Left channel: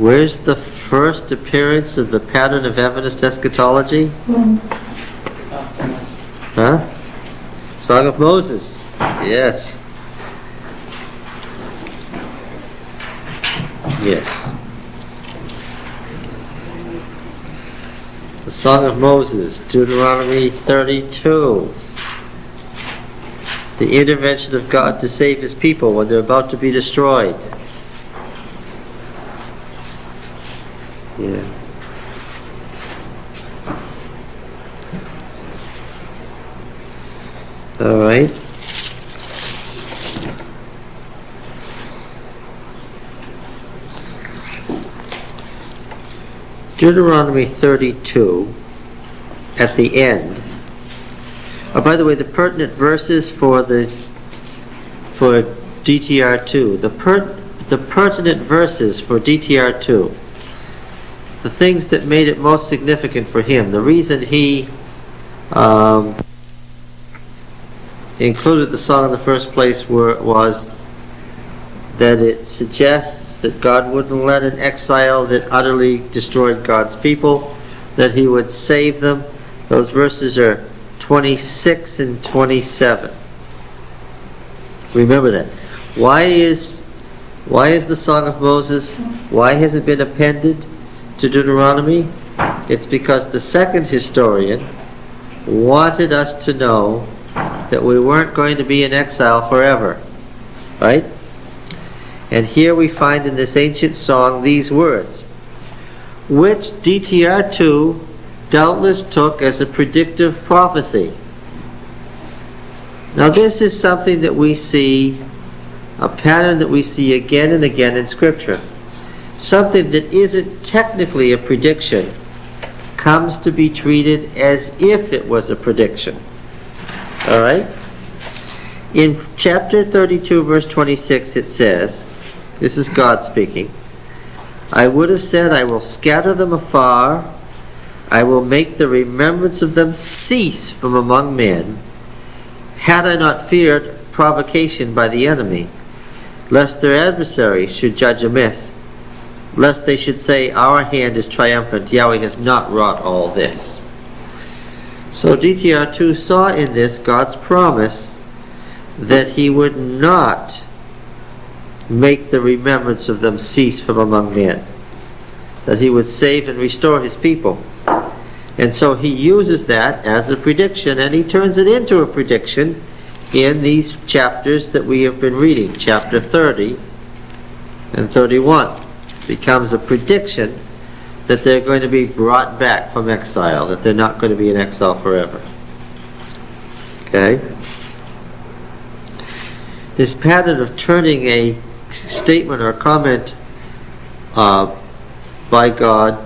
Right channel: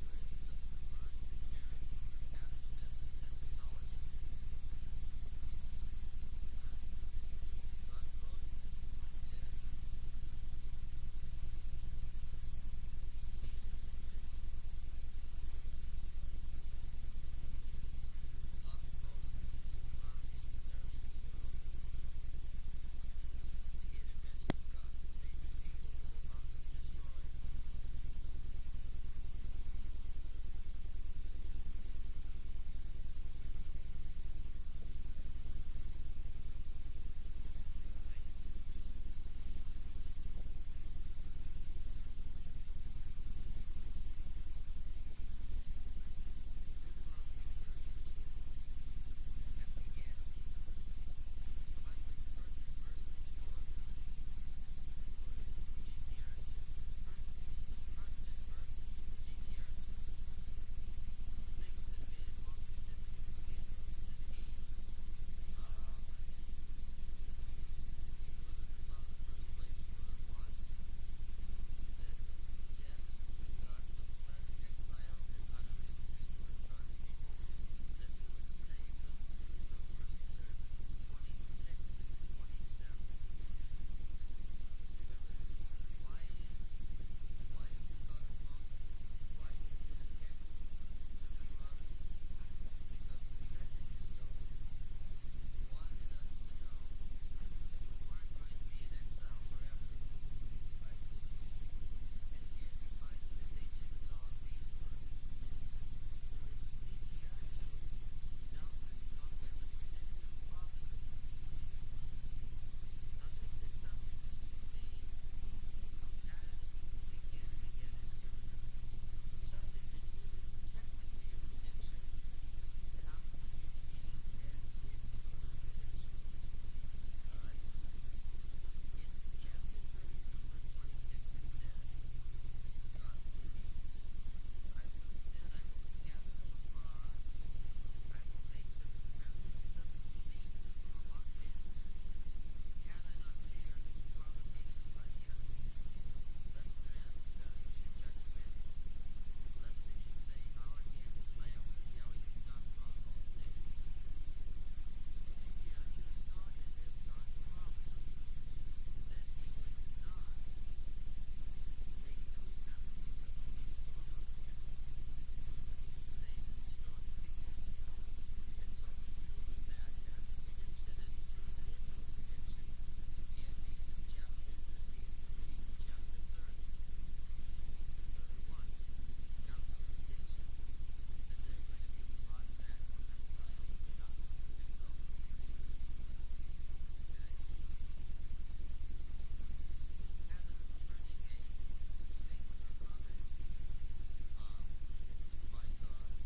Where's the first appearance of the pattern of evidence eschatology? Huh? Song of Moses. Yes. Yes. The Song of Moses, Deuteronomy 32. The intervention of God to save his people when they're about to be destroyed. Yeah. All right. Deuteronomy 32, at the end. Oh, by the way, the pertinent verses for DTR2, the pertinent verses for DTR2, the things that made it most significant for him, the reason he included the song in the first place was that it suggests that God wouldn't let an exile that utterly destroyed God's people, that he would save them. Those verses are 26 and 27. Remember that. Why is the Song of Moses, why has it been appended to Deuteronomy? It's because the second historian wanted us to know that we weren't going to be in exile forever. Right? And here we find in this ancient song these words, which DTR2 doubtless took as a predictive prophecy. Now this is something that we see, a pattern that we see again and again in Scripture. Something that isn't technically a prediction comes to be treated as if it was a prediction. All right? In chapter 32, verse 26, it says, this is God speaking, I would have said, I will scatter them afar, I will make the remembrance of them cease from among men, had I not feared provocation by the enemy, lest their adversaries should judge amiss, lest they should say, our hand is triumphant, Yahweh has not wrought all this. So DTR2 saw in this God's promise that he would not make the remembrance of them cease from among men, that he would save and restore his people. And so he uses that as a prediction, and he turns it into a prediction in these chapters that we have been reading. Chapter 30 and 31 becomes a prediction that they're going to be brought back from exile, that they're not going to be in exile forever. Okay? This pattern of turning a statement or comment by God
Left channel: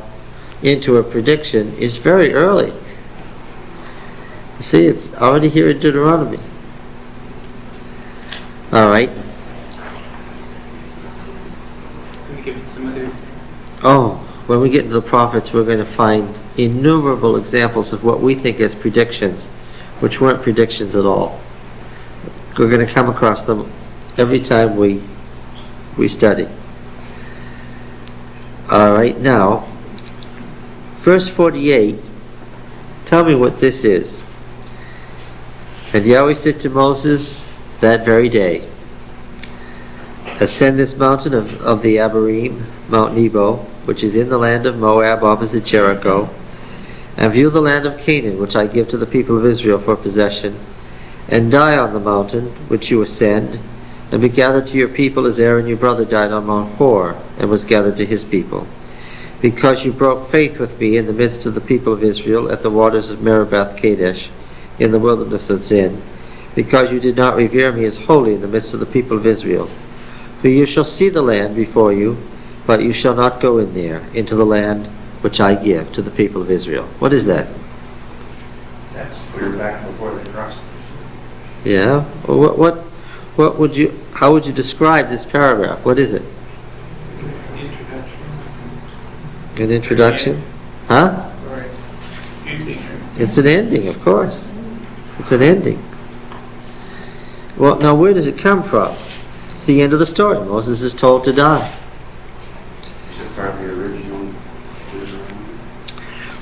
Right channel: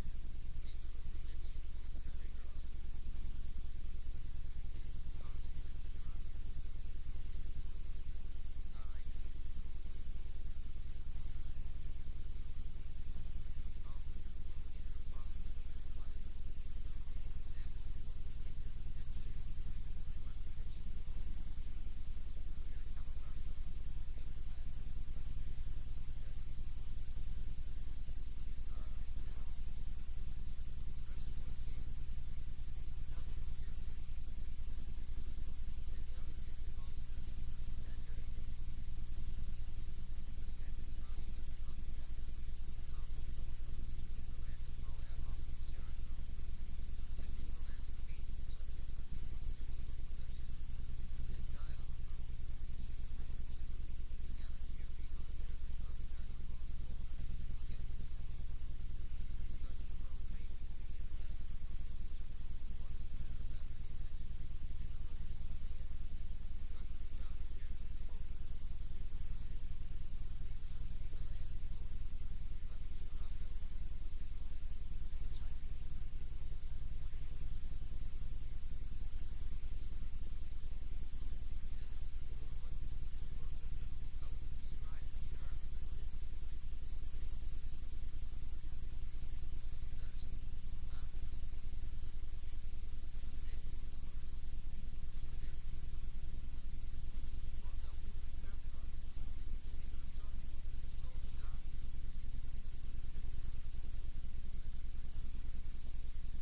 into a prediction is very early. You see, it's already here in Deuteronomy. All right. Can you give us some others? Oh, when we get into the prophets, we're going to find innumerable examples of what we think as predictions, which weren't predictions at all. We're going to come across them every time we study. All right, now, verse 48, tell me what this is. And Yahweh said to Moses that very day, ascend this mountain of the Abarim, Mount Nebo, which is in the land of Moab opposite Jericho, and view the land of Canaan, which I give to the people of Israel for possession, and die on the mountain which you ascend, and be gathered to your people as Aaron your brother died on Mount Hor, and was gathered to his people. Because you broke faith with me in the midst of the people of Israel at the waters of Meribah Kadesh, in the wilderness of Zin, because you did not revere me as holy in the midst of the people of Israel. For you shall see the land before you, but you shall not go in there, into the land which I give to the people of Israel. What is that? That's clear back before the cross. Yeah. Well, what would you? How would you describe this paragraph? What is it? An introduction? Huh? Right. You teacher. It's an ending, of course. It's an ending. Well, now where does it come from? It's the end of the story. Moses is told to die. It's probably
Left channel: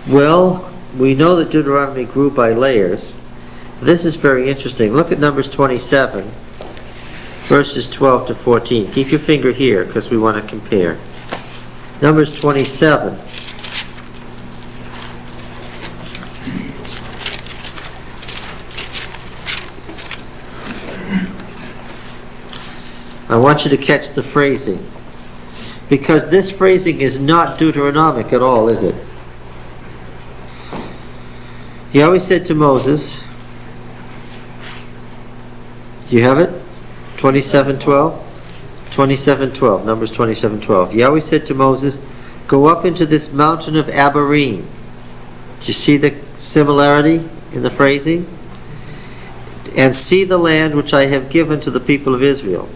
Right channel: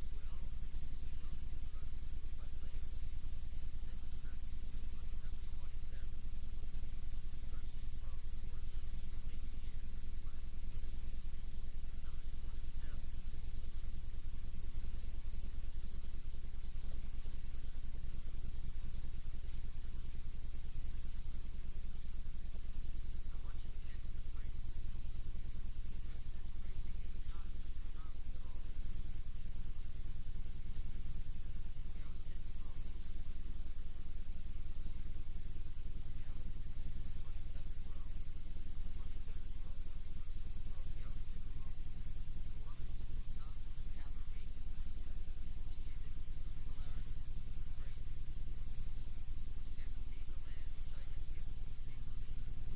Well, we know that Deuteronomy grew by layers. This is very interesting. Look at Numbers 27, verses 12 to 14. Keep your finger here because we want to compare. Numbers 27. I want you to catch the phrasing, because this phrasing is not Deuteronomic at all, is it? Yahweh said to Moses, do you have it? 27:12? 27:12, Numbers 27:12. Yahweh said to Moses, go up into this mountain of Abarim. Do you see the similarity in the phrasing? And see the land which I have given to the people of Israel.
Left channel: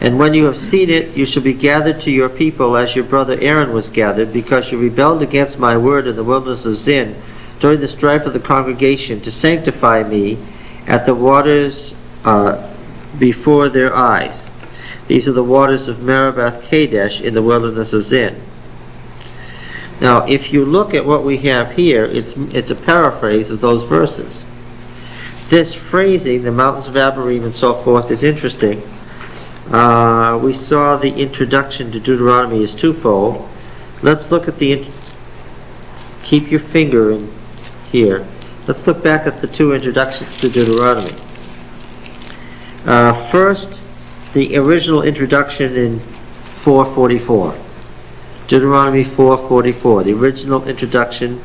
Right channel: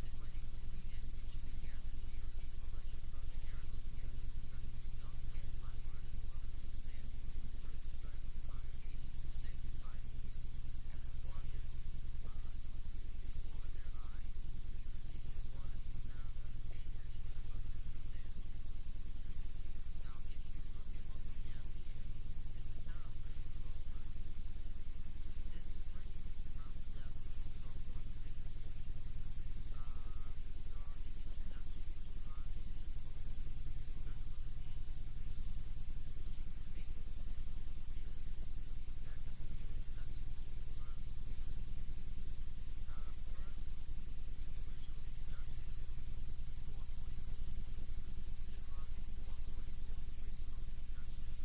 And when you have seen it, you shall be gathered to your people as your brother Aaron was gathered, because you rebelled against my word in the wilderness of Zin during the strife of the congregation to sanctify me at the waters before their eyes. These are the waters of Merabath Kadesh in the wilderness of Zin. Now, if you look at what we have here, it's a paraphrase of those verses. This phrasing, the mountains of Abarim and so forth, is interesting. We saw the introduction to Deuteronomy is twofold. Let's look at keep your finger in here. Let's look back at the two introductions to Deuteronomy. First, the original introduction in 4:44. Deuteronomy 4:44, the original introduction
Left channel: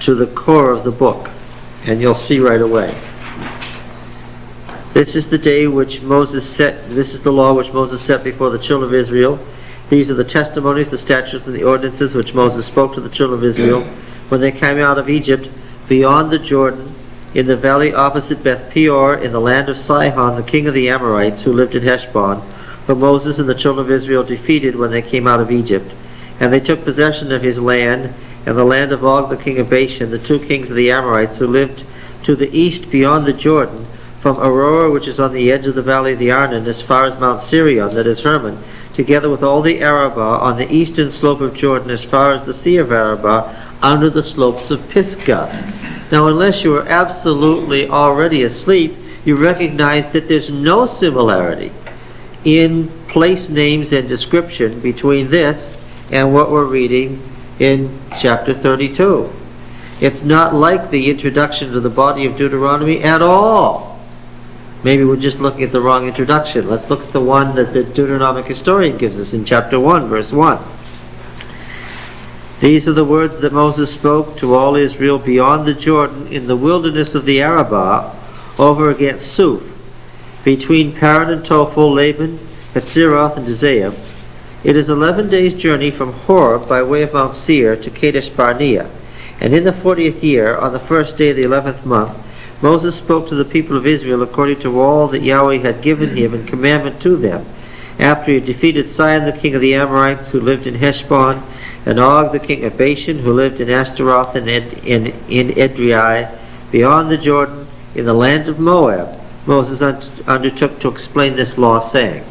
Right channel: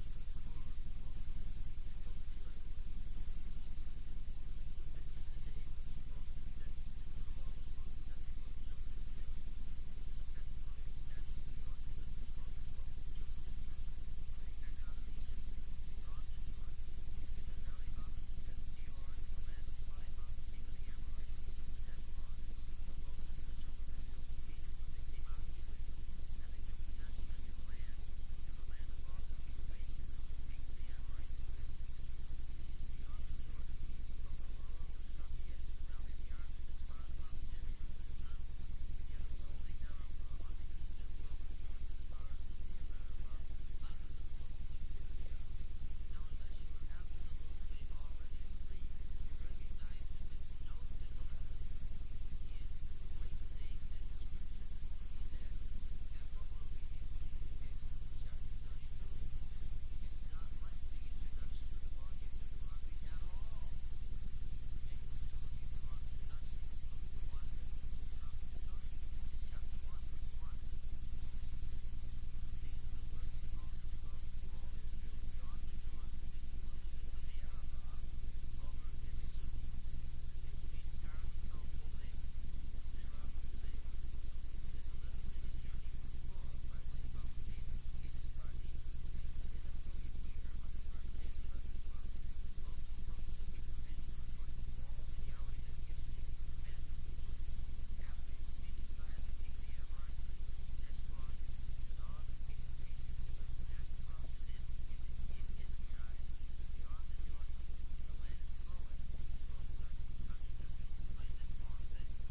to the core of the book. And you'll see right away. This is the day which Moses set, this is the law which Moses set before the children of Israel. These are the testimonies, the statutes, and the ordinances which Moses spoke to the children of Israel when they came out of Egypt beyond the Jordan, in the valley opposite Beth Peor, in the land of Sihon, the king of the Amorites, who lived in Heshbon, whom Moses and the children of Israel defeated when they came out of Egypt. And they took possession of his land, and the land of Og the king of Bashan, the two kings of the Amorites, who lived to the east beyond the Jordan, from Aurora, which is on the edge of the valley of the Arnon, as far as Mount Sirion, that is Hermon, together with all the Arabah on the eastern slope of Jordan, as far as the Sea of Arabah, under the slopes of Pisgah. Now, unless you are absolutely already asleep, you recognize that there's no similarity in place names and description between this and what we're reading in chapter 32. It's not like the introduction to the body of Deuteronomy at all. Maybe we're just looking at the wrong introduction. Let's look at the one that the Deuteronomic historian gives us in chapter 1, verse 1. These are the words that Moses spoke to all Israel beyond the Jordan in the wilderness of the Arabah, over against Suph, between Paran and Tophel, Laban, Hatzeroth, and Dizayah. It is 11 days' journey from Horeb by way of Mount Seir to Kadesh Barnea. And in the 40th year, on the first day of the 11th month, Moses spoke to the people of Israel according to all that Yahweh had given him in commandment to them, after he had defeated Sihon the king of the Amorites, who lived in Heshbon, and Og the king of Bashan, who lived in Ashtaroth and in Edrei, beyond the Jordan, in the land of Moab. Moses undertook to explain this law, saying,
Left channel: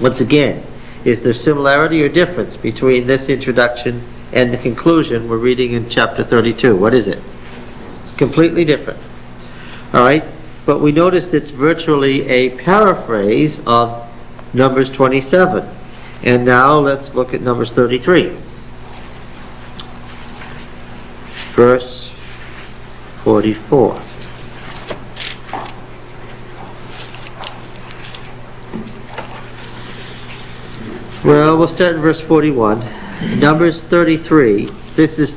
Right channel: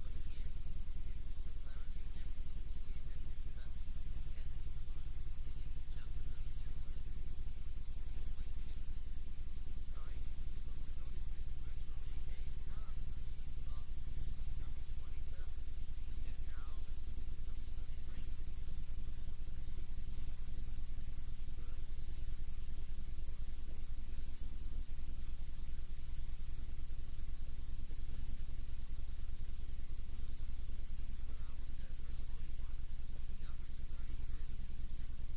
once again, is there similarity or difference between this introduction and the conclusion we're reading in chapter 32? What is it? It's completely different. All right, but we notice it's virtually a paraphrase of Numbers 27. And now let's look at Numbers 33. Verse 44. Well, we'll start in verse 41. Numbers 33. This is,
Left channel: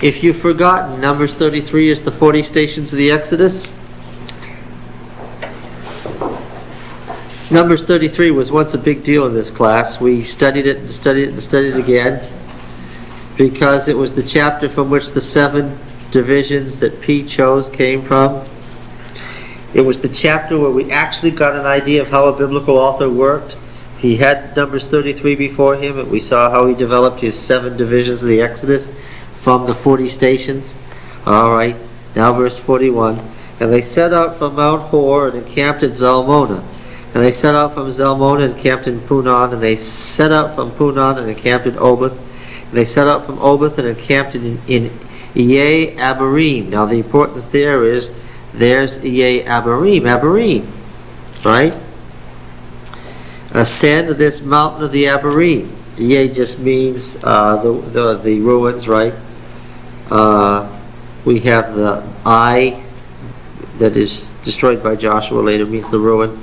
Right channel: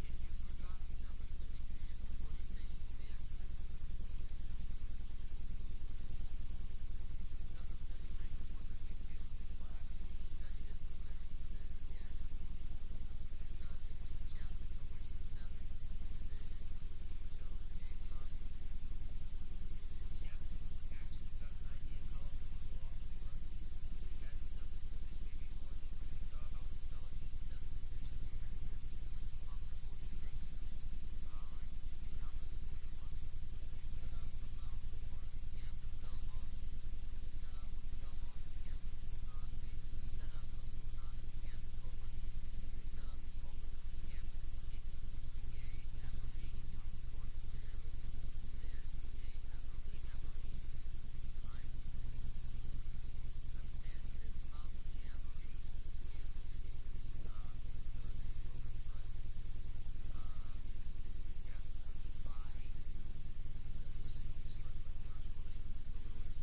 if you've forgotten, Numbers 33 is the 40 stations of the Exodus. Numbers 33 was once a big deal in this class. We studied it and studied it and studied it again, because it was the chapter from which the 7 divisions that P chose came from. It was the chapter where we actually got an idea of how a biblical author worked. He had Numbers 33 before him, and we saw how he developed his 7 divisions of the Exodus from the 40 stations. All right, now verse 41. And they set out from Mount Hor and encamped at Zalmonah. And they set out from Zalmonah and encamped in Punon. And they set out from Punon and encamped in Oboth. And they set out from Oboth and encamped in Yea Abarim. Now the importance there is, there's Yea Abarim, Abarim, right? Ascend to this mountain of the Abarim. Yea just means the ruins, right? We have the eye that is destroyed by Joshua later, means the ruin.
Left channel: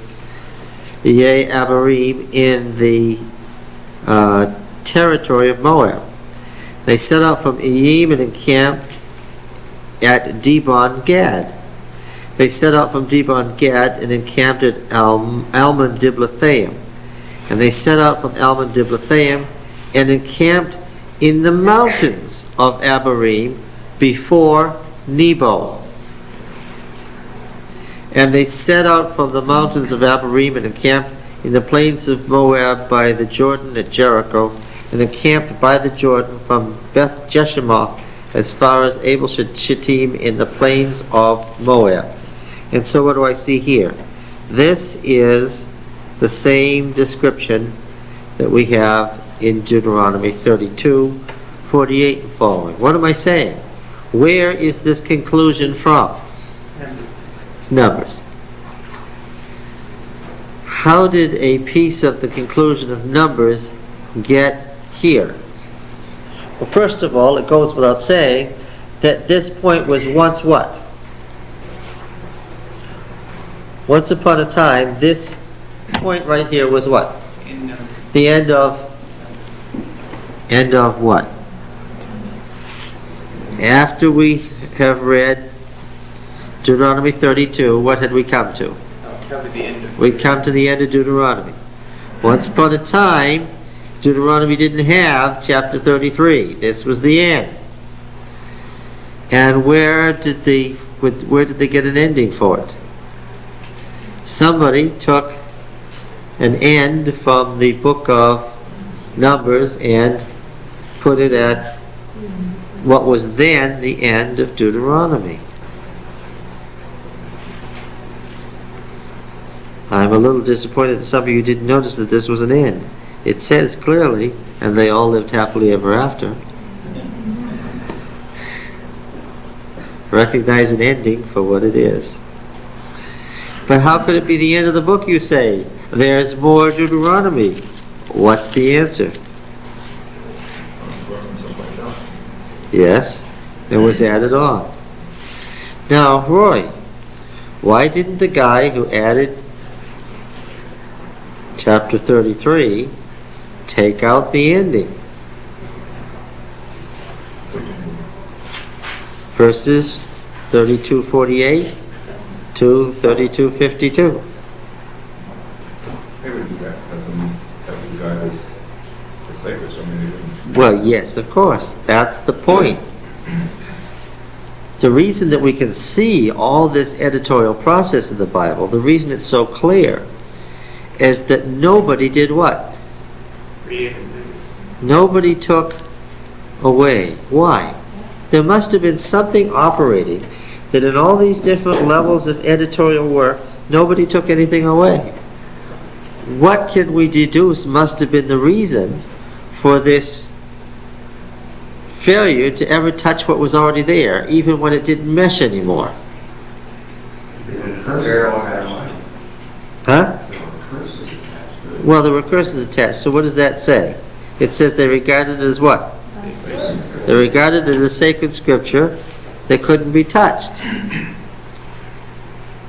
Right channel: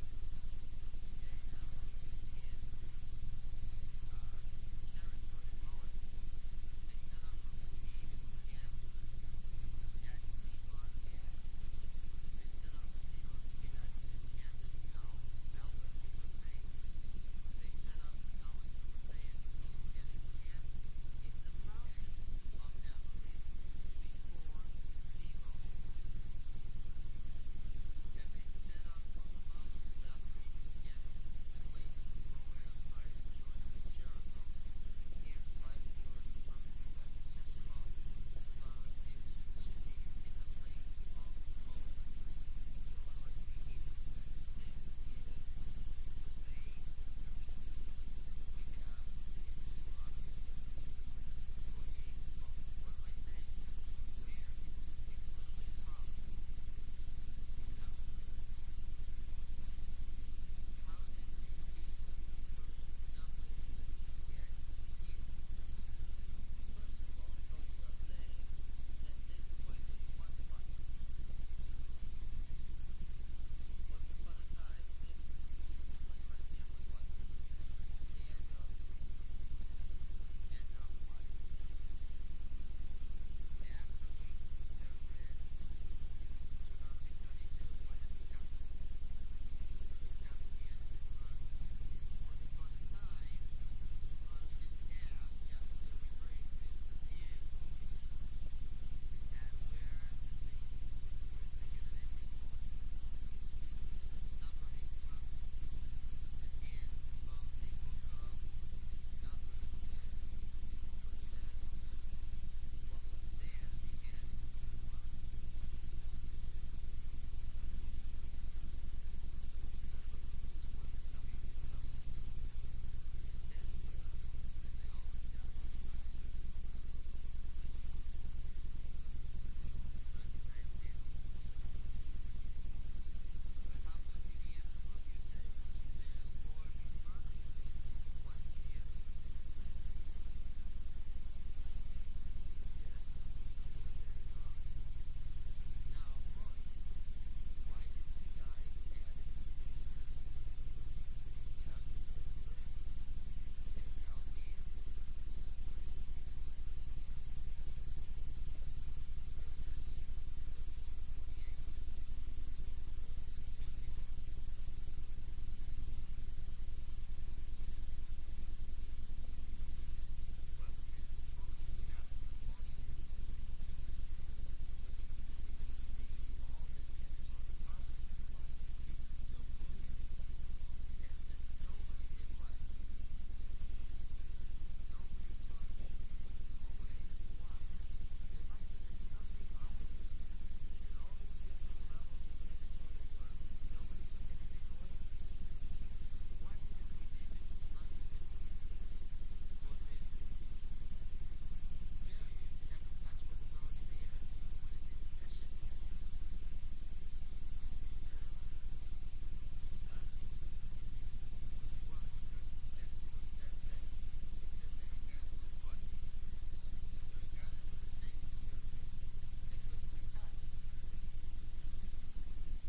Yea Abarim in the territory of Moab. They set out from Iyim and encamped at Dibon Gad. They set out from Dibon Gad and encamped at Almon Diblathaim. And they set out from Almon Diblathaim and encamped in the mountains of Abarim before Nebo. And they set out from the mountains of Abarim and encamped in the plains of Moab by the Jordan at Jericho, and encamped by the Jordan from Beth Jeshimoth as far as Abel Shittim in the plains of Moab. And so what do I see here? This is the same description that we have in Deuteronomy 32, 48 and following. What am I saying? Where is this conclusion from? It's Numbers. How did a piece of the conclusion of Numbers get here? Well, first of all, it goes without saying that this point was once what? Once upon a time, this point right here was what? The end of what? After we have read Deuteronomy 32, what had we come to? We come to the end of Deuteronomy. Once upon a time, Deuteronomy didn't have chapter 33. This was the end. And where did they get an ending for it? Somebody took an end from the book of Numbers and put it at what was then the end of Deuteronomy. I'm a little disappointed that some of you didn't notice that this was an end. It says clearly, and they all lived happily ever after. Recognize an ending for what it is. But how could it be the end of the book, you say? There's more Deuteronomy. What's the answer? Yes, it was added on. Now, Roy, why didn't the guy who added chapter 33 take out the ending? Verses 32:48 to 32:52. Well, yes, of course. That's the point. The reason that we can see all this editorial process in the Bible, the reason it's so clear, is that nobody did what? Nobody took away. Why? There must have been something operating that in all these different levels of editorial work, nobody took anything away. What can we deduce must have been the reason for this failure to ever touch what was already there, even when it didn't mesh anymore? Huh? Well, there were curses attached. So what does that say? It says they regarded it as what? They regarded it as sacred scripture that couldn't be touched.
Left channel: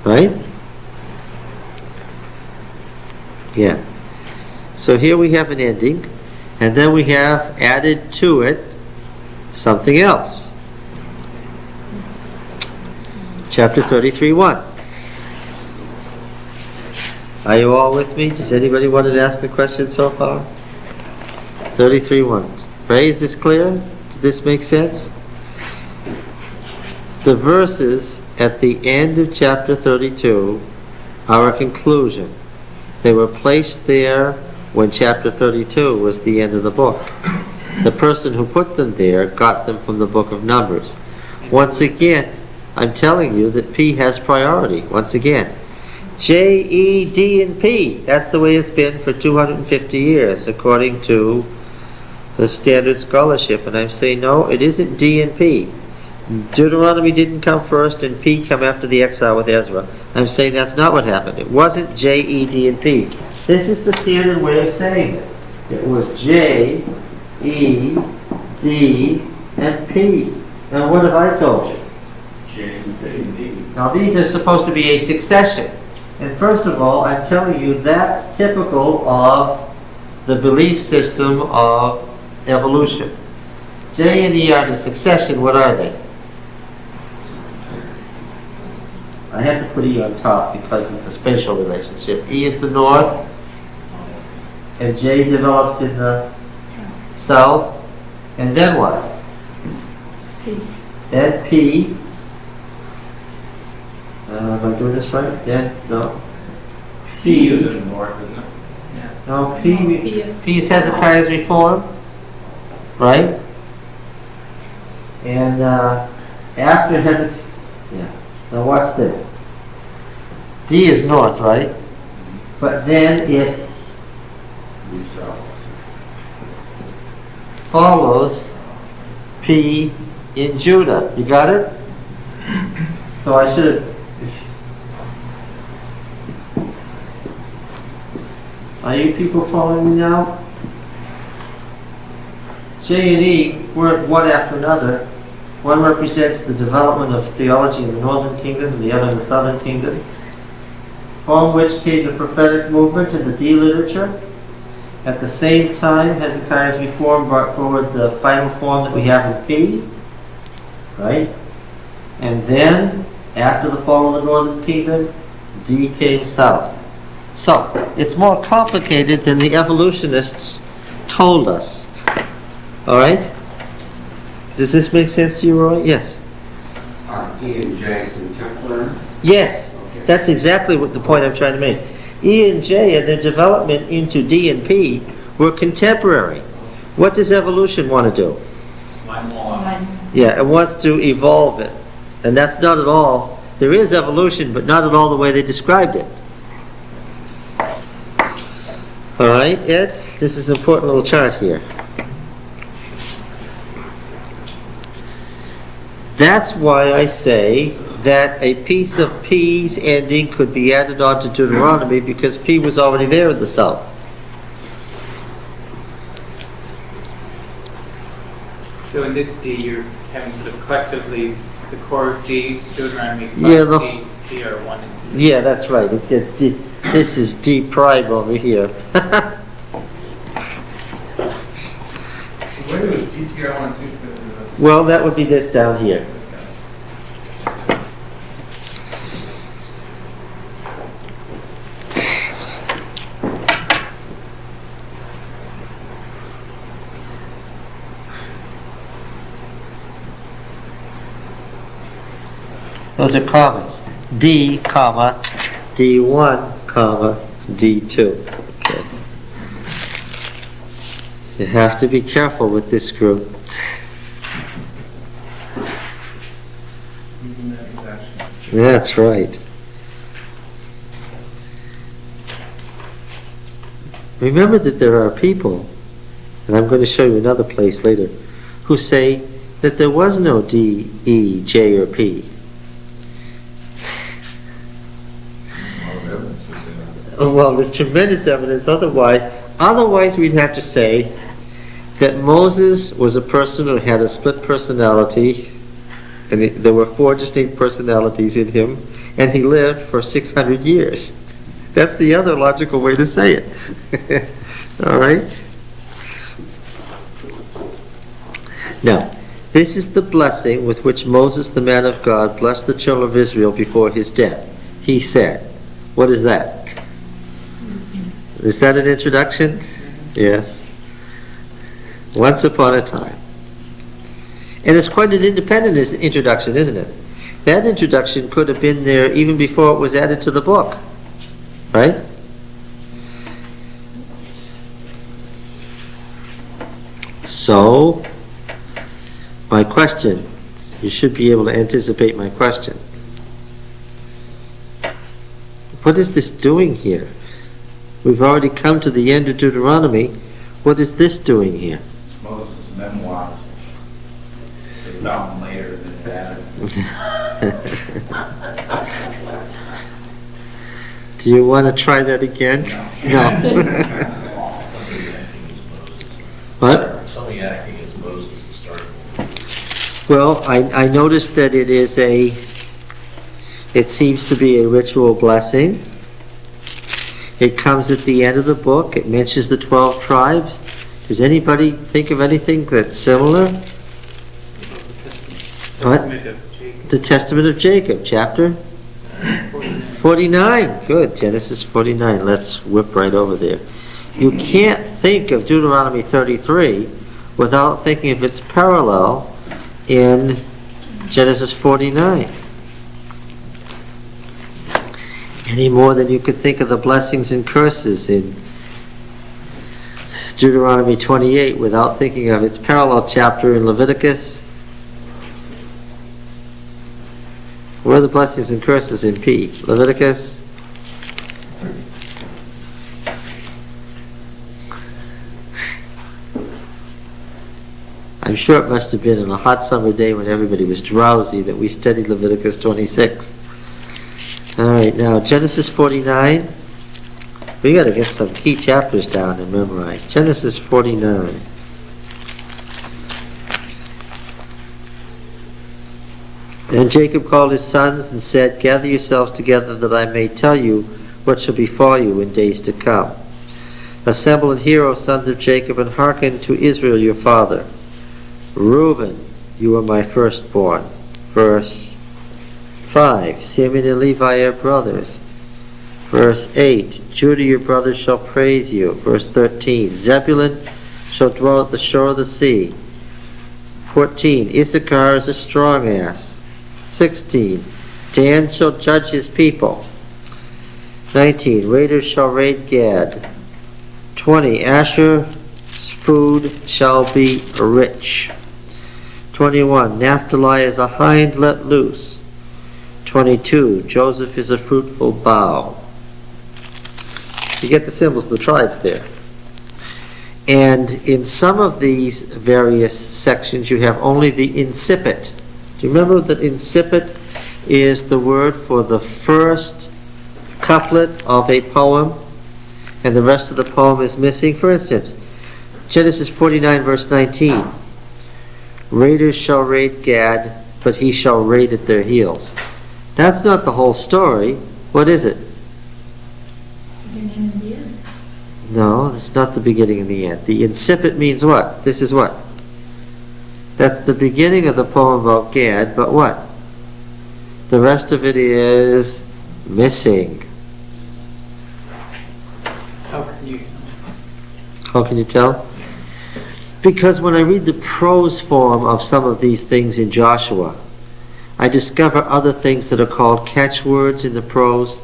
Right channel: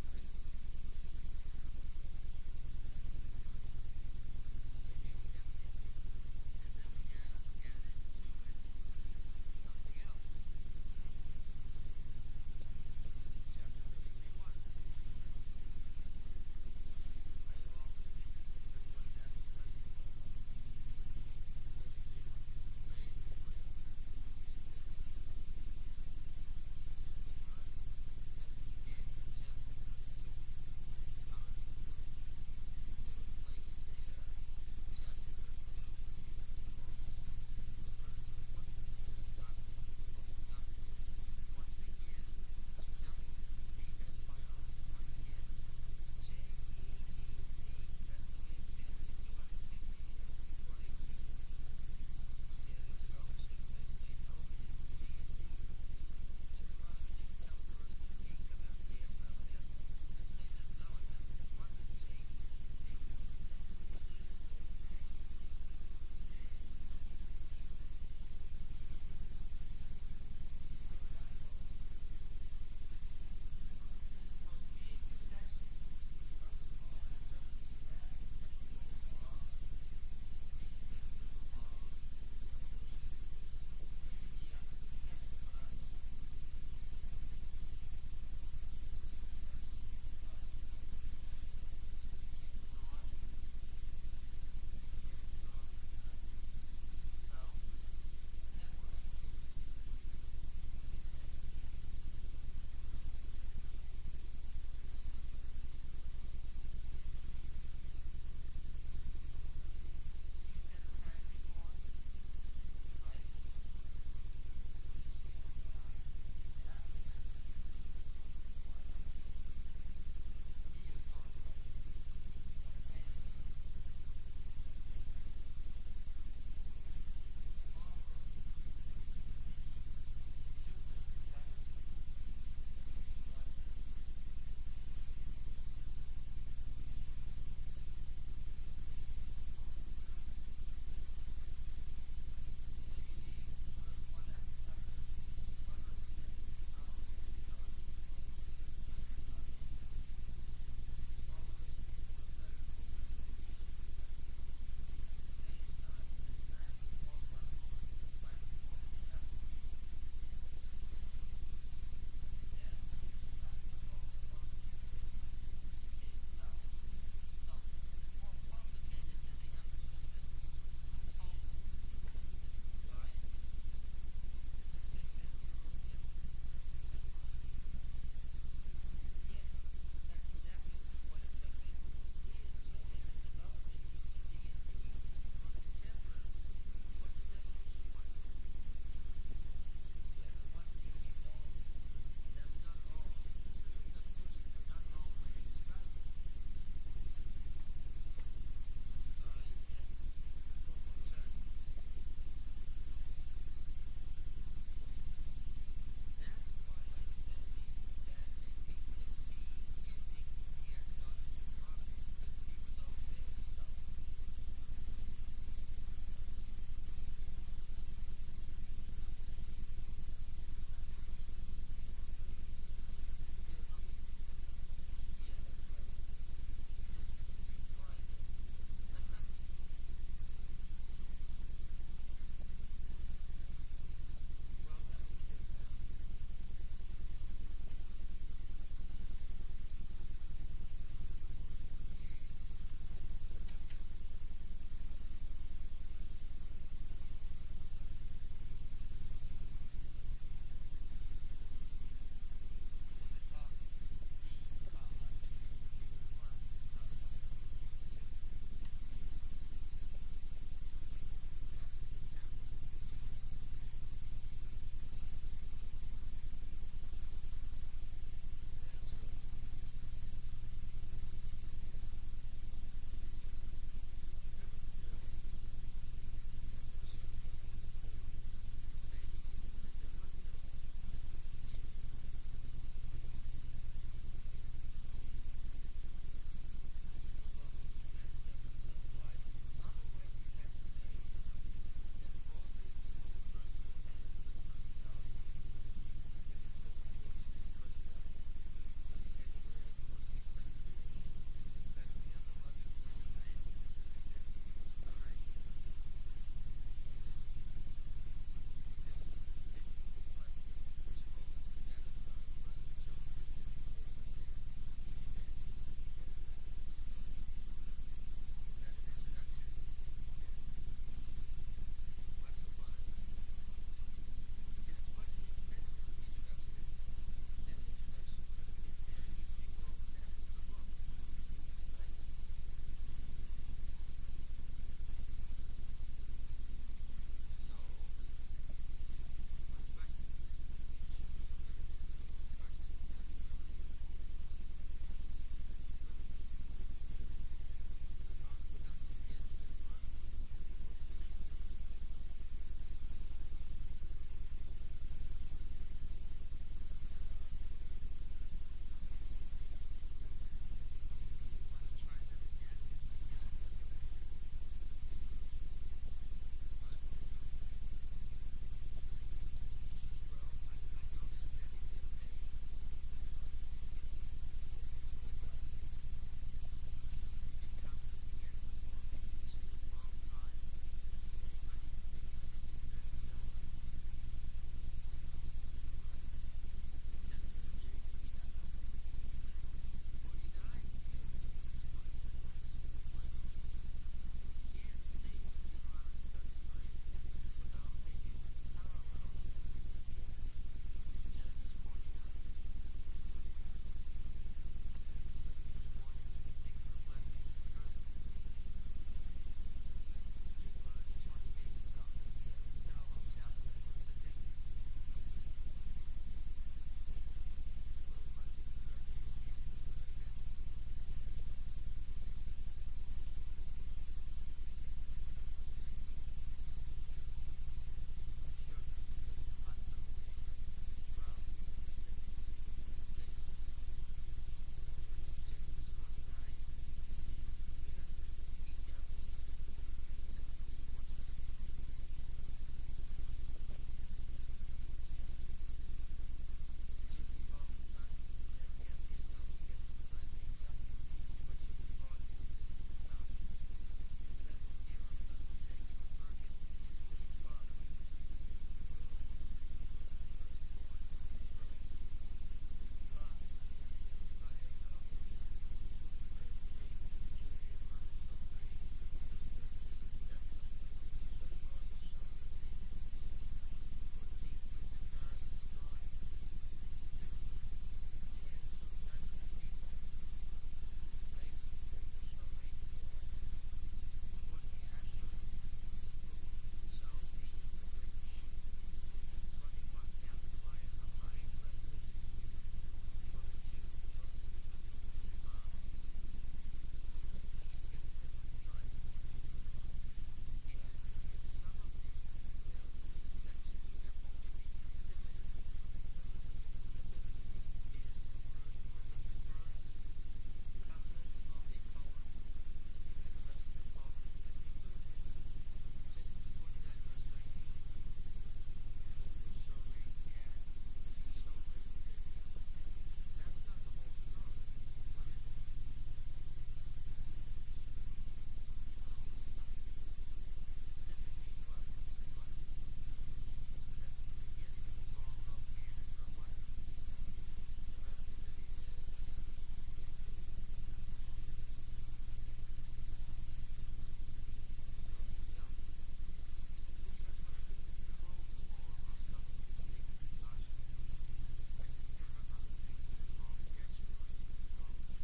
Right? Yeah. So here we have an ending, and then we have added to it something else. Chapter 33:1. Are you all with me? Does anybody want to ask a question so far? 33:1. Ray, is this clear? Does this make sense? The verses at the end of chapter 32 are a conclusion. They were placed there when chapter 32 was the end of the book. The person who put them there got them from the book of Numbers. Once again, I'm telling you that P has priority. Once again, J, E, D, and P. That's the way it's been for 250 years, according to the standard scholarship. And I'm saying, no, it isn't D and P. Deuteronomy didn't come first and P come after the exile with Ezra. I'm saying that's not what happened. It wasn't J, E, D, and P. This is the standard way of saying it. It was J, E, D, and P. And what have I told you? J, E, D. Now these are supposed to be a succession. And first of all, I'm telling you that's typical of the belief system of evolution. J and E are the succession. What are they? I have to put E on top because it's a spatial relationship. E is the north, and J develops in the south, and then what? P. Then P. Am I doing this right? Then, no. P is in the north, isn't it? No, P P is Hezekiah's reform, right? And after Hezekiah, yeah. Now watch this. D is north, right? But then it follows P in Judah. You got it? So I should have. Are you people following me now? J and E weren't one after another. One represents the development of theology in the northern kingdom and the other in the southern kingdom, from which came the prophetic movement and the D literature. At the same time, Hezekiah's reform brought forward the final form that we have in P, right? And then, after the fall of the northern kingdom, D came south. So, it's more complicated than the evolutionists told us. Alright? Does this make sense to you, Roy? Yes. Are E and J contemporary? Yes. That's exactly what the point I'm trying to make. E and J and their development into D and P were contemporary. What does evolution want to do? Yeah, it wants to evolve it. And that's not at all. There is evolution, but not at all the way they described it. All right, Ed? This is an important little chart here. That's why I say that a piece of P's ending could be added on to Deuteronomy because P was already there in the south. So in this D, you're having sort of collectively the core of D, Deuteronomy Yeah, plus D, D are one. Yeah, that's right. It gets D, this is D prime over here. Where was DTR 1 suit? Well, that would be this down here. Those are commas. D, comma, D1, comma, D2. Okay. You have to be careful with this group. That's right. Remember that there are people, and I'm going to show you another place later, who say that there was no D, E, J, or P. Well, there's tremendous evidence otherwise. Otherwise, we'd have to say that Moses was a person who had a split personality, and there were 4 distinct personalities in him, and he lived for 600 years. That's the other logical way to say it. All right? Now, this is the blessing with which Moses, the man of God, blessed the children of Israel before his death. He said, what is that? Is that an introduction? Yes. Once upon a time. And it's quite an independent introduction, isn't it? That introduction could have been there even before it was added to the book. Right? So, my question, you should be able to anticipate my question. What is this doing here? We've already come to the end of Deuteronomy. What is this doing here? Moses' memoirs. It's found later than that. Do you want to try that again? No. What? Somebody acting as Moses to start. Well, I noticed that it seems to be a ritual blessing. It comes at the end of the book. It mentions the 12 tribes. Does anybody think of anything that's similar? What? Testament of Jacob. The Testament of Jacob, chapter 49. Good, Genesis 49. Let's whip right over there. You can't think of Deuteronomy 33 without thinking of its parallel in Genesis 49. Any more than you could think of the blessings and curses in Deuteronomy 28 without thinking of its parallel chapter in Leviticus. Where are the blessings and curses in P? Leviticus? I'm sure it must have been on a hot summer day when everybody was drowsy that we studied Leviticus 26. All right, now Genesis 49. We got to get some key chapters down and memorize. Genesis 49. And Jacob called his sons and said, "Gather yourselves together that I may tell you what shall befall you in days to come. Assemble and hear, O sons of Jacob, and hearken to Israel your father. Reuben, you are my firstborn." Verse 5, Simeon and Levi are brothers. Verse 8, Judah your brothers shall praise you. Verse 13, Zebulun shall dwell at the shore of the sea. 14, Issachar is a strong ass. 16, Dan shall judge his people. 19, raiders shall raid Gad. 20, Asher's food shall be rich. 21, Naphtali is a hind let loose. 22, Joseph is a fruitful bough. You get the symbols of the tribes there. And in some of these various sections you have only the incipit. Do you remember that incipit is the word for the first couplet of a poem and the rest of the poem is missing? For instance, Genesis 49 verse 19. Raiders shall raid Gad, but he shall raid at their heels. That's not the whole story. What is it? Beginning and the end. No, it's not the beginning and the end. The incipit means what? This is what? That's the beginning of the poem about Gad, but what? The rest of it is missing. How can you tell? Because when I read the prose form of some of these things in Joshua, I discover other things that are called catchwords in the prose,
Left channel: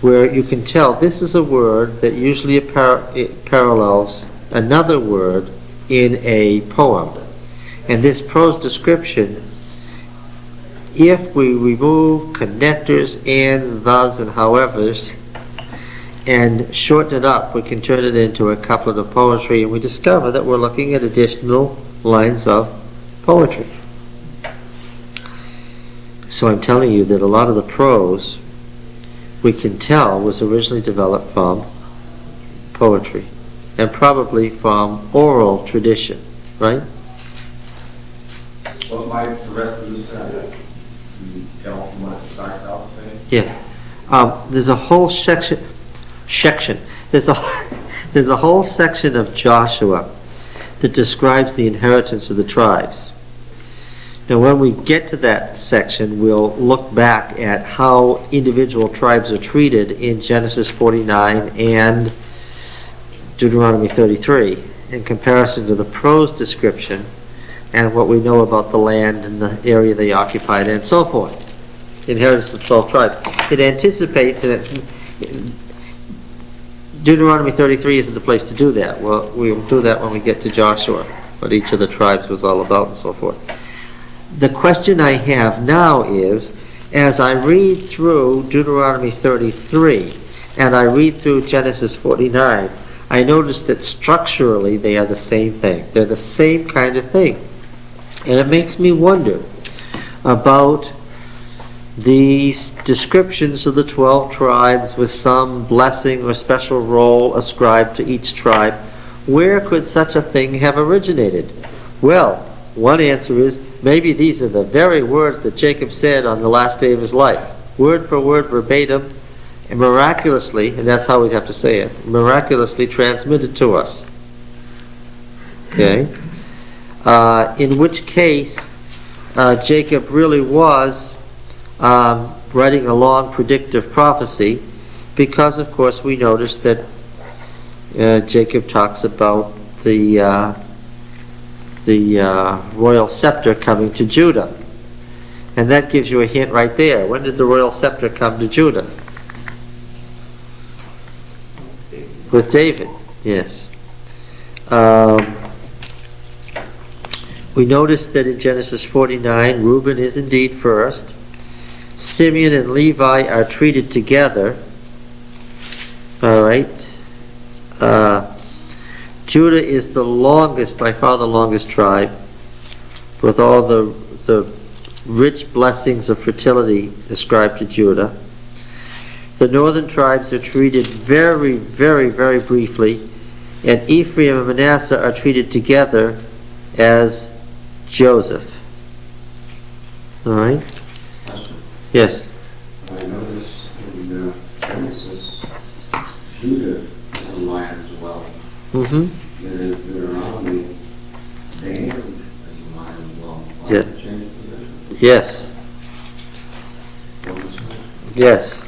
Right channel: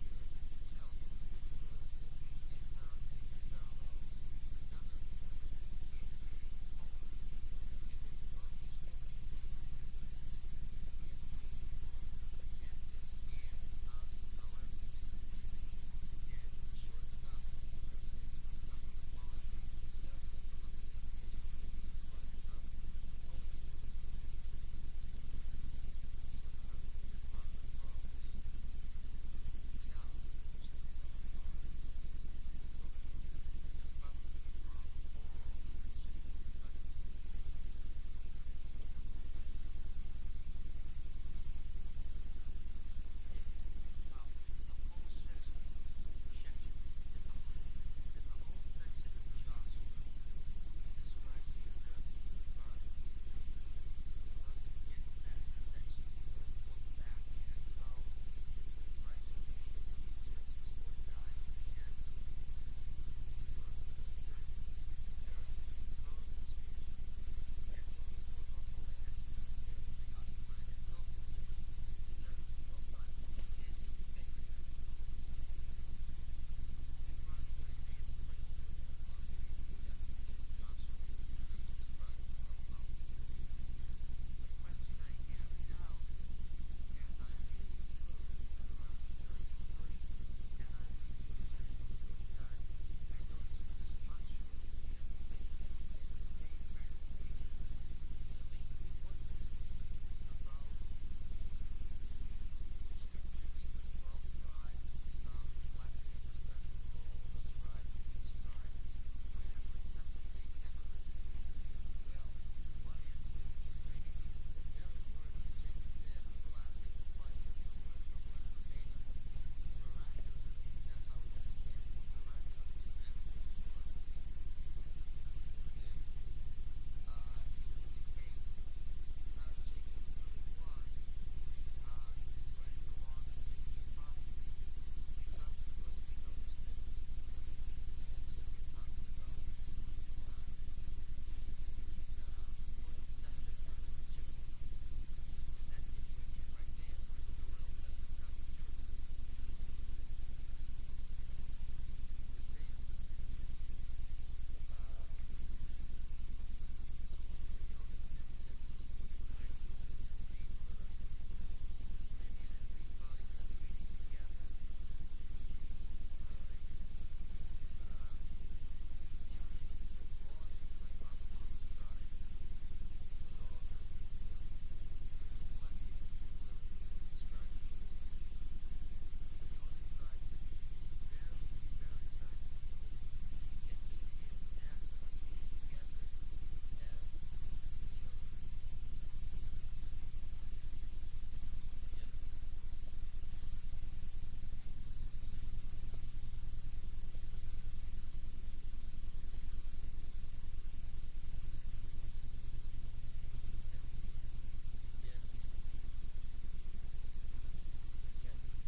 where you can tell this is a word that usually it parallels another word in a poem. And this prose description, if we remove connectors, and, thus, and howevers, and shorten it up, we can turn it into a couplet of poetry, and we discover that we're looking at additional lines of poetry. So I'm telling you that a lot of the prose, we can tell, was originally developed from poetry, and probably from oral tradition, right? What might the rest of this you tell from what it starts out saying? Yeah. There's a whole section. There's a whole section of Joshua that describes the inheritance of the tribes. Now, when we get to that section, we'll look back at how individual tribes are treated in Genesis 49 and Deuteronomy 33 in comparison to the prose description and what we know about the land and the area they occupied and so forth. The inheritance of 12 tribes. It anticipates, and it's Deuteronomy 33 isn't the place to do that. Well, we'll do that when we get to Joshua, what each of the tribes was all about and so forth. The question I have now is, as I read through Deuteronomy 33 and I read through Genesis 49, I notice that structurally they are the same thing. They're the same kind of thing. And it makes me wonder, about these descriptions of the 12 tribes with some blessing or special role ascribed to each tribe, where could such a thing have originated? Well, one answer is maybe these are the very words that Jacob said on the last day of his life, word for word, verbatim, and miraculously, and that's how we'd have to say it, miraculously transmitted to us. Okay? In which case, Jacob really was writing a long predictive prophecy, because of course we notice that Jacob talks about the royal scepter coming to Judah. And that gives you a hint right there. When did the royal scepter come to Judah? With David, yes. We notice that in Genesis 49, Reuben is indeed first. Simeon and Levi are treated together. All right. Judah is the longest, by far the longest tribe, with all the rich blessings of fertility ascribed to Judah. The northern tribes are treated very, very, very briefly, and Ephraim and Manasseh are treated together as Joseph. All right? Yes? I notice in Genesis, Judah is a lion as well. Mm-hmm. In Deuteronomy, Dan is a lion as well. Why Yeah. change position? Yes. Yes.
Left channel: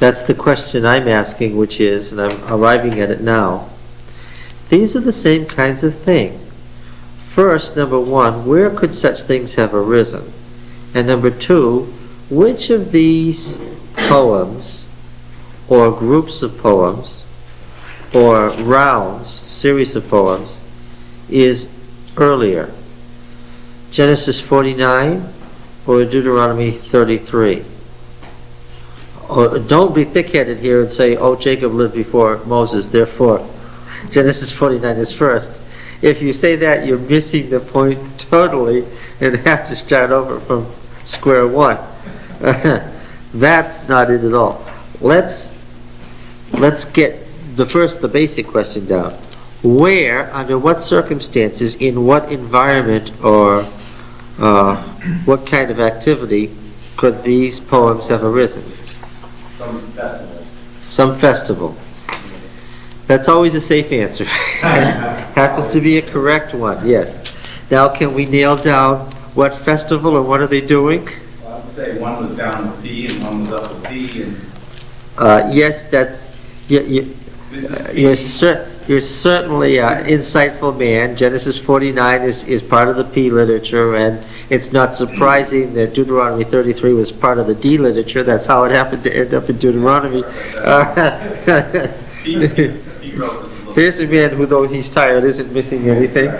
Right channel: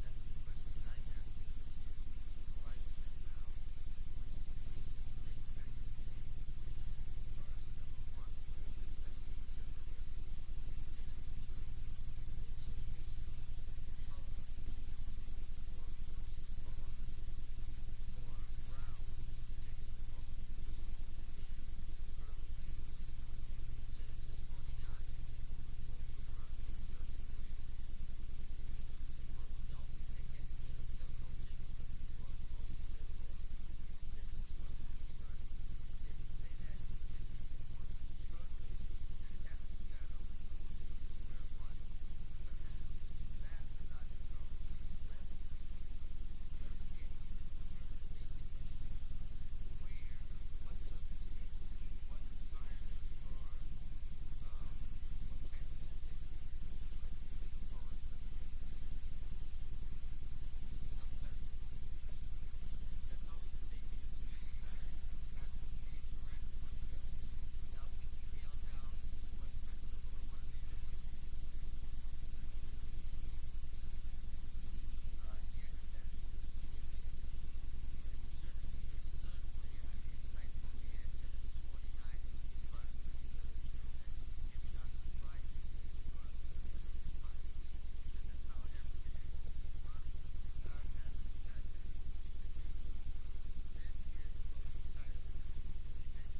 That's the question I'm asking, which is, and I'm arriving at it now, these are the same kinds of thing. First, number one, where could such things have arisen? And number two, which of these poems, or groups of poems, or rounds, series of poems, is earlier? Genesis 49 or Deuteronomy 33? Or don't be thick-headed here and say, oh, Jacob lived before Moses, therefore Genesis 49 is first. If you say that, you're missing the point totally and have to start over from square one. That's not it at all. Let's get the basic question down. Where, under what circumstances, in what environment, or what kind of activity could these poems have arisen? Some festival. Some festival. That's always a safe answer. Happens to be a correct one, yes. Now, can we nail down what festival or what are they doing? Well, I would say one was down with P and one was up with P. And Yes, that's... You're certainly an insightful man. Genesis 49 is part of the P literature, and it's not surprising that Deuteronomy 33 was part of the D literature. That's how it happened to end up in Deuteronomy. P wrote this a little. Here's a man who, though he's tired, isn't missing anything.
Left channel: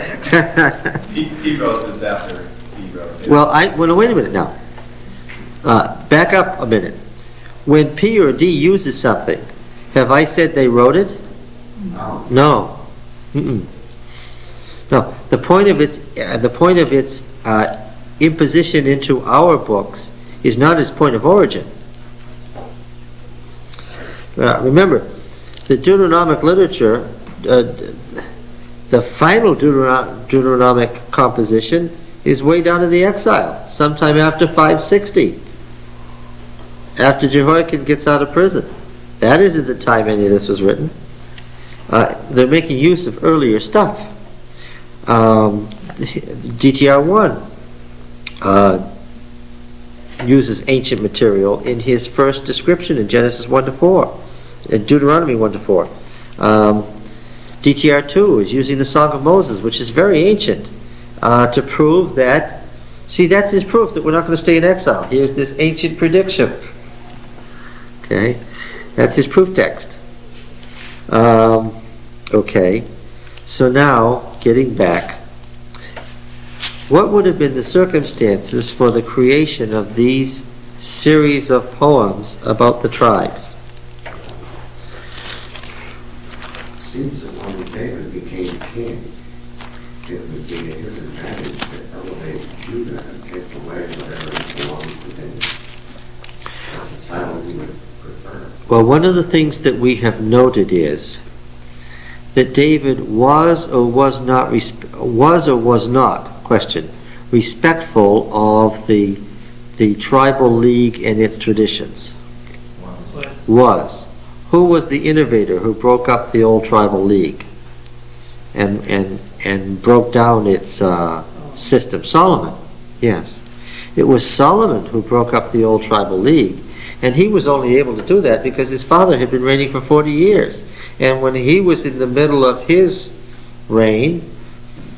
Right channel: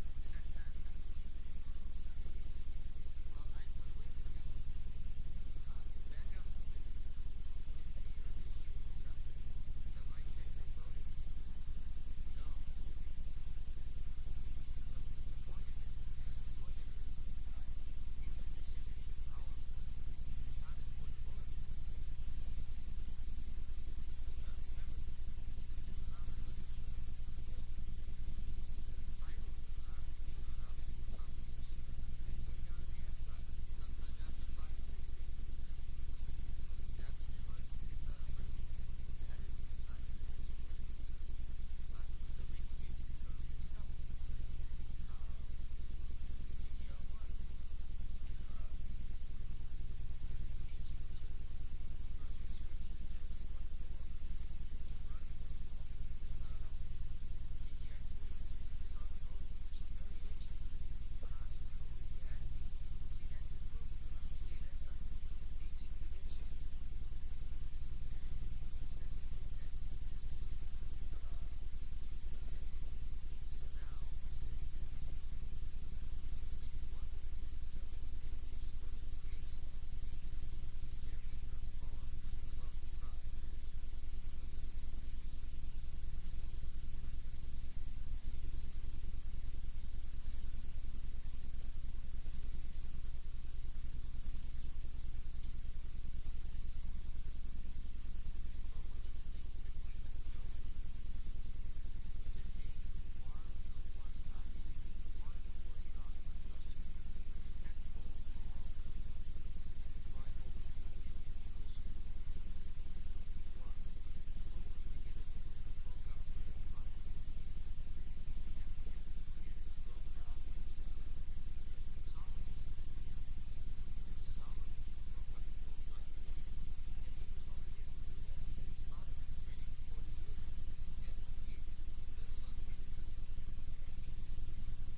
P wrote this after P wrote it. Well, wait a minute now. Back up a minute. When P or D uses something, have I said they wrote it? No. No. Mm-mm. No. The point of its imposition into our books is not its point of origin. Remember, the Deuteronomic literature, the final Deuteronomic composition is way down in the exile, sometime after 560, after Jehoiakim gets out of prison. That isn't the time any of this was written. They're making use of earlier stuff. DTR1 uses ancient material in his first description in Genesis 1-4, in Deuteronomy 1-4. DTR2 is using the Song of Moses, which is very ancient, to prove that, see, that's his proof that we're not going to stay in exile. Here's this ancient prediction. Okay, that's his proof text. Okay, so now, getting back, what would have been the circumstances for the creation of these series of poems about the tribes? Seems that when David became king, it would be his advantage to elevate Judah and take away whatever belongs to David. That's a title he would prefer. Well, one of the things that we have noted is that David was or was not question, respectful of the tribal league and its traditions. Was. Who was the innovator who broke up the old tribal league and broke down its system? Solomon. Yes. It was Solomon who broke up the old tribal league, and he was only able to do that because his father had been reigning for 40 years. And when he was in the middle of his reign,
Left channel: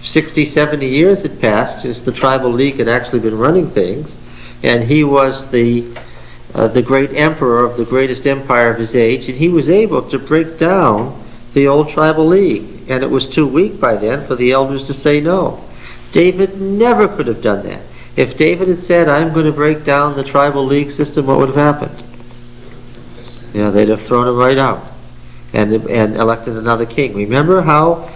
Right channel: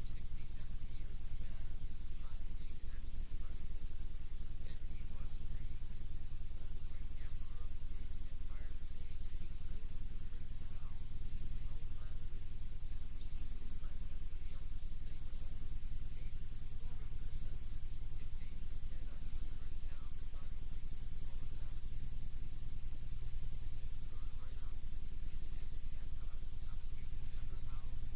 60, 70 years had passed since the tribal league had actually been running things, and he was the great emperor of the greatest empire of his age, and he was able to break down the old tribal league. And it was too weak by then for the elders to say no. David never could have done that. If David had said, I'm going to break down the tribal league system, what would have happened? Yeah, they'd have thrown him right out and elected another king. Remember how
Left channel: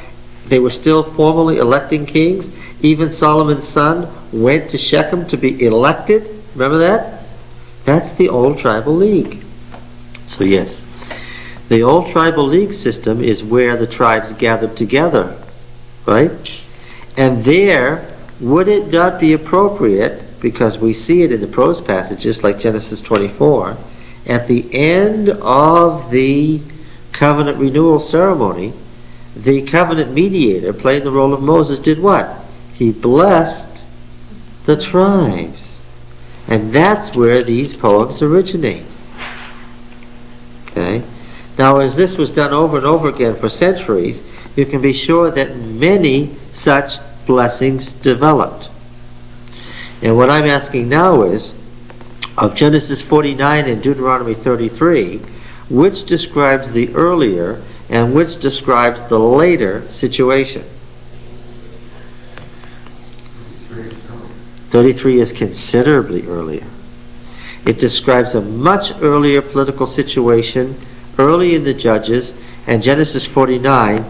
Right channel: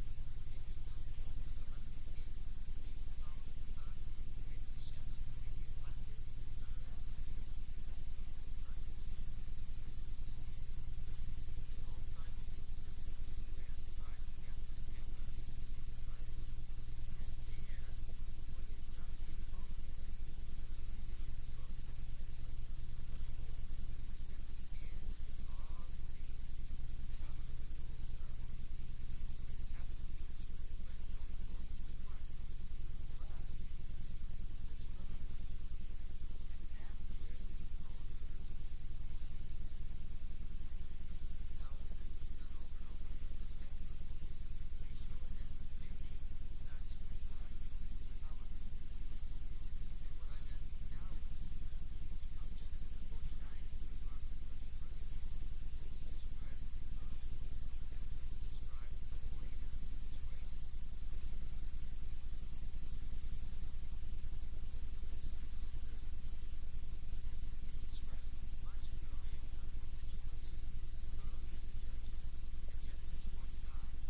they were still formally electing kings? Even Solomon's son went to Shechem to be elected. Remember that? That's the old tribal league. So yes, the old tribal league system is where the tribes gathered together, right? And there, would it not be appropriate, because we see it in the prose passages like Genesis 24, at the end of the covenant renewal ceremony, the covenant mediator, playing the role of Moses, did what? He blessed the tribes. And that's where these poems originate. Okay? Now, as this was done over and over again for centuries, you can be sure that many such blessings developed. And what I'm asking now is, of Genesis 49 and Deuteronomy 33, which describes the earlier and which describes the later situation? 33 is considerably earlier. It describes a much earlier political situation, early in the Judges, and Genesis 49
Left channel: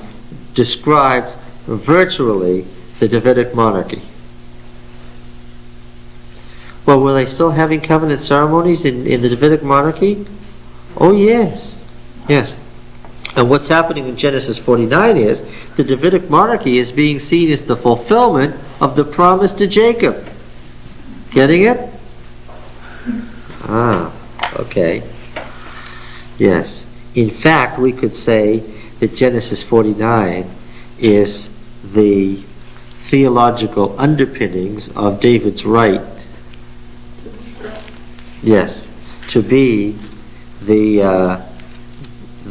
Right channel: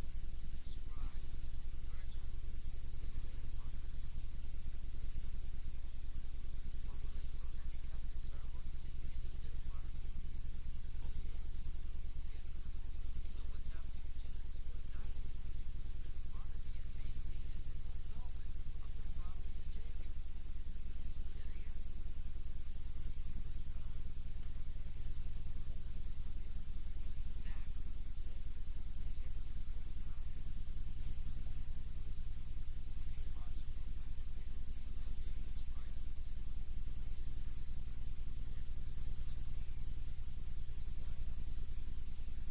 describes virtually the Davidic monarchy. Well, were they still having covenant ceremonies in the Davidic monarchy? Oh, yes. Yes. And what's happening in Genesis 49 is the Davidic monarchy is being seen as the fulfillment of the promise to Jacob. Getting it? Ah, okay. Yes. In fact, we could say that Genesis 49 is the theological underpinnings of David's right, yes, to be the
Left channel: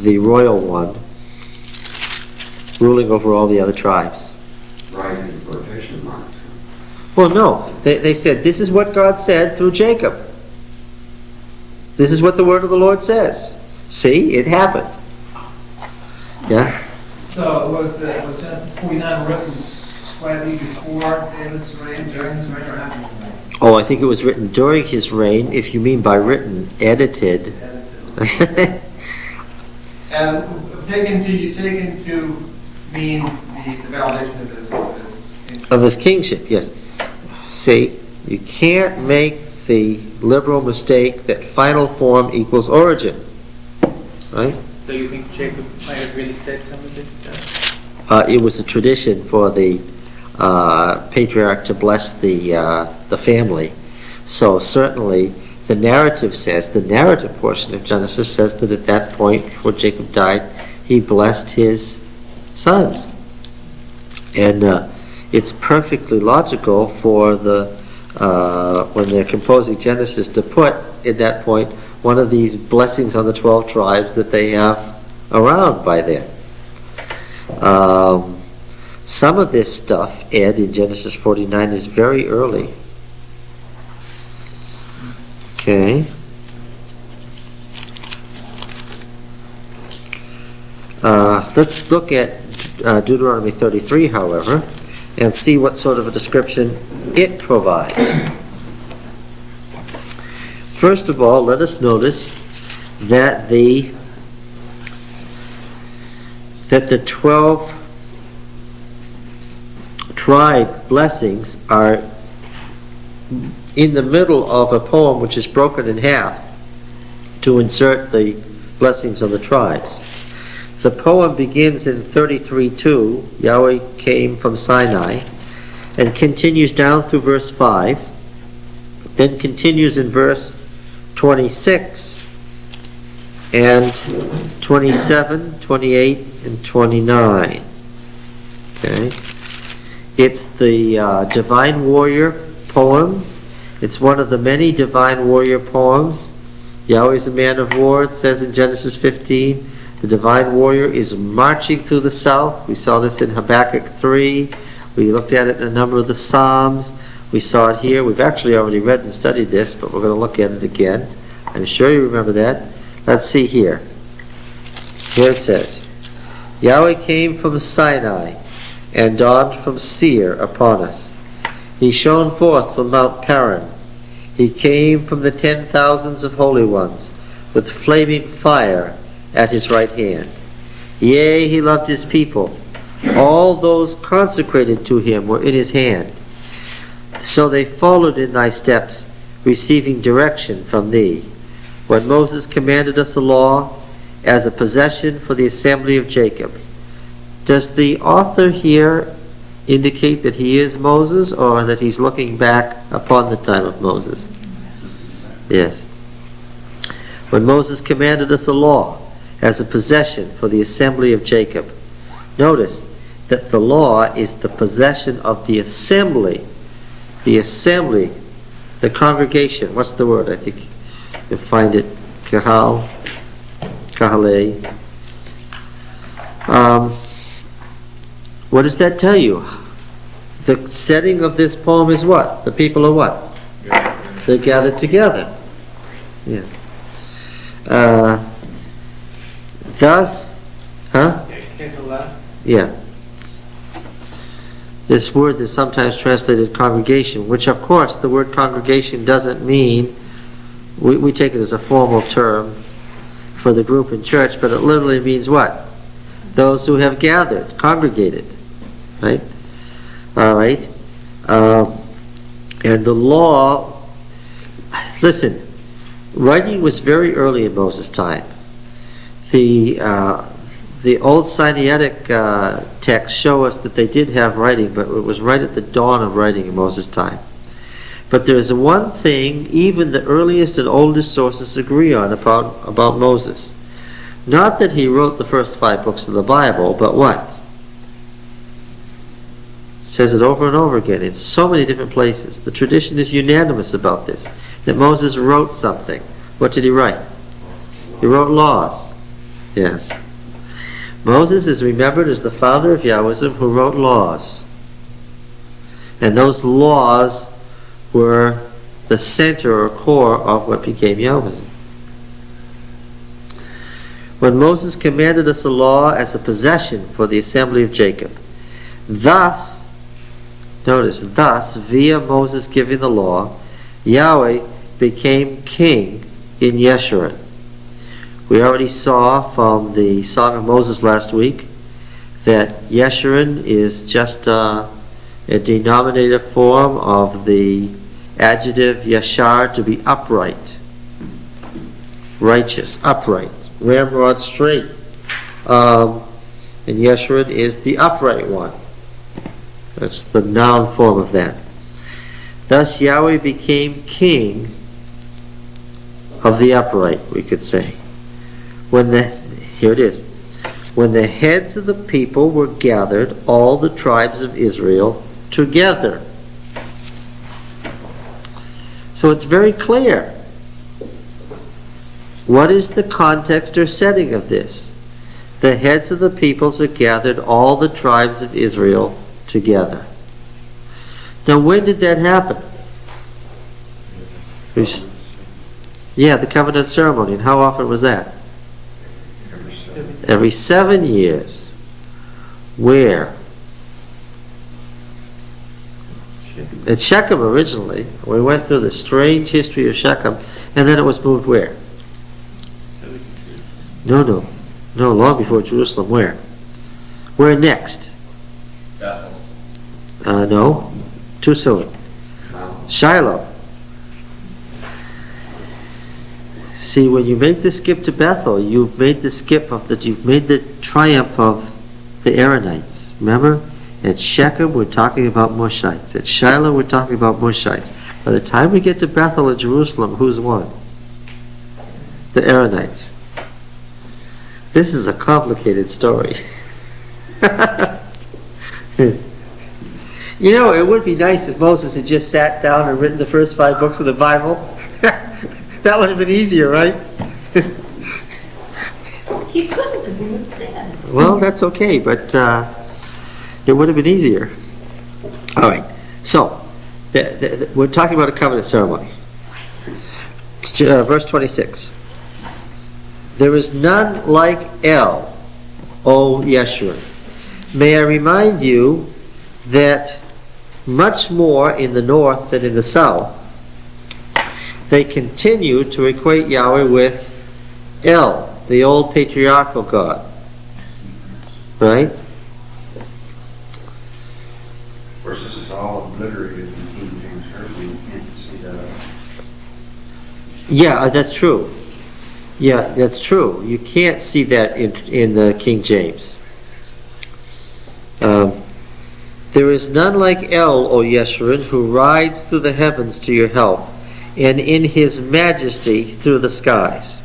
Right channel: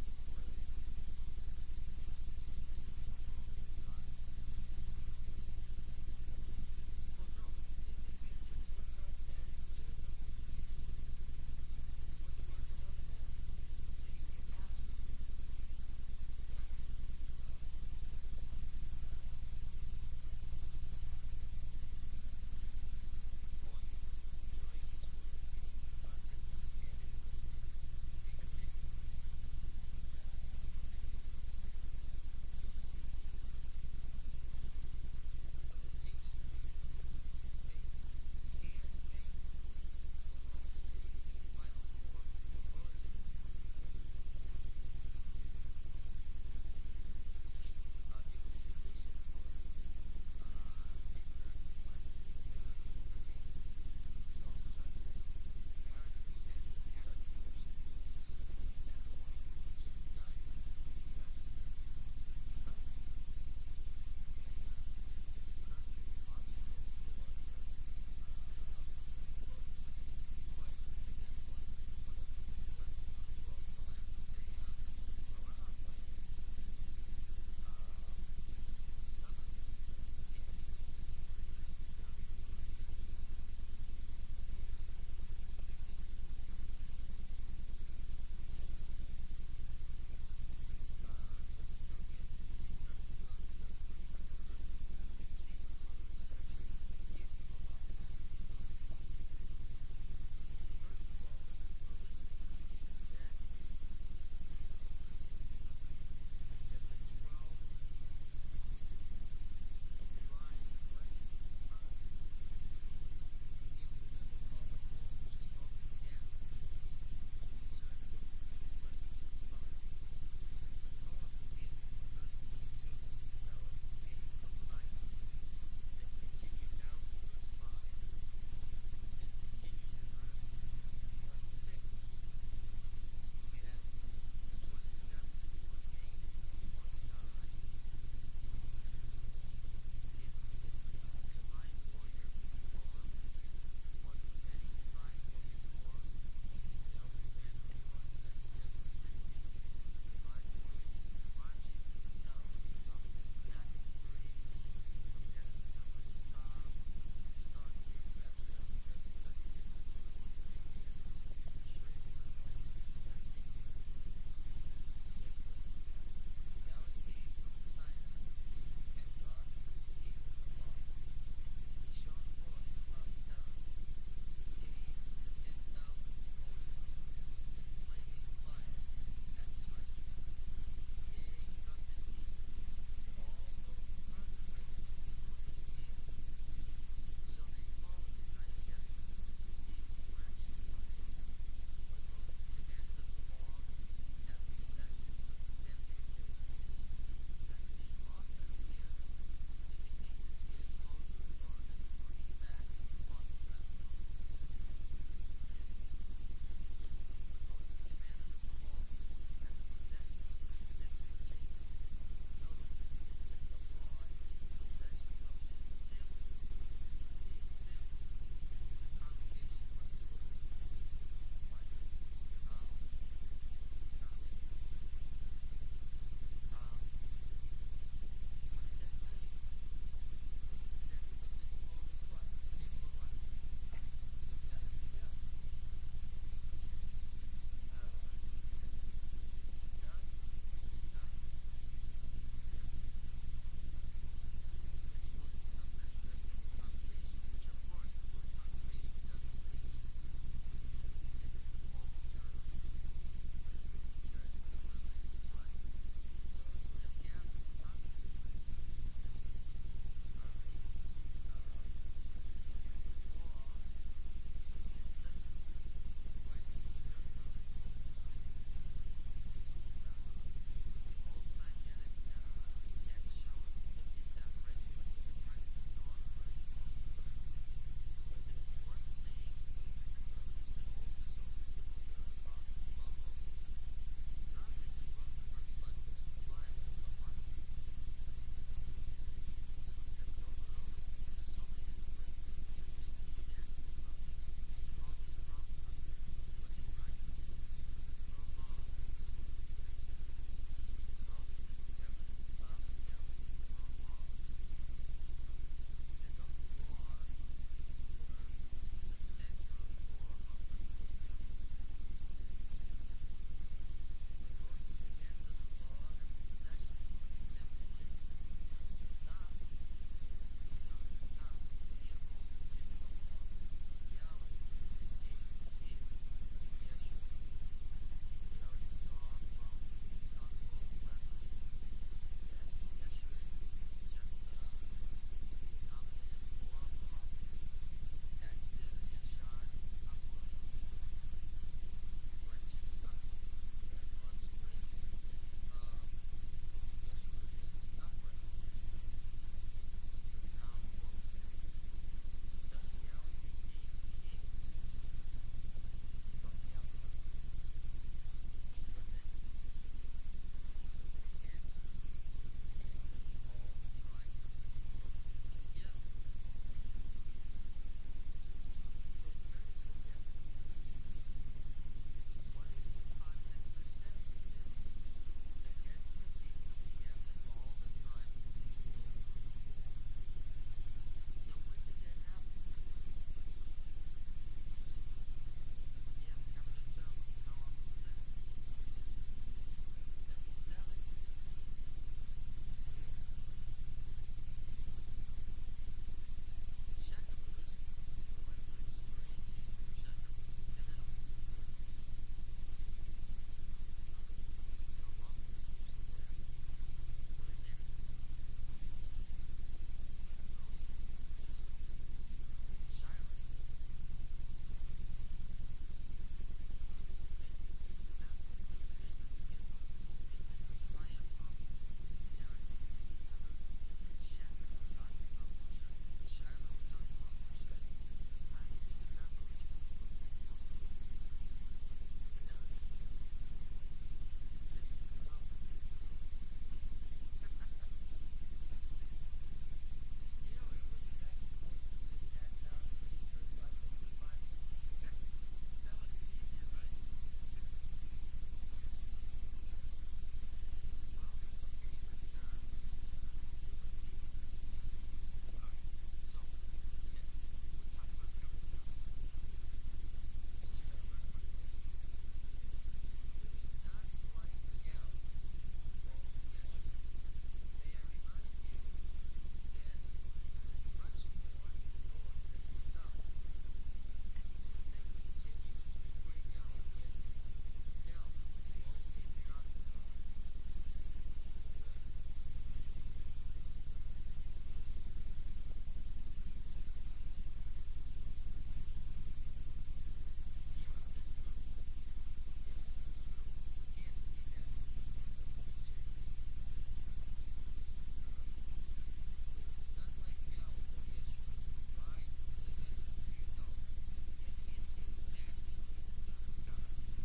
royal one, ruling over all the other tribes. Right in quotation marks. Well, no. They said, this is what God said through Jacob. This is what the word of the Lord says. See, it happened. Yeah? So was Genesis 49 written slightly before David's reign, during his reign, or after his reign? Oh, I think it was written during his reign, if you mean by written, edited. And taken to mean the validation of his kingship. Of his kingship, yes. See, you can't make the liberal mistake that final form equals origin. Right? So you think Jacob might have really said some of this stuff? It was a tradition for the patriarch to bless the family. So certainly the narrative portion of Genesis says that at that point, before Jacob died, he blessed his sons. And it's perfectly logical for when they're composing Genesis to put, at that point, one of these blessings on the 12 tribes that they have around by then. Some of this stuff, Ed, in Genesis 49 is very early. Okay. Let's look at Deuteronomy 33, however, and see what sort of a description it provides. First of all, let us notice that the 12 tribe blessings are in the middle of a poem which is broken in half to insert the blessings of the tribes. The poem begins in 33:2, Yahweh came from Sinai, and continues down through verse 5, then continues in verse 26, and 27, 28, and 29. Okay? It's the Divine Warrior poem. It's one of the many Divine Warrior poems. Yahweh's a man of war, it says in Genesis 15. The Divine Warrior is marching through the south. We saw this in Habakkuk 3. We looked at it in a number of the Psalms. We saw it here. We've actually already read and studied this, but we're going to look at it again. I'm sure you remember that. Let's see here. Here it says, Yahweh came from Sinai and dawned from Seir upon us. He shone forth from Mount Paran. He came from the 10,000s of holy ones with flaming fire at his right hand. Yea, he loved his people. All those consecrated to him were in his hand. So they followed in thy steps, receiving direction from thee. When Moses commanded us a law as a possession for the assembly of Jacob. Does the author here indicate that he is Moses, or that he's looking back upon the time of Moses? Yes. When Moses commanded us a law as a possession for the assembly of Jacob. Notice that the law is the possession of the assembly. The assembly, the congregation. What's the word? I think you'll find it. Kahal. Kahale. What does that tell you? The setting of this poem is what? The people are what? They're gathered together. Yeah. Thus, yeah. This word is sometimes translated congregation, which of course the word congregation doesn't mean, we take it as a formal term for the group in church, but it literally means what? Those who have gathered, congregated, right? All right. And the law, listen, writing was very early in Moses' time. The old Sinaitic texts show us that they did have writing, but it was right at the dawn of writing in Moses' time. But there's one thing even the earliest and oldest sources agree on about Moses. Not that he wrote the first 5 books of the Bible, but what? It says it over and over again in so many different places. The tradition is unanimous about this, that Moses wrote something. What did he write? He wrote laws. Yes. Moses is remembered as the father of Yahwism who wrote laws. And those laws were the center or core of what became Yahwism. When Moses commanded us a law as a possession for the assembly of Jacob. Thus, notice, thus, via Moses giving the law, Yahweh became king in Yeshurun. We already saw from the Song of Moses last week that Yeshurun is just a denominative form of the adjective yashar, to be upright, righteous, upright, ramrod, straight. And Yeshurun is the upright one. That's the noun form of that. Thus Yahweh became king of the upright, we could say. Here it is. When the heads of the people were gathered, all the tribes of Israel together. So it's very clear. What is the context or setting of this? The heads of the peoples are gathered, all the tribes of Israel together. Now when did that happen? Yeah, the covenant ceremony. And how often was that? Every 7 years. Where? At Shechem originally. We went through the strange history of Shechem, and then it was moved where? No, long before Jerusalem. Where? Where next? Bethel. No, too soon. Shiloh. See, when you make the skip to Bethel, you've made the triumph of the Aaronites. Remember? At Shechem, we're talking about Mushites. At Shiloh, we're talking about Mushites. By the time we get to Bethel and Jerusalem, who's won? The Aaronites. This is a complicated story. You know, it would be nice if Moses had just sat down and written the first 5 books of the Bible. That would have been easier, right? He couldn't have been dead. Well, that's okay, but it would have been easier. All right, so we're talking about a covenant ceremony. Verse 26. There is none like El, O Yeshua. May I remind you that much more in the north than in the south, they continue to equate Yahweh with El, the old patriarchal God. Right? Of course, this is all obliterated in King James Version. You can't see that. Yeah, that's true. Yeah, that's true. You can't see that in the King James. There is none like El, O Yeshurun, who rides through the heavens to your help, and in his majesty through the skies.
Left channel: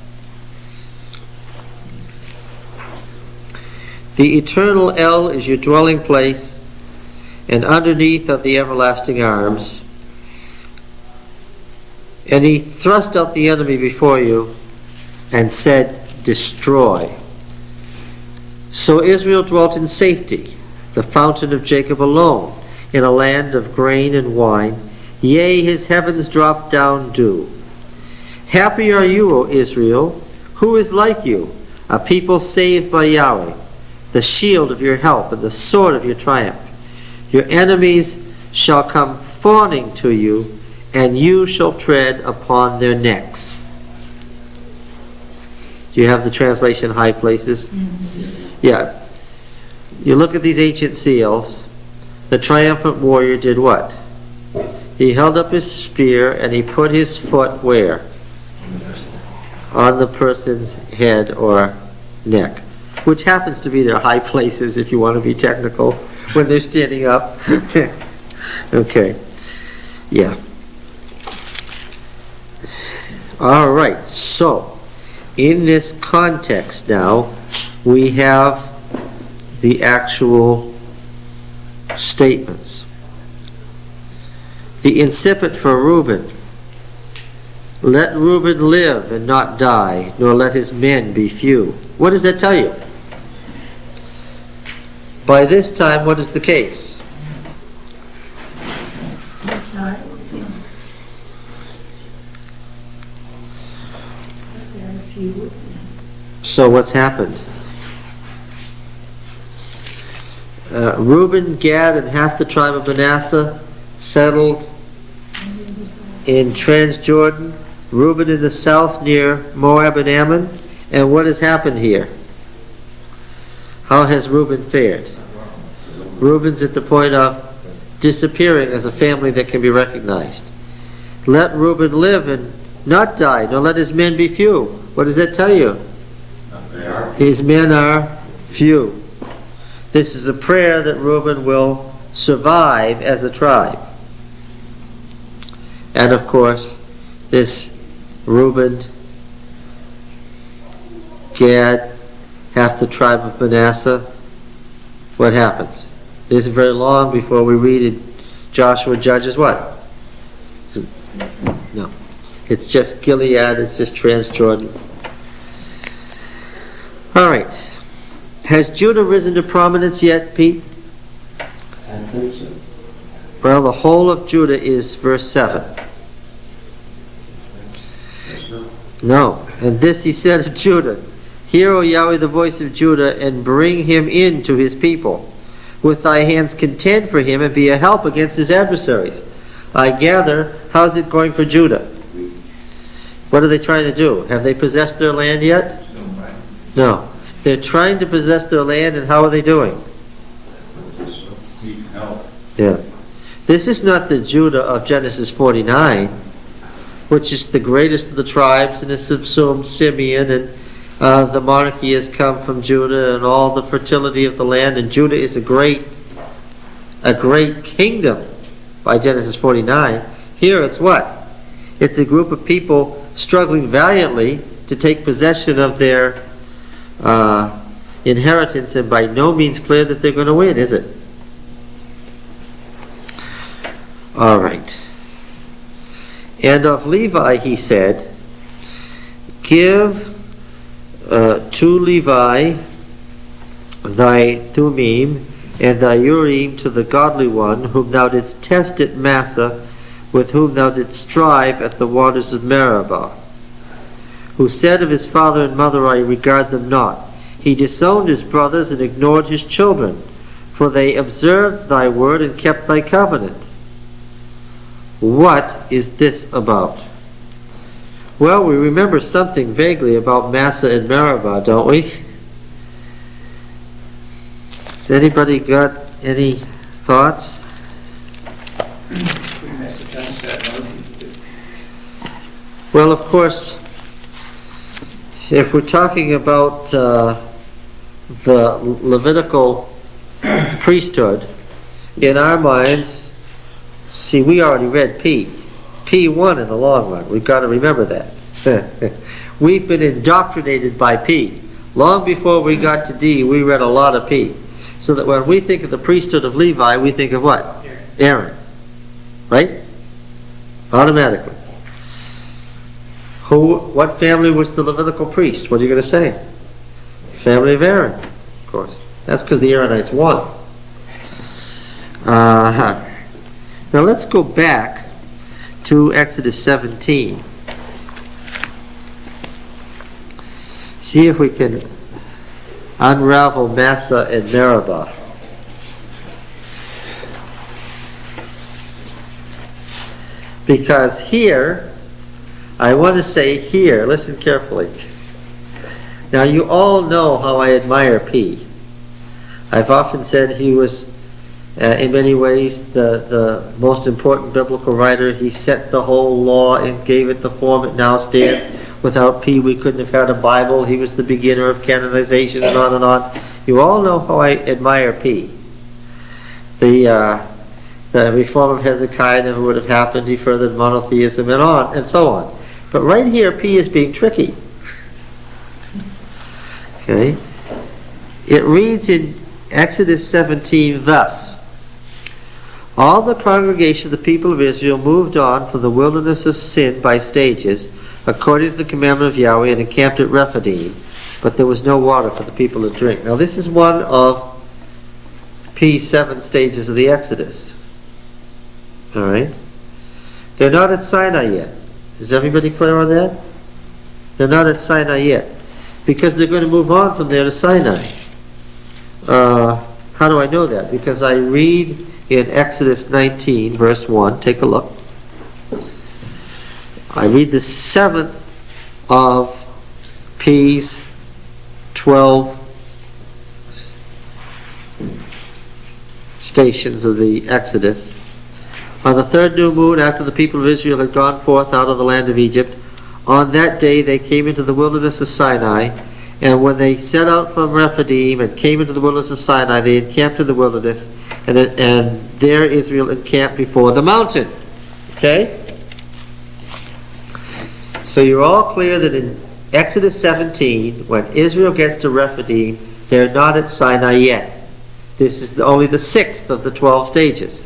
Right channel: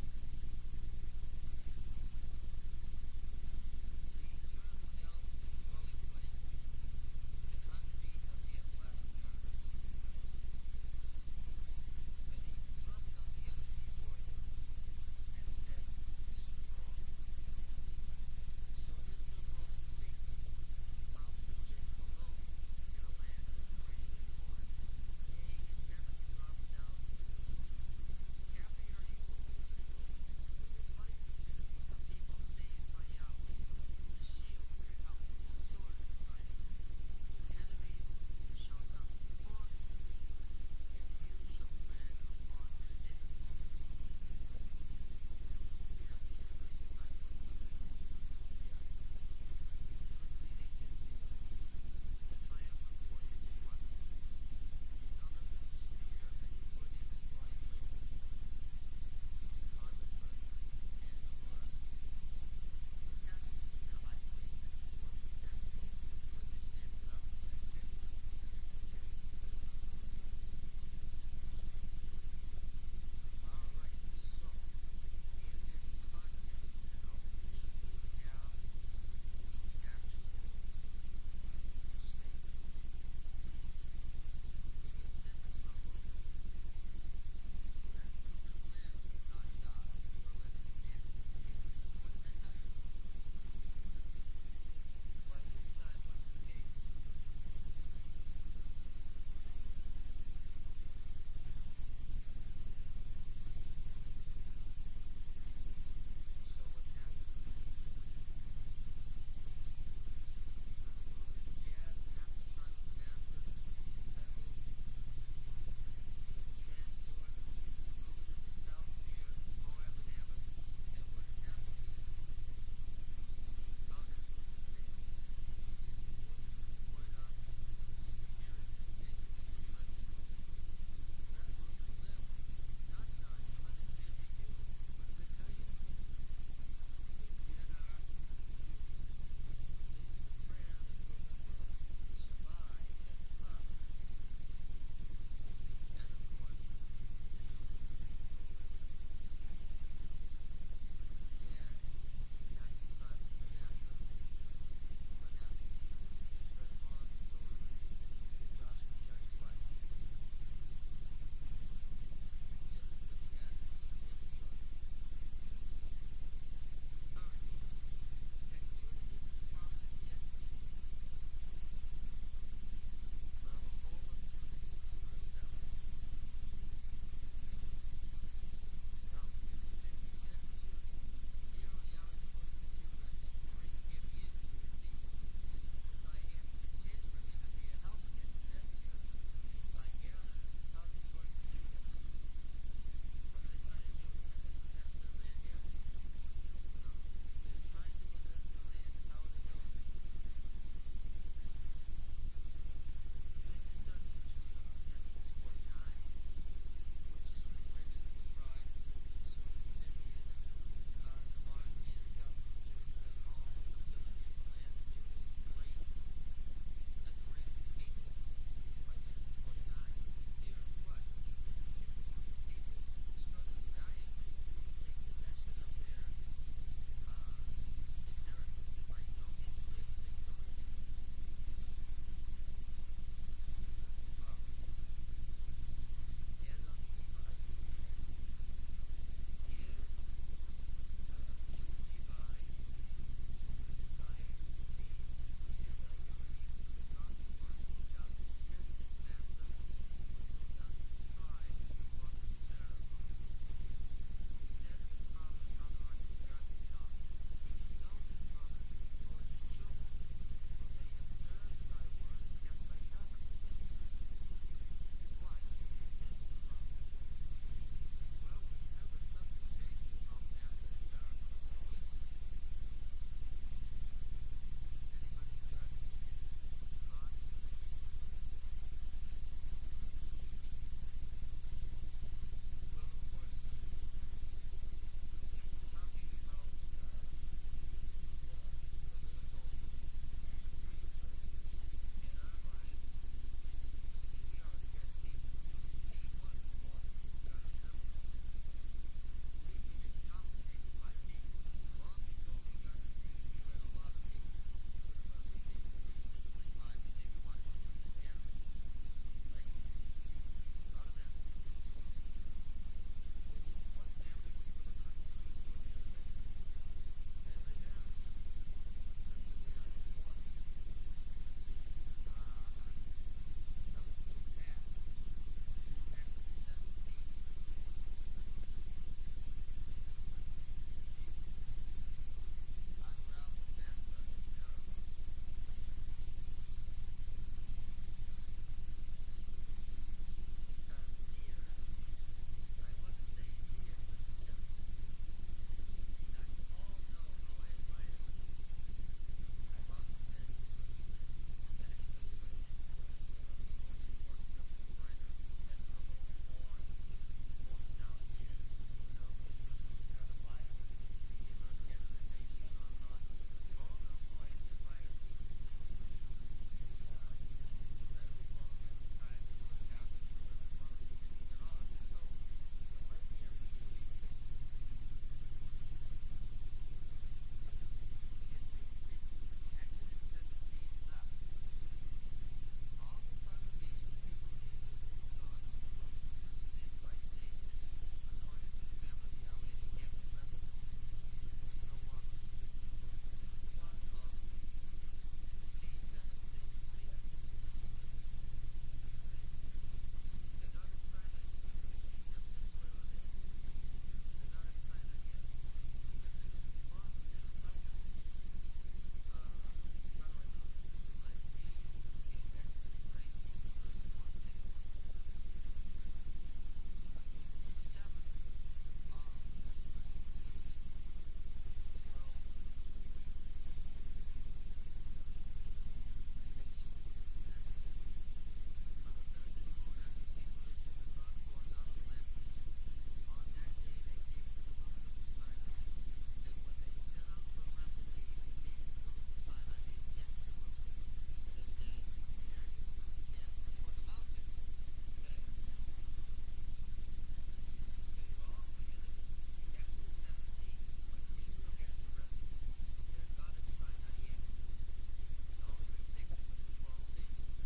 The eternal El is your dwelling place, and underneath are the everlasting arms. And he thrust out the enemy before you, and said, destroy. So Israel dwelt in safety, the fountain of Jacob alone, in a land of grain and wine. Yea, his heavens dropped down dew. Happy are you, O Israel. Who is like you? A people saved by Yahweh, the shield of your help and the sword of your triumph. Your enemies shall come fawning to you, and you shall tread upon their necks. Do you have the translation high places? Yeah. You look at these ancient seals. The triumphant warrior did what? He held up his spear and he put his foot where? On the person's head or neck, which happens to be their high places if you want to be technical, when they're standing up. Okay. Yeah. All right. So, in this context now, we have the actual statements. The incipit for Reuben. Let Reuben live and not die, nor let his men be few. What does that tell you? By this time, what is the case? So what's happened? Reuben, Gad, and half the tribe of Manasseh settled in Transjordan. Reuben in the south near Moab and Ammon. And what has happened here? How has Reuben fared? Reuben's at the point of disappearing as a family that can be recognized. Let Reuben live and not die, nor let his men be few. What does that tell you? His men are few. This is a prayer that Reuben will survive as a tribe. And of course, this Reuben, Gad, half the tribe of Manasseh, what happens? It isn't very long before we read in Joshua Judges what? No. It's just Gilead, it's just Transjordan. All right. Has Judah risen to prominence yet, Pete? I think so. Well, the whole of Judah is verse 7. No. And this he said of Judah, hear, O Yahweh, the voice of Judah, and bring him in to his people. With thy hands contend for him, and be a help against his adversaries. I gather, how's it going for Judah? What are they trying to do? Have they possessed their land yet? No. They're trying to possess their land, and how are they doing? Need help. Yeah. This is not the Judah of Genesis 49, which is the greatest of the tribes and has subsumed Simeon, and the monarchy has come from Judah and all the fertility of the land, and Judah is a great kingdom by Genesis 49. Here it's what? It's a group of people struggling valiantly to take possession of their inheritance, and by no means clear that they're going to win, is it? All right. And of Levi he said, give to Levi thy Thummim and thy Urim to the godly one, whom thou didst test at Massa, with whom thou didst strive at the waters of Meribah, who said of his father and mother, I regard them not. He disowned his brothers and ignored his children, for they observed thy word and kept thy covenant. What is this about? Well, we remember something vaguely about Massa and Meribah, don't we? Has anybody got any thoughts? Well, of course, if we're talking about the Levitical priesthood, in our minds, see, we already read P. P won in the long run. We've got to remember that. We've been indoctrinated by P. Long before we got to D, we read a lot of P. So that when we think of the priesthood of Levi, we think of what? Aaron. Right? Automatically. What family was the Levitical priest? What are you going to say? Family of Aaron, of course. That's because the Aaronites won. Now let's go back to Exodus 17. See if we can unravel Massa and Meribah. Because here, I want to say here, listen carefully. Now you all know how I admire P. I've often said he was, in many ways, the most important biblical writer. He set the whole law and gave it the form it now stands. Without P, we couldn't have had a Bible. He was the beginner of canonization, and on and on. You all know how I admire P. The reform of Hezekiah never would have happened. He furthered monotheism and on and so on. But right here, P is being tricky. Okay? It reads in Exodus 17 thus: all the congregation of the people of Israel moved on from the wilderness of Sin by stages, according to the commandment of Yahweh, and encamped at Rephidim, but there was no water for the people to drink. Now this is one of P's 7 stages of the Exodus. Alright? They're not at Sinai yet. Is everybody clear on that? They're not at Sinai yet, because they're going to move on from there to Sinai. How do I know that? Because I read in Exodus 19, verse 1, take a look. I read the 7th of P's 12 stations of the Exodus. On the 3rd new moon, after the people of Israel had gone forth out of the land of Egypt, on that day they came into the wilderness of Sinai, and when they set out from Rephidim and came into the wilderness of Sinai, they encamped in the wilderness, and there Israel encamped before the mountain. Okay? So you're all clear that in Exodus 17, when Israel gets to Rephidim, they're not at Sinai yet. This is only the 6th of the 12 stages.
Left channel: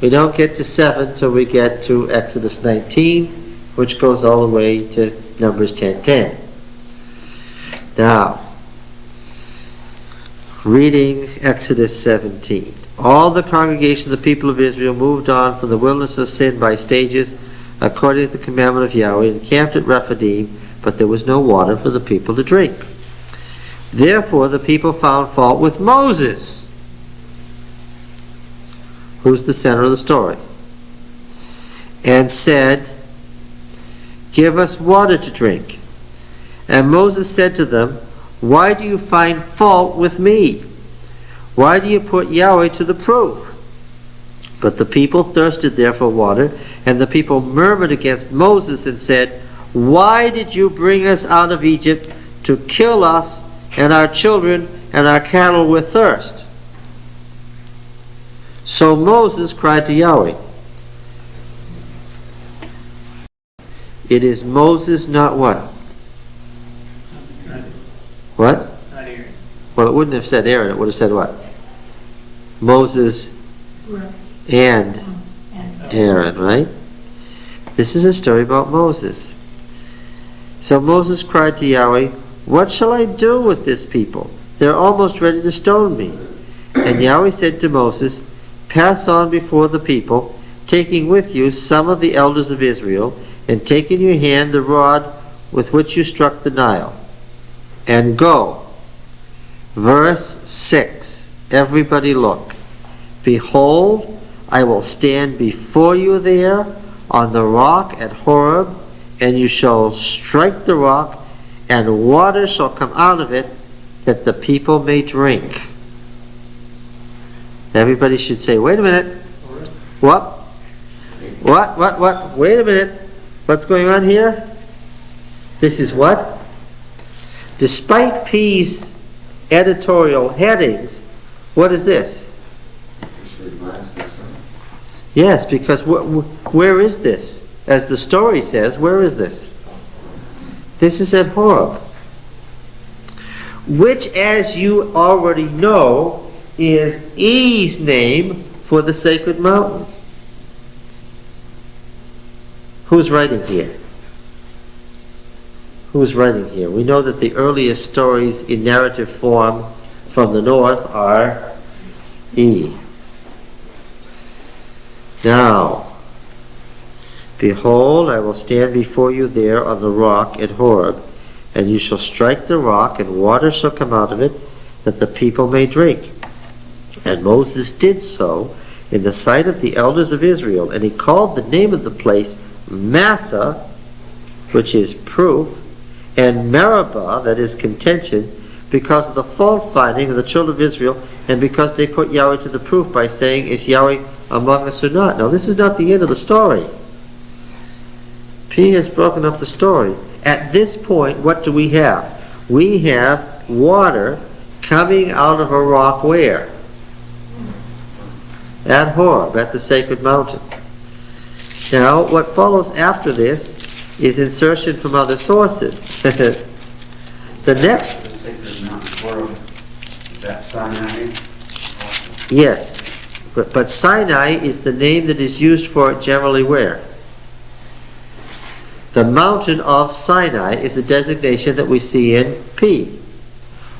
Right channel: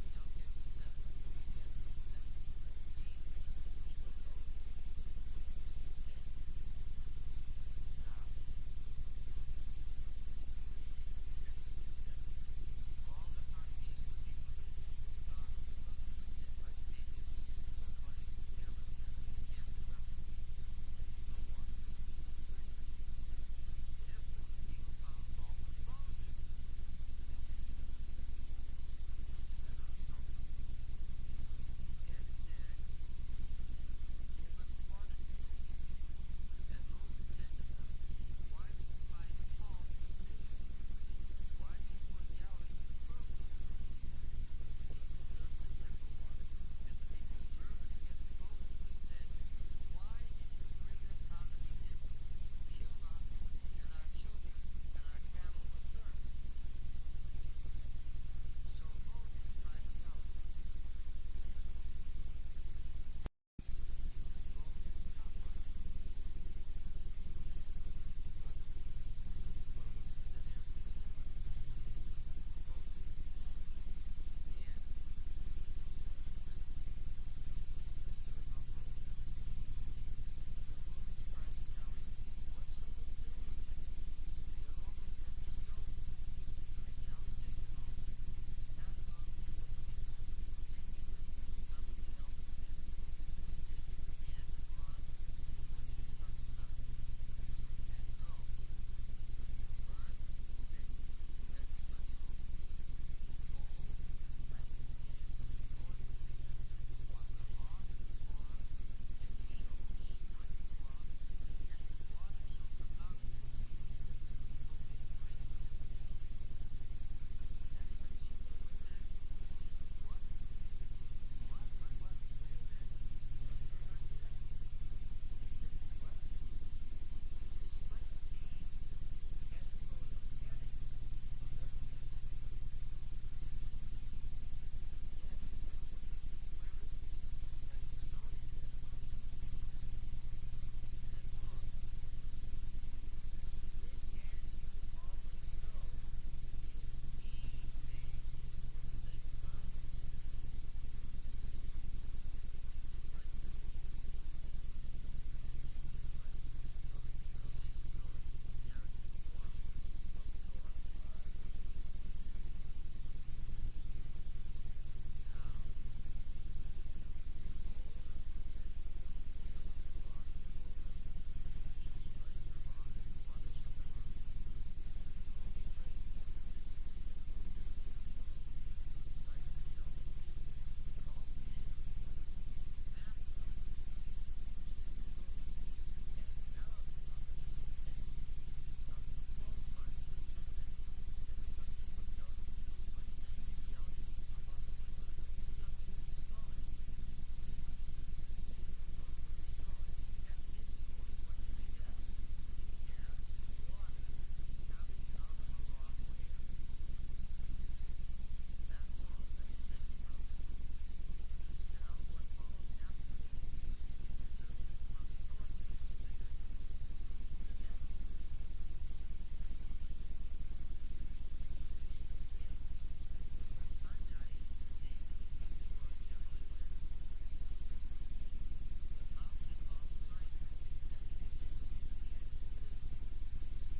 We don't get to 7 till we get to Exodus 19, which goes all the way to Numbers 10:10. Now, reading Exodus 17. All the congregation of the people of Israel moved on from the wilderness of Sin by stages, according to the commandment of Yahweh, and camped at Rephidim, but there was no water for the people to drink. Therefore the people found fault with Moses, who's the center of the story, and said, give us water to drink. And Moses said to them, why do you find fault with me? Why do you put Yahweh to the proof? But the people thirsted there for water, and the people murmured against Moses and said, "Why did you bring us out of Egypt to kill us and our children and our cattle with thirst?" So Moses cried to Yahweh. It is Moses, not what? What? Not Aaron. Well, it wouldn't have said Aaron. It would have said what? Moses and Aaron, right? This is a story about Moses. So Moses cried to Yahweh, "What shall I do with this people? They're almost ready to stone me." And Yahweh said to Moses, "Pass on before the people, taking with you some of the elders of Israel, and take in your hand the rod with which you struck the Nile, and go." Verse 6. Everybody look. "Behold, I will stand before you there on the rock at Horeb, and you shall strike the rock, and water shall come out of it, that the people may drink." Everybody should say, "Wait a minute. What? What? Wait a minute. What's going on here?" This is what? Despite P's editorial headings, what is this? Yes, because where is this? As the story says, where is this? This is at Horeb, which, as you already know, is E's name for the sacred mountain. Who's writing here? Who's writing here? We know that the earliest stories in narrative form from the north are E. Now, "Behold, I will stand before you there on the rock at Horeb, and you shall strike the rock, and water shall come out of it, that the people may drink." And Moses did so in the sight of the elders of Israel, and he called the name of the place Massa, which is proof, and Meribah, that is contention, because of the fault finding of the children of Israel, and because they put Yahweh to the proof by saying, "Is Yahweh among us or not?" Now, this is not the end of the story. P has broken up the story. At this point, what do we have? We have water coming out of a rock where? At Horeb, at the sacred mountain. Now, what follows after this is insertion from other sources. The next... Is that Sinai? Yes. But Sinai is the name that is used for it generally where? The mountain of Sinai is a designation that we see in P.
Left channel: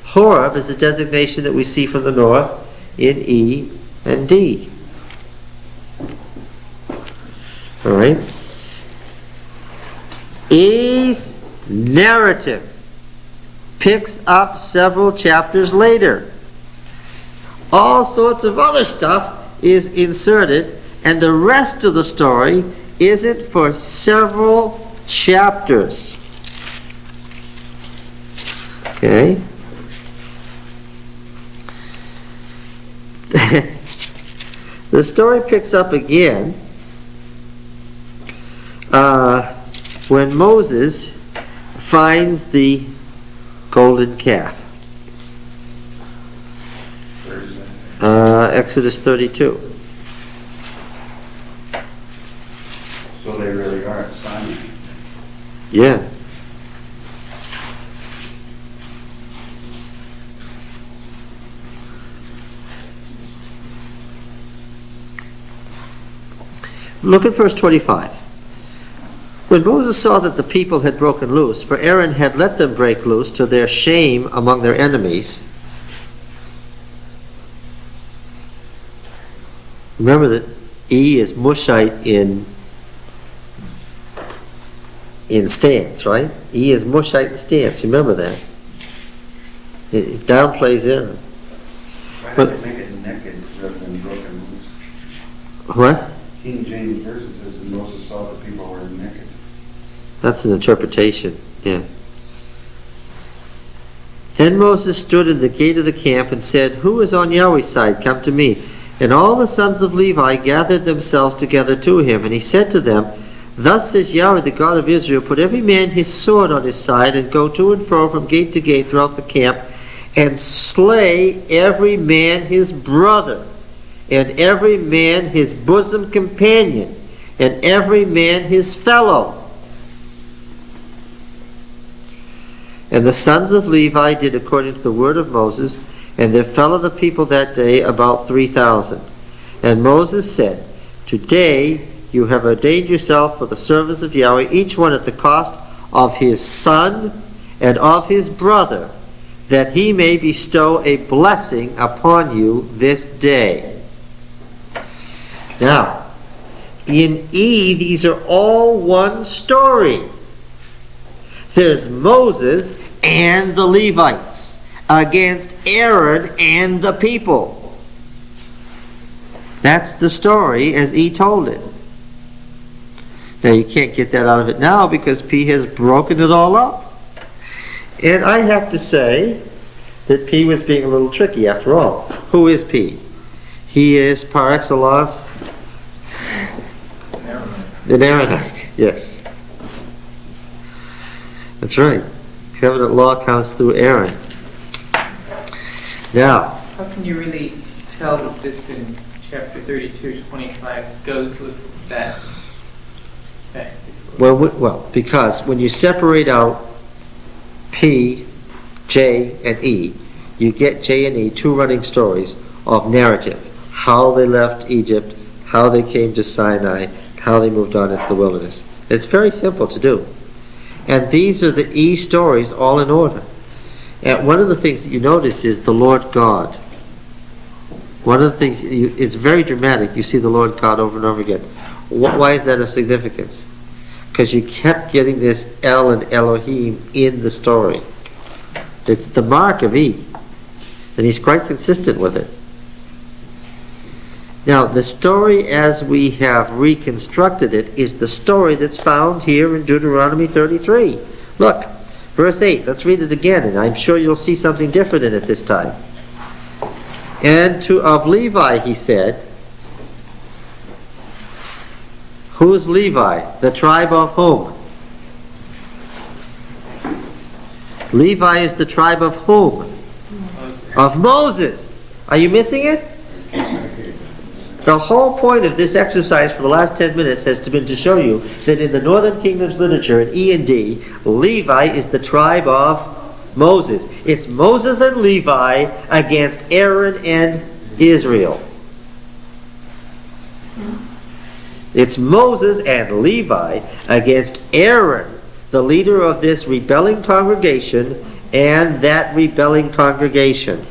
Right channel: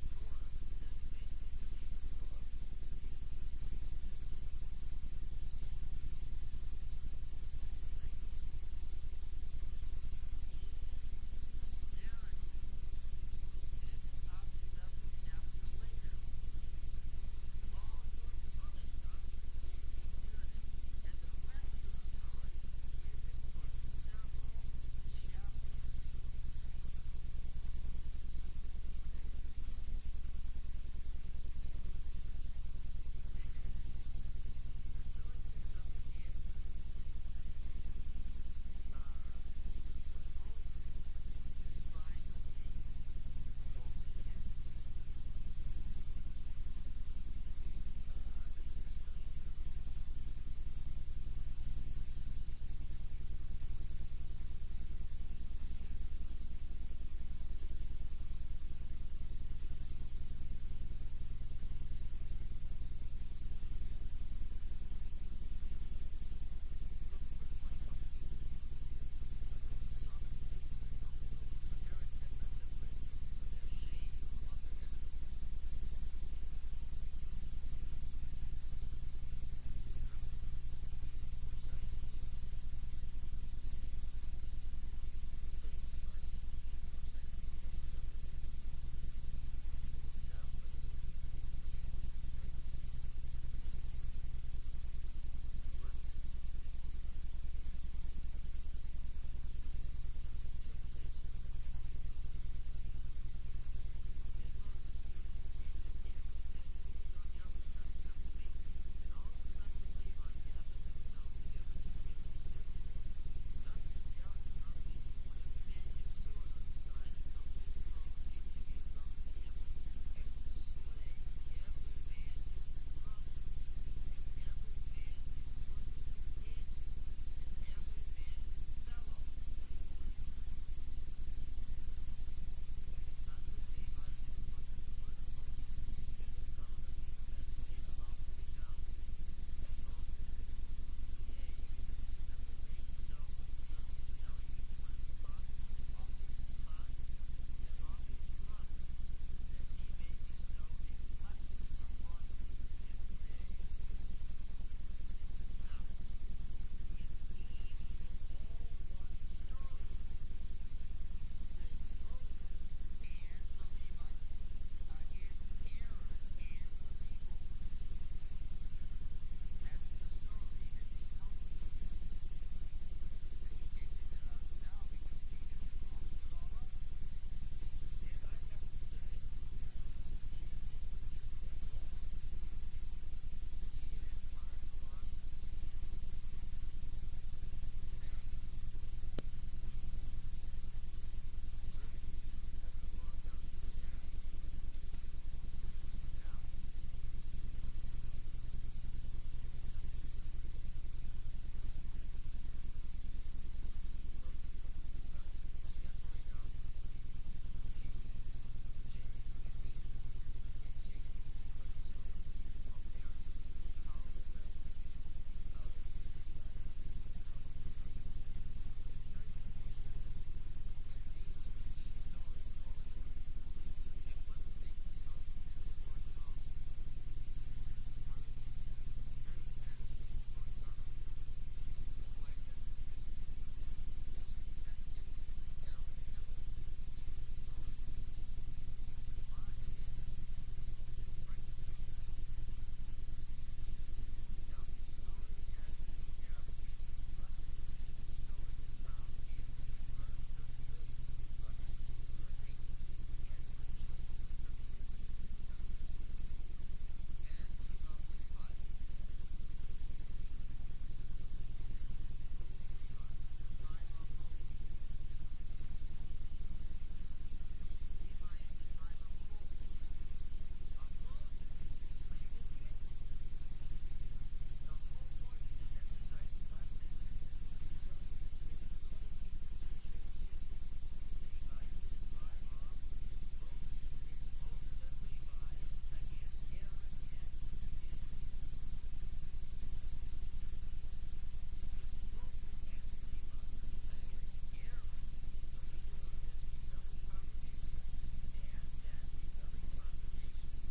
Horeb is a designation that we see from the north in E and D. All right? E's narrative picks up several chapters later. All sorts of other stuff is inserted, and the rest of the story isn't for several chapters. Okay? The story picks up again when Moses finds the golden calf. Exodus 32. So they really are at Sinai. Yeah. Look at verse 25. When Moses saw that the people had broken loose, for Aaron had let them break loose to their shame among their enemies. Remember that E is Mushite in stance, right? E is Mushite in stance. Remember that. It downplays Aaron. Why But- did they make it naked rather than broken loose? What? King James Version says that Moses saw the people were naked. That's an interpretation, yeah. Then Moses stood in the gate of the camp and said, "Who is on Yahweh's side? Come to me." And all the sons of Levi gathered themselves together to him, and he said to them, Thus says Yahweh, the God of Israel, put every man his sword on his side, and go to and fro from gate to gate throughout the camp, and slay every man his brother, and every man his bosom companion, and every man his fellow. And the sons of Levi did according to the word of Moses, and there fell of the people that day about 3,000. And Moses said, Today you have ordained yourself for the service of Yahweh, each one at the cost of his son and of his brother, that he may bestow a blessing upon you this day. Now, in E, these are all one story. There's Moses and the Levites against Aaron and the people. That's the story as E told it. Now you can't get that out of it now because P has broken it all up. And I have to say that P was being a little tricky after all. Who is P? He is par excellence an Aaronite. Yes. That's right. Covenant law comes through Aaron. Now, How can you really tell that this in chapter 32:25 goes with that? well, because when you separate out P, J, and E, you get J and E, two running stories of narrative. How they left Egypt, how they came to Sinai, how they moved on into the wilderness. It's very simple to do. And these are the E stories all in order. And one of the things that you notice is the Lord God. One of the things, it's very dramatic. You see the Lord God over and over again. Why is that of significance? Because you kept getting this El and Elohim in the story. It's the mark of E. And he's quite consistent with it. Now, the story as we have reconstructed it is the story that's found here in Deuteronomy 33. Look, verse 8. Let's read it again, and I'm sure you'll see something different in it this time. And of Levi he said, who's Levi? The tribe of whom? Levi is the tribe of whom? Of Moses. Are you missing it? The whole point of this exercise for the last 10 minutes has been to show you that in the Northern Kingdom's literature, in E and D, Levi is the tribe of Moses. It's Moses and Levi against Aaron and Israel. It's Moses and Levi against Aaron, the leader of this rebelling congregation, and that rebelling congregation.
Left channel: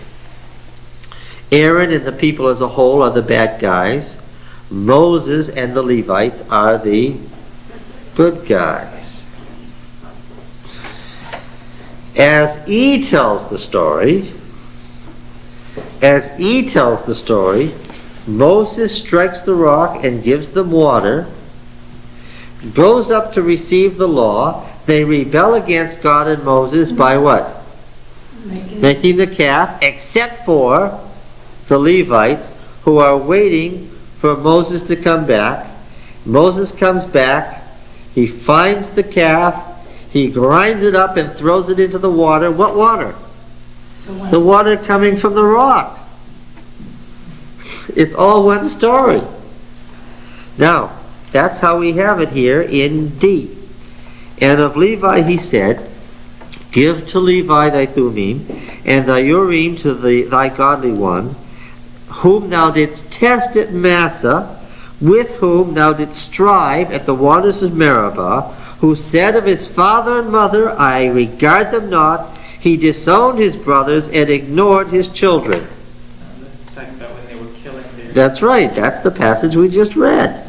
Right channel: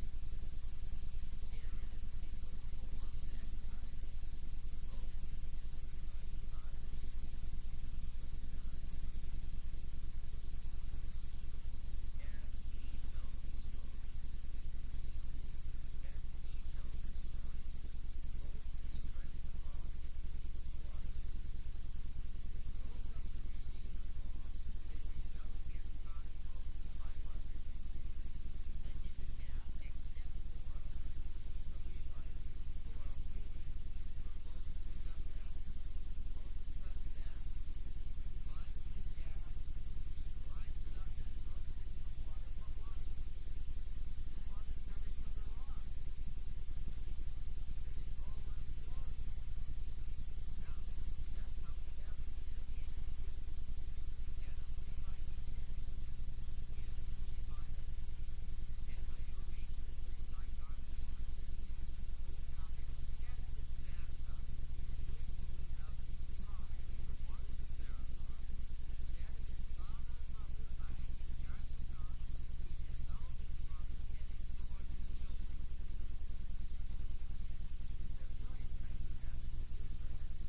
Aaron and the people as a whole are the bad guys. Moses and the Levites are the good guys. As E tells the story, Moses strikes the rock and gives them water, goes up to receive the law. They rebel against God and Moses by what? Making the calf, except for the Levites, who are waiting for Moses to come back. Moses comes back, he finds the calf, he grinds it up and throws it into the water. What water? The water coming from the rock. It's all one story. Now, that's how we have it here in D. And of Levi he said, Give to Levi thy Thummim, and thy Urim to thy godly one, whom thou didst test at Massah, with whom thou didst strive at the waters of Meribah, who said of his father and mother, I regard them not. He disowned his brothers and ignored his children. That's talking about when they were killing their... That's right. That's the passage we just read.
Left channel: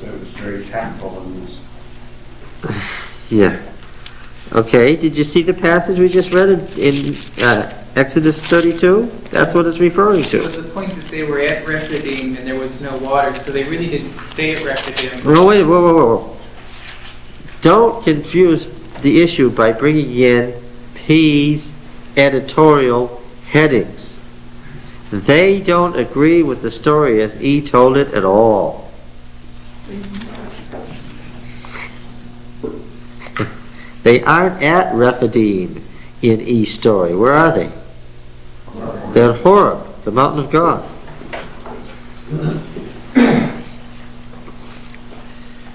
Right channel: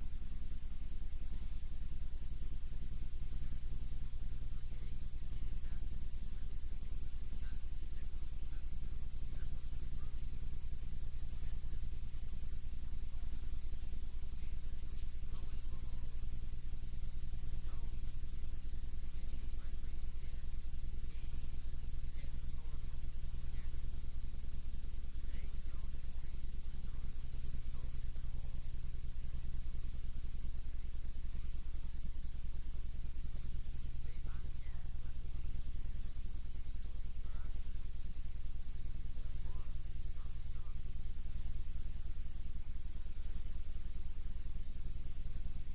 So it was very tactful in this. Yeah. Okay, did you see the passage we just read in Exodus 32? That's what it's referring It was to. the point that they were at Rephidim and there was no water, so they really didn't stay at Rephidim. No, wait, whoa. Don't confuse the issue by bringing in P's editorial headings. They don't agree with the story as E told it at all. They aren't at Rephidim in E's story. Where are they? They're at Horeb, the mountain of God.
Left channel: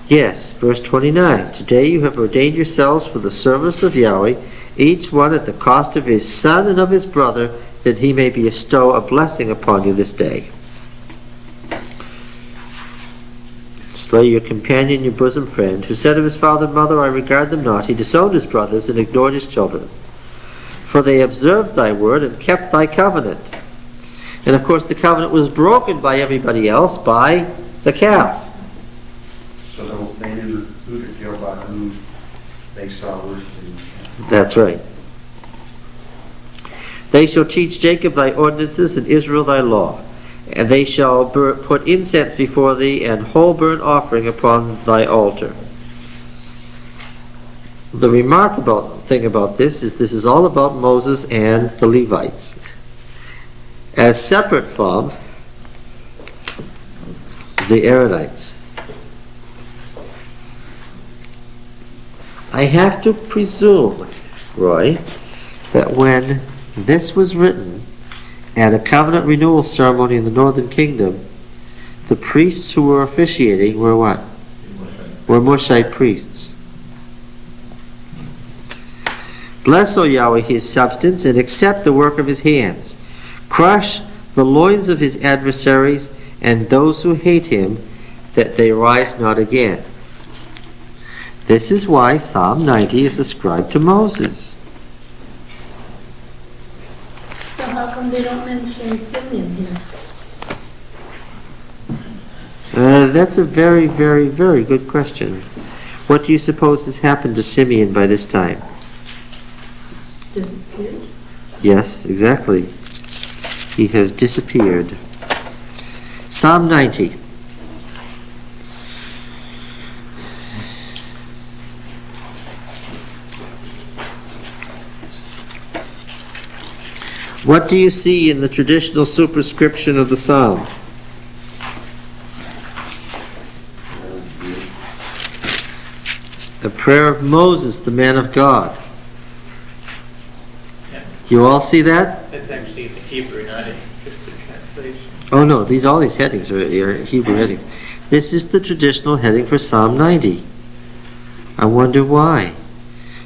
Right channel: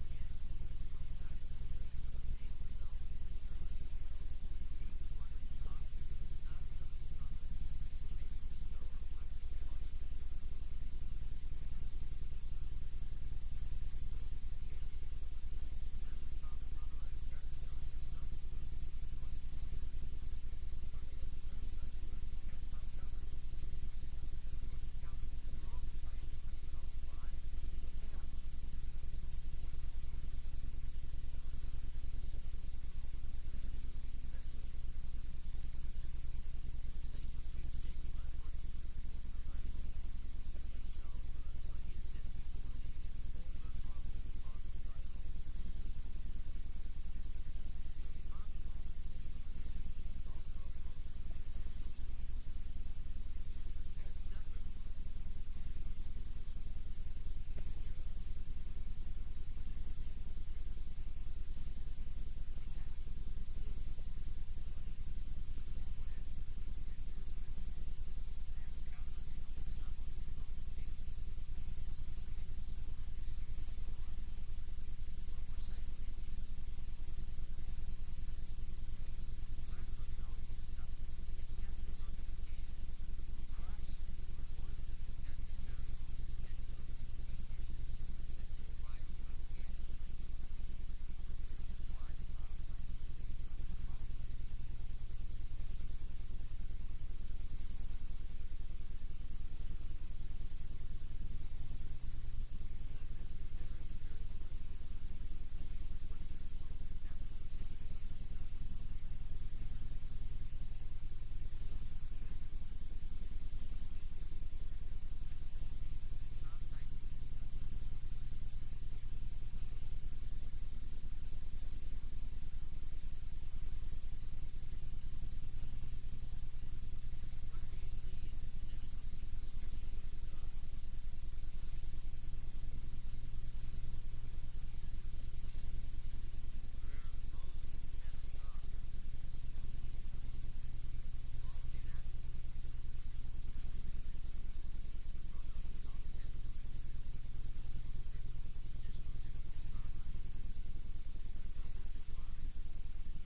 Yes, verse 29. Today you have ordained yourselves for the service of Yahweh, each one at the cost of his son and of his brother, that he may bestow a blessing upon you this day. Slay your companion, your bosom friend, who said of his father and mother, I regard them not. He disowned his brothers and ignored his children. For they observed thy word and kept thy covenant. And of course the covenant was broken by everybody else, by the calf. So they knew who to kill by who they saw worshiping. That's right. They shall teach Jacob thy ordinances and Israel thy law. And they shall put incense before thee and whole burnt offering upon thy altar. The remarkable thing about this is all about Moses and the Levites. As separate from the Aaronites. I have to presume, Roy, that when this was written at a covenant renewal ceremony in the northern kingdom, the priests who were officiating were what? Were Moshite priests. Bless, O Yahweh, his substance, and accept the work of his hands. Crush the loins of his adversaries and those who hate him, that they rise not again. This is why Psalm 90 is ascribed to Moses. So how come they don't mention Simeon here? That's a very, very, very good question. What do you suppose has happened to Simeon by this time? Disappeared? Yes, exactly. He has disappeared. Psalm 90. What do you see in the traditional superscription of the psalm? The prayer of Moses, the man of God. Yeah. You all see that? That's actually the Hebrew, not just the translation. Oh no, all these headings are Hebrew headings. This is the traditional heading for Psalm 90. I wonder why.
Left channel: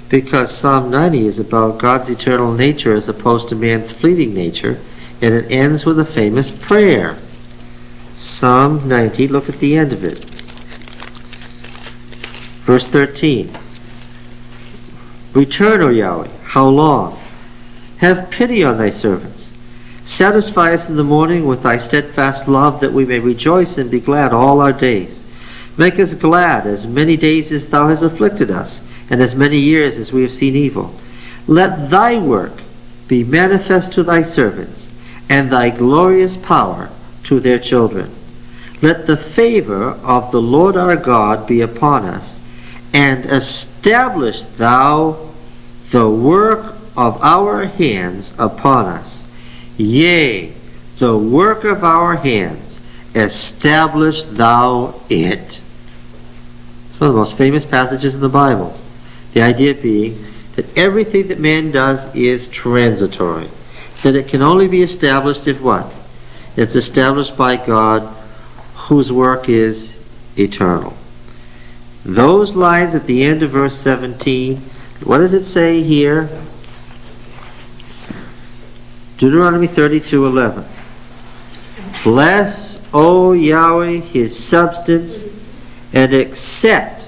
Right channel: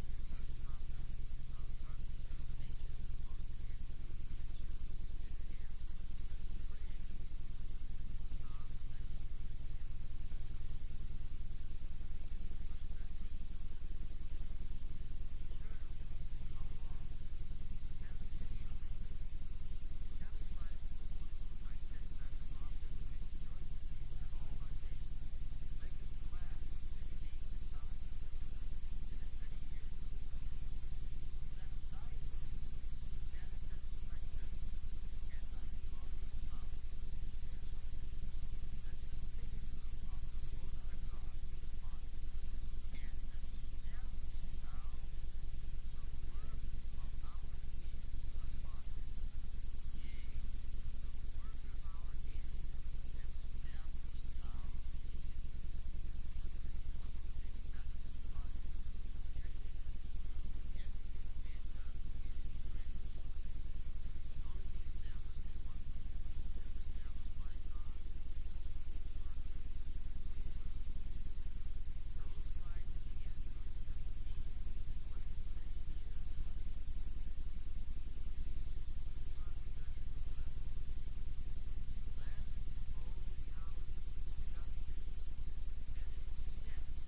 Because Psalm 90 is about God's eternal nature as opposed to man's fleeting nature, and it ends with a famous prayer. Psalm 90, look at the end of it. Verse 13. Return, O Yahweh, how long? Have pity on thy servants. Satisfy us in the morning with thy steadfast love, that we may rejoice and be glad all our days. Make us glad as many days as thou hast afflicted us, and as many years as we have seen evil. Let thy work be manifest to thy servants, and thy glorious power to their children. Let the favor of the Lord our God be upon us, and establish thou the work of our hands upon us. Yea, the work of our hands, establish thou it. It's one of the most famous passages in the Bible. The idea being that everything that man does is transitory. That it can only be established if what? It's established by God, whose work is eternal. Those lines at the end of verse 17, what does it say here? Deuteronomy 32:11. Bless, O Yahweh, his substance, and accept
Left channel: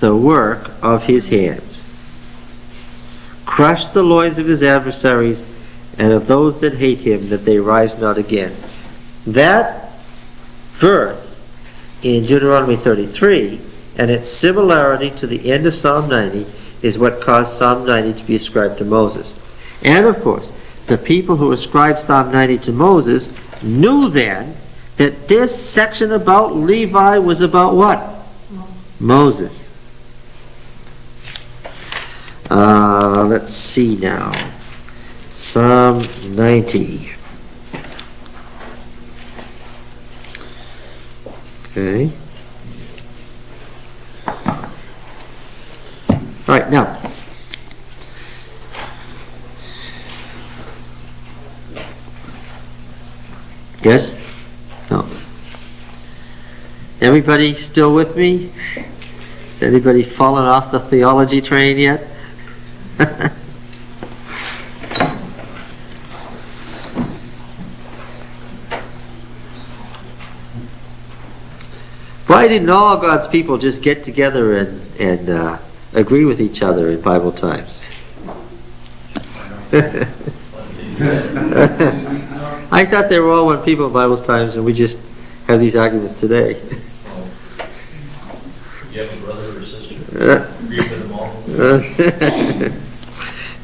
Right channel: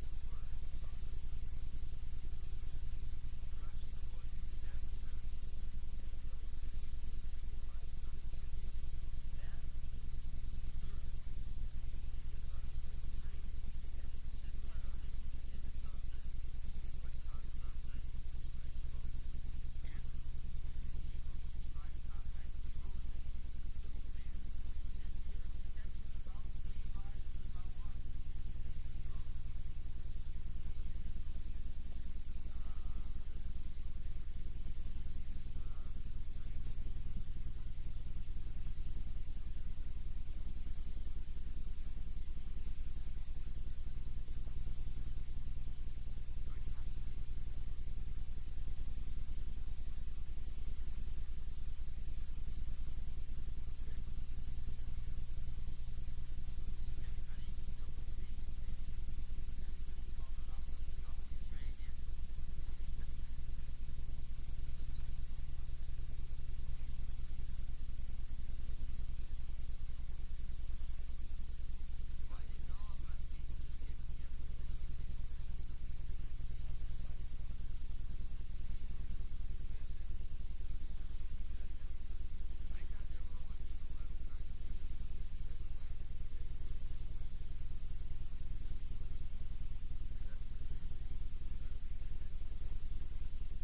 the work of his hands. Crush the loins of his adversaries and of those that hate him, that they rise not again. That verse in Deuteronomy 33 and its similarity to the end of Psalm 90 is what caused Psalm 90 to be ascribed to Moses. And of course, the people who ascribed Psalm 90 to Moses knew then that this section about Levi was about what? Moses. Let's see now. Psalm 90. Okay. All right, now. Yes? No. Everybody still with me? Has anybody fallen off the theology train yet? Why didn't all God's people just get together and agree with each other in Bible times? I thought they were all one people in Bible times, and we just have these arguments today. You have a brother or sister? Agree with them all?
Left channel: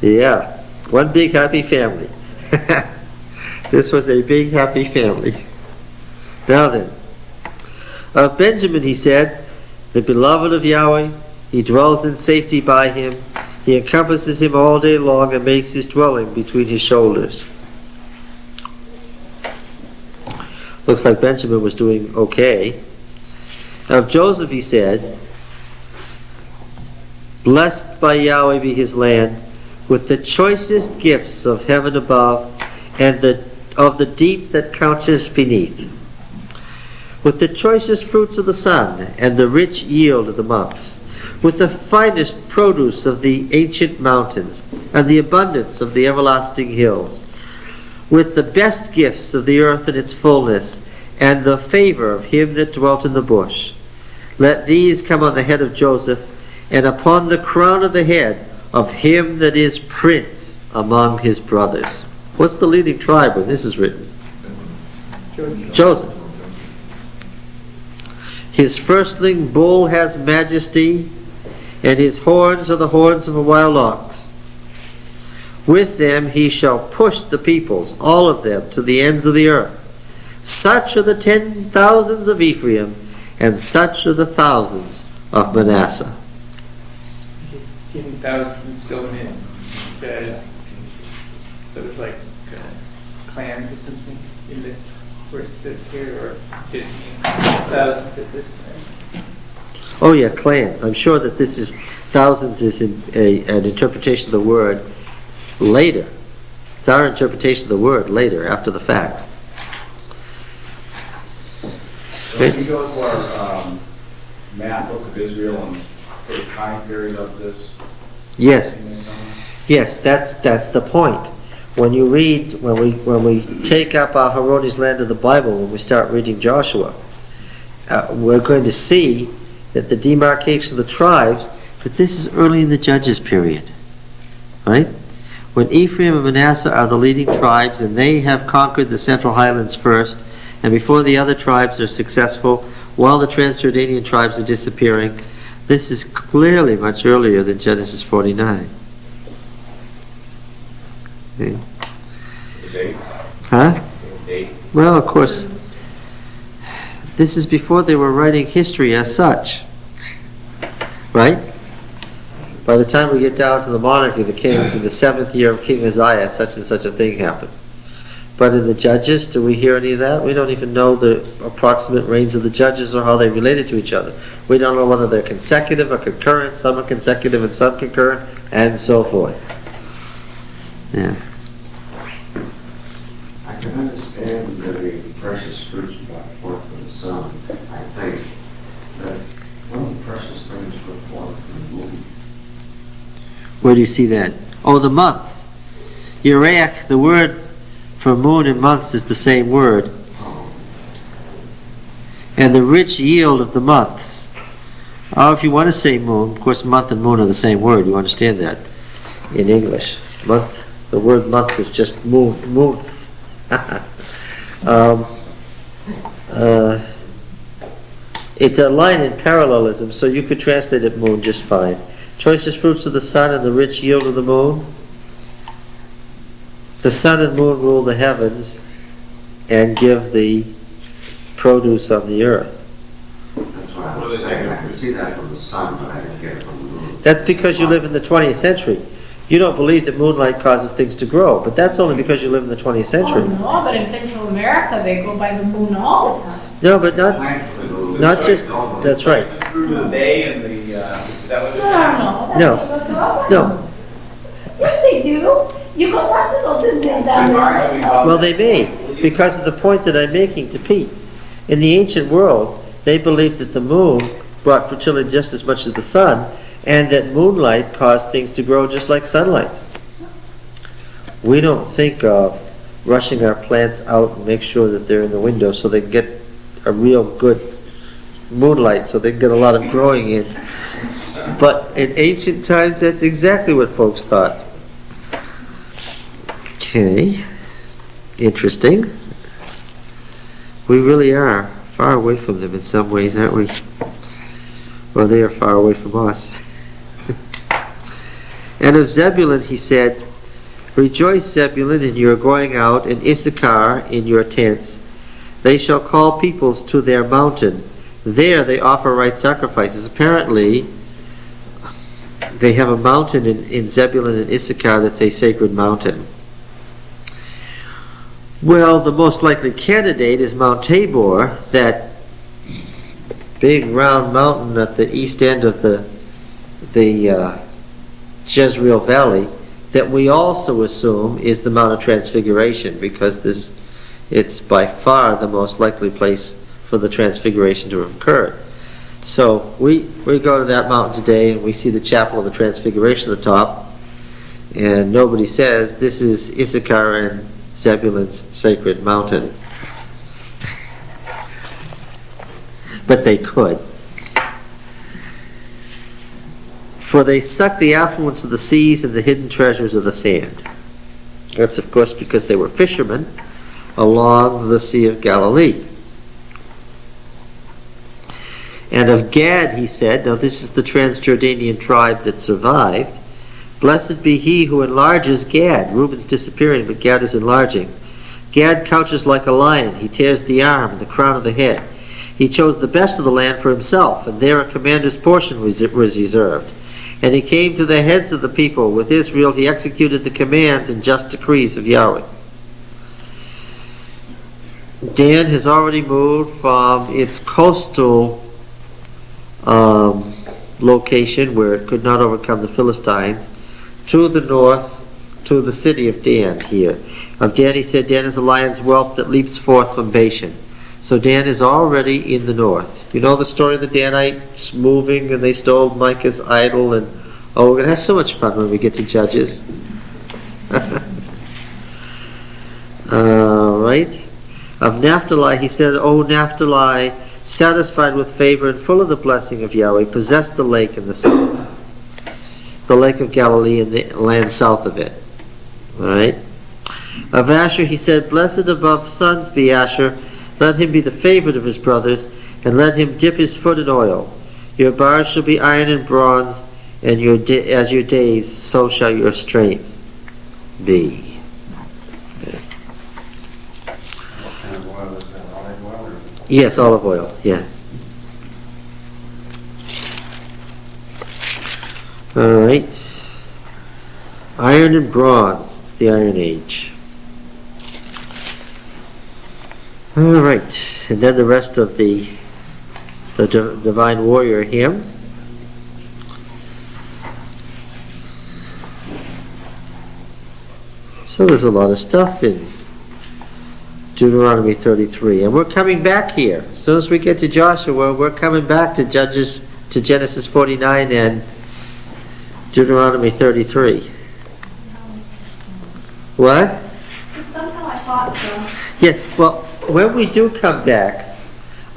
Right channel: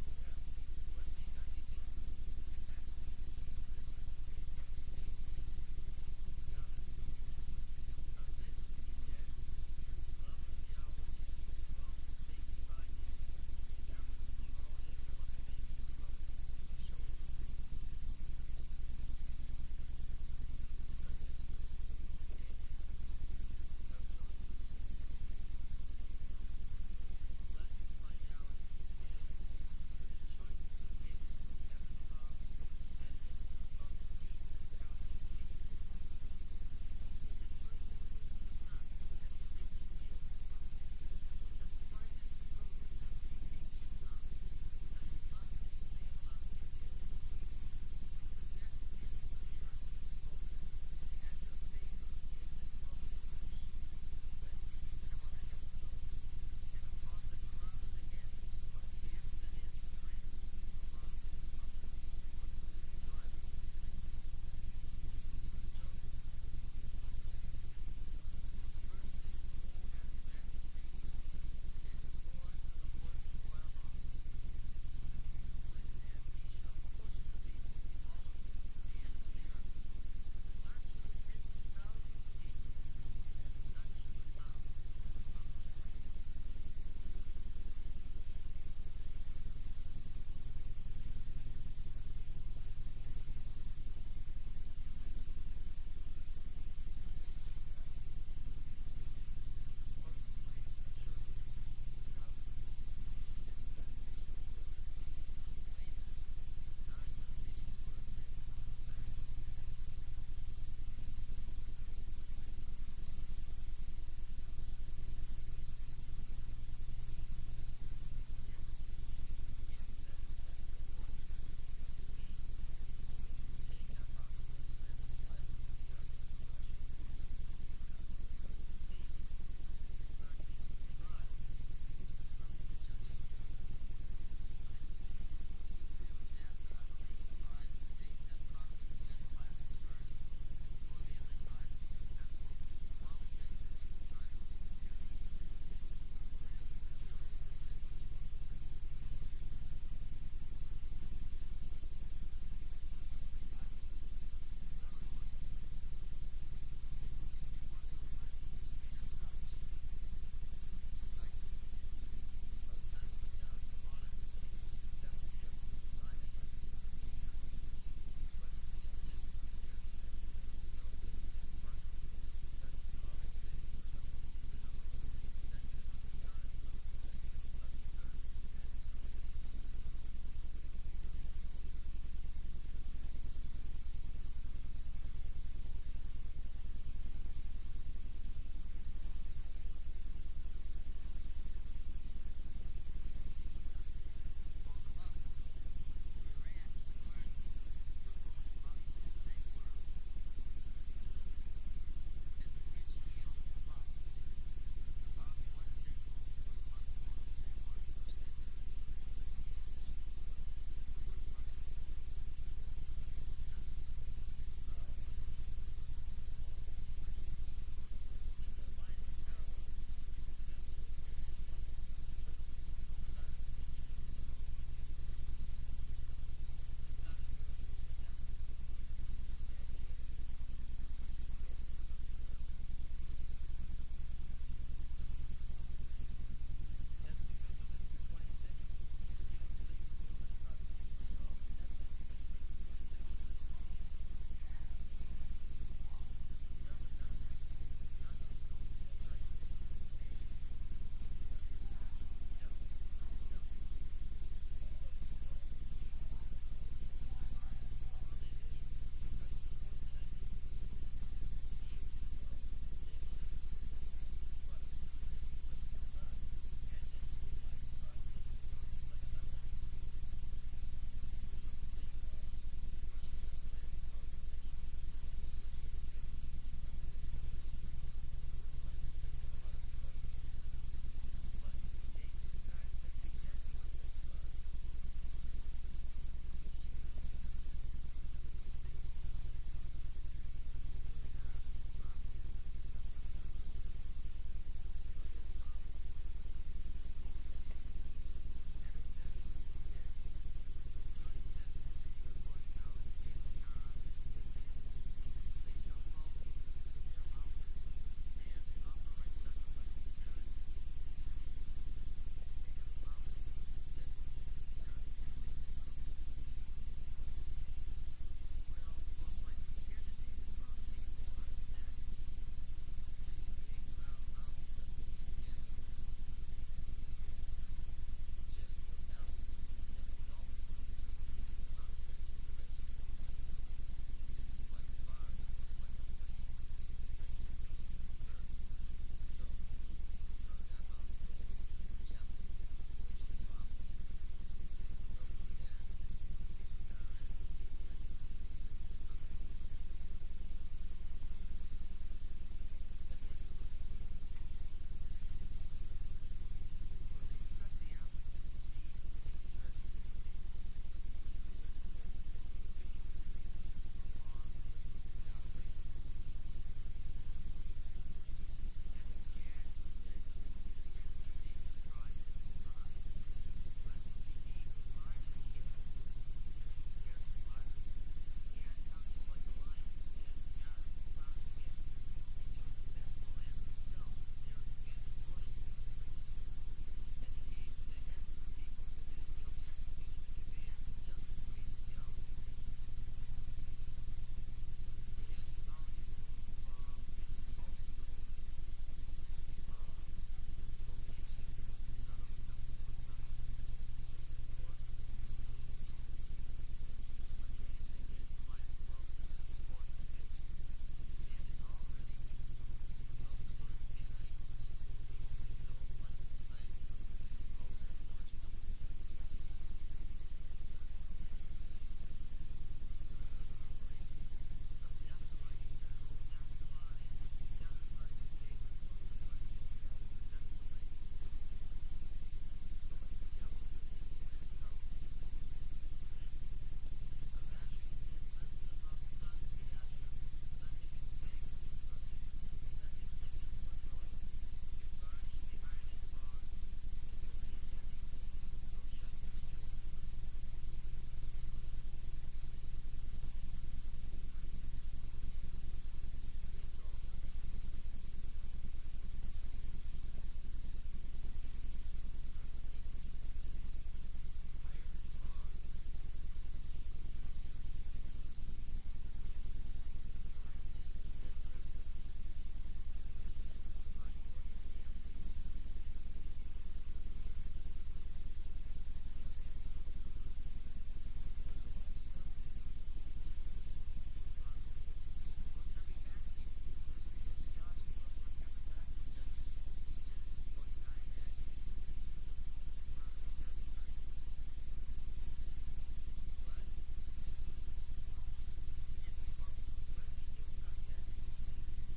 Yeah, one big happy family. This was a big happy family. Now then, of Benjamin he said, the beloved of Yahweh, he dwells in safety by him. He encompasses him all day long and makes his dwelling between his shoulders. Looks like Benjamin was doing okay. Of Joseph he said, blessed by Yahweh be his land, with the choicest gifts of heaven above, and of the deep that couches beneath, with the choicest fruits of the sun, and the rich yield of the months, with the finest produce of the ancient mountains, and the abundance of the everlasting hills, with the best gifts of the earth in its fullness, and the favor of him that dwelt in the bush. Let these come on the head of Joseph, and upon the crown of the head of him that is prince among his brothers. What's the leading tribe when this is written? Joseph. His firstling bull has majesty, and his horns are the horns of a wild ox. With them he shall push the peoples, all of them, to the ends of the earth. Such are the 10,000s of Ephraim, and such are the thousands of Manasseh. 10,000 going in. Sort of like clans or something in this, where it says here, or did it mean thousands at this time? Oh yeah, clans. I'm sure that this is, thousands is an interpretation of the word later. It's our interpretation of the word later, after the fact. So if you go to our map, Book of Israel, and for the time period of this. Yes. Yes, that's the point. When you read, when we take up Aharoni's land of the Bible, when we start reading Joshua, we're going to see that the demarcation of the tribes, but this is early in the Judges period, right? When Ephraim and Manasseh are the leading tribes, and they have conquered the Central Highlands first, and before the other tribes are successful, while the Transjordanian tribes are disappearing, this is clearly much earlier than Genesis 49. Okay. The date? Huh? The date? Well, of course, this is before they were writing history as such, right? By the time we get down to the monarchy of the kings, in the 7th year of King Uzziah, such and such a thing happened. But in the Judges, do we hear any of that? We don't even know the approximate reigns of the Judges or how they related to each other. We don't know whether they're consecutive or concurrent, some are consecutive and some concurrent, and so forth. Yeah. I can understand the precious fruits brought forth from the sun. I think that one of the precious things brought forth from the moon. Where do you see that? Oh, the months. Uriach, the word for moon and months is the same word. And the rich yield of the months. Oh, if you want to say moon, of course month and moon are the same word. You understand that in English. Month, the word month is just moon. It's a line in parallelism, so you could translate it moon just fine. Choicest fruits of the sun and the rich yield of the moon. The sun and moon rule the heavens and give the produce on the earth. That's why I was saying I could see that from the sun, but I didn't get it from the moon. That's because you live in the 20th century. You don't believe that moonlight causes things to grow, but that's only because you live in the 20th century. Oh, no, but in Central America, they go by the moon all the time. No, but not... Thankfully, the Not just, that's right. Through to the bay and the, is that what No, it's? No. No. Yes, they do. You go have to go to them down there. Well, they may, because of the point that I'm making to Pete. In the ancient world, they believed that the moon brought fertility just as much as the sun, and that moonlight caused things to grow just like sunlight. We don't think of rushing our plants out and make sure that they're in the window so they can get a real good moonlight, so they can get a lot of growing in. But in ancient times, that's exactly what folks thought. Okay, interesting. We really are far away from them in some ways, aren't we? Well, they are far away from us. And of Zebulun he said, Rejoice, Zebulun, in your going out, and Issachar in your tents. They shall call peoples to their mountain. There they offer right sacrifices. Apparently, they have a mountain in Zebulun and Issachar that's a sacred mountain. Well, the most likely candidate is Mount Tabor, that big round mountain at the east end of the Jezreel Valley, that we also assume is the Mount of Transfiguration, because it's by far the most likely place for the Transfiguration to have occurred. So we go to that mountain today and we see the Chapel of the Transfiguration at the top, and nobody says this is Issachar and Zebulun's sacred mountain. But they could. For they suck the affluence of the seas and the hidden treasures of the sand. That's of course because they were fishermen along the Sea of Galilee. And of Gad he said, now this is the Transjordanian tribe that survived, Blessed be he who enlarges Gad. Reuben's disappearing, but Gad is enlarging. Gad couches like a lion. He tears the arm and the crown of the head. He chose the best of the land for himself, and there a commander's portion was reserved. And he came to the heads of the people. With Israel he executed the commands and just decrees of Yahweh. Dan has already moved from its coastal location, where it could not overcome the Philistines, to the north, to the city of Dan here. Of Dan he said, Dan is a lion's whelp that leaps forth from Bashan. So Dan is already in the north. You know the story of the Danites moving and they stole Micah's idol, and oh, we're going to have so much fun when we get to Judges. Right. Of Naphtali he said, O Naphtali, satisfied with favor and full of the blessing of Yahweh, possess the lake in the south, the lake of Galilee and the land south of it. All right. Of Asher he said, Blessed above sons be Asher, let him be the favorite of his brothers, and let him dip his foot in oil. Your bars shall be iron and bronze, and as your days, so shall your strength be. What kind of oil is that, olive oil or? Yes, olive oil, yeah. Alright. Iron and bronze. It's the Iron Age. Alright. And then the rest of the Divine Warrior hymn. So there's a lot of stuff in Deuteronomy 33. And we're coming back here. As soon as we get to Joshua, we're coming back to Genesis 49 and Deuteronomy 33. What? Somehow I thought so. Yeah, well, when we do come back,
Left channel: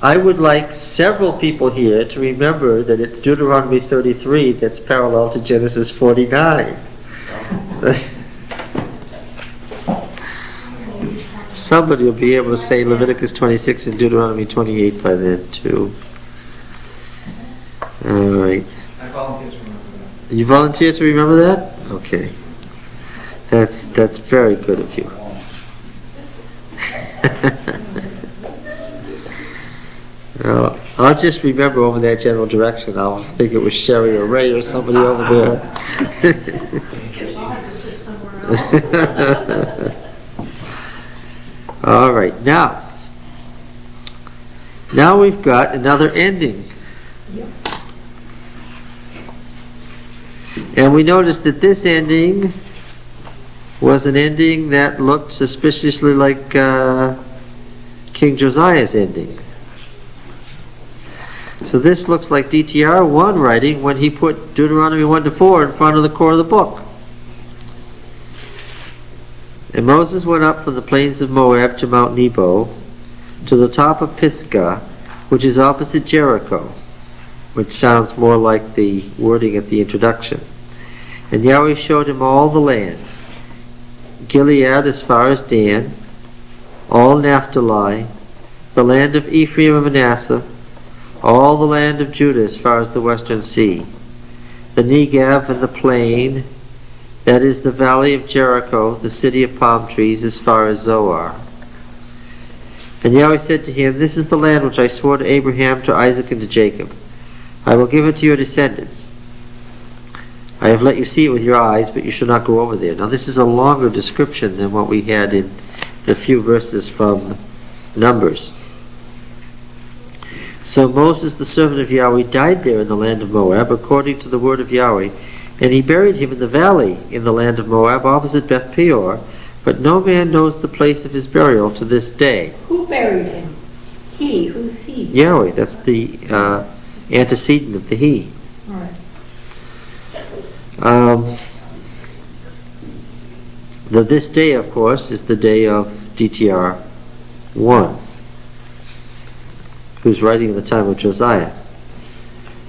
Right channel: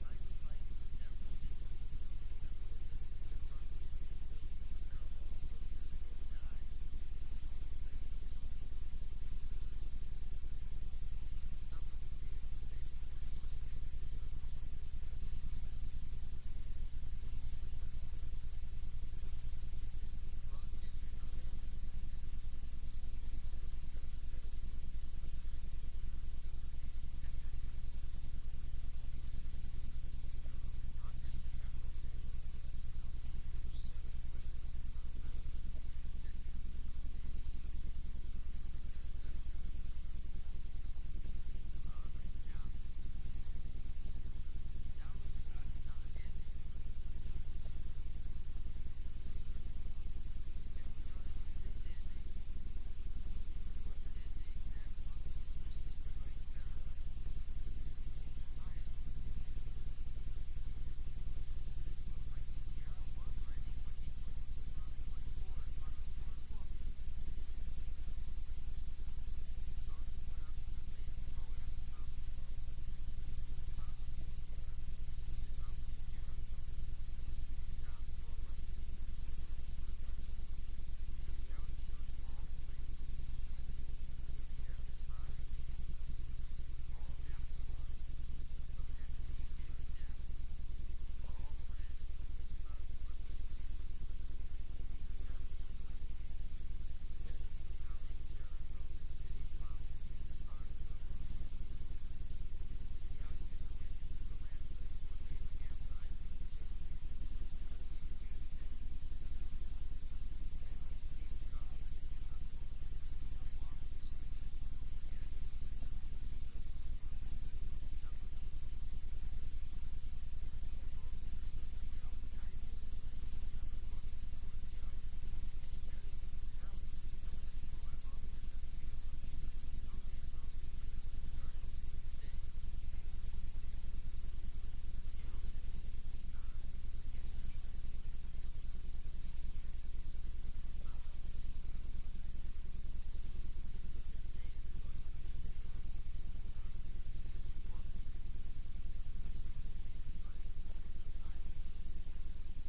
I would like several people here to remember that it's Deuteronomy 33 that's parallel to Genesis 49. Somebody will be able to say Leviticus 26 and Deuteronomy 28 by then, too. All right. I volunteer to remember that. You volunteer to remember that? Okay. That's very good of you. Well, I'll just remember over that general direction. I'll think it was Sherry or Ray or somebody over there. All right, now, Now we've got another ending. And we noticed that this ending was an ending that looked suspiciously like King Josiah's ending. So this looks like DTR 1 writing when he put Deuteronomy 1 to 4 in front of the core of the book. And Moses went up from the plains of Moab to Mount Nebo, to the top of Pisgah, which is opposite Jericho, which sounds more like the wording at the introduction. And Yahweh showed him all the land, Gilead as far as Dan, all Naphtali, the land of Ephraim and Manasseh, all the land of Judah as far as the western sea, the Negev and the plain, that is the valley of Jericho, the city of palm trees, as far as Zoar. And Yahweh said to him, this is the land which I swore to Abraham, to Isaac, and to Jacob. I will give it to your descendants. I have let you see it with your eyes, but you shall not go over there. Now this is a longer description than what we had in the few verses from Numbers. So Moses, the servant of Yahweh, died there in the land of Moab, according to the word of Yahweh, and he buried him in the valley in the land of Moab, opposite Beth Peor, but no man knows the place of his burial to this day. Who buried him? He. Who's he? Yahweh, that's the antecedent of the he. All right. The this day, of course, is the day of DTR 1, who's writing in the time of Josiah.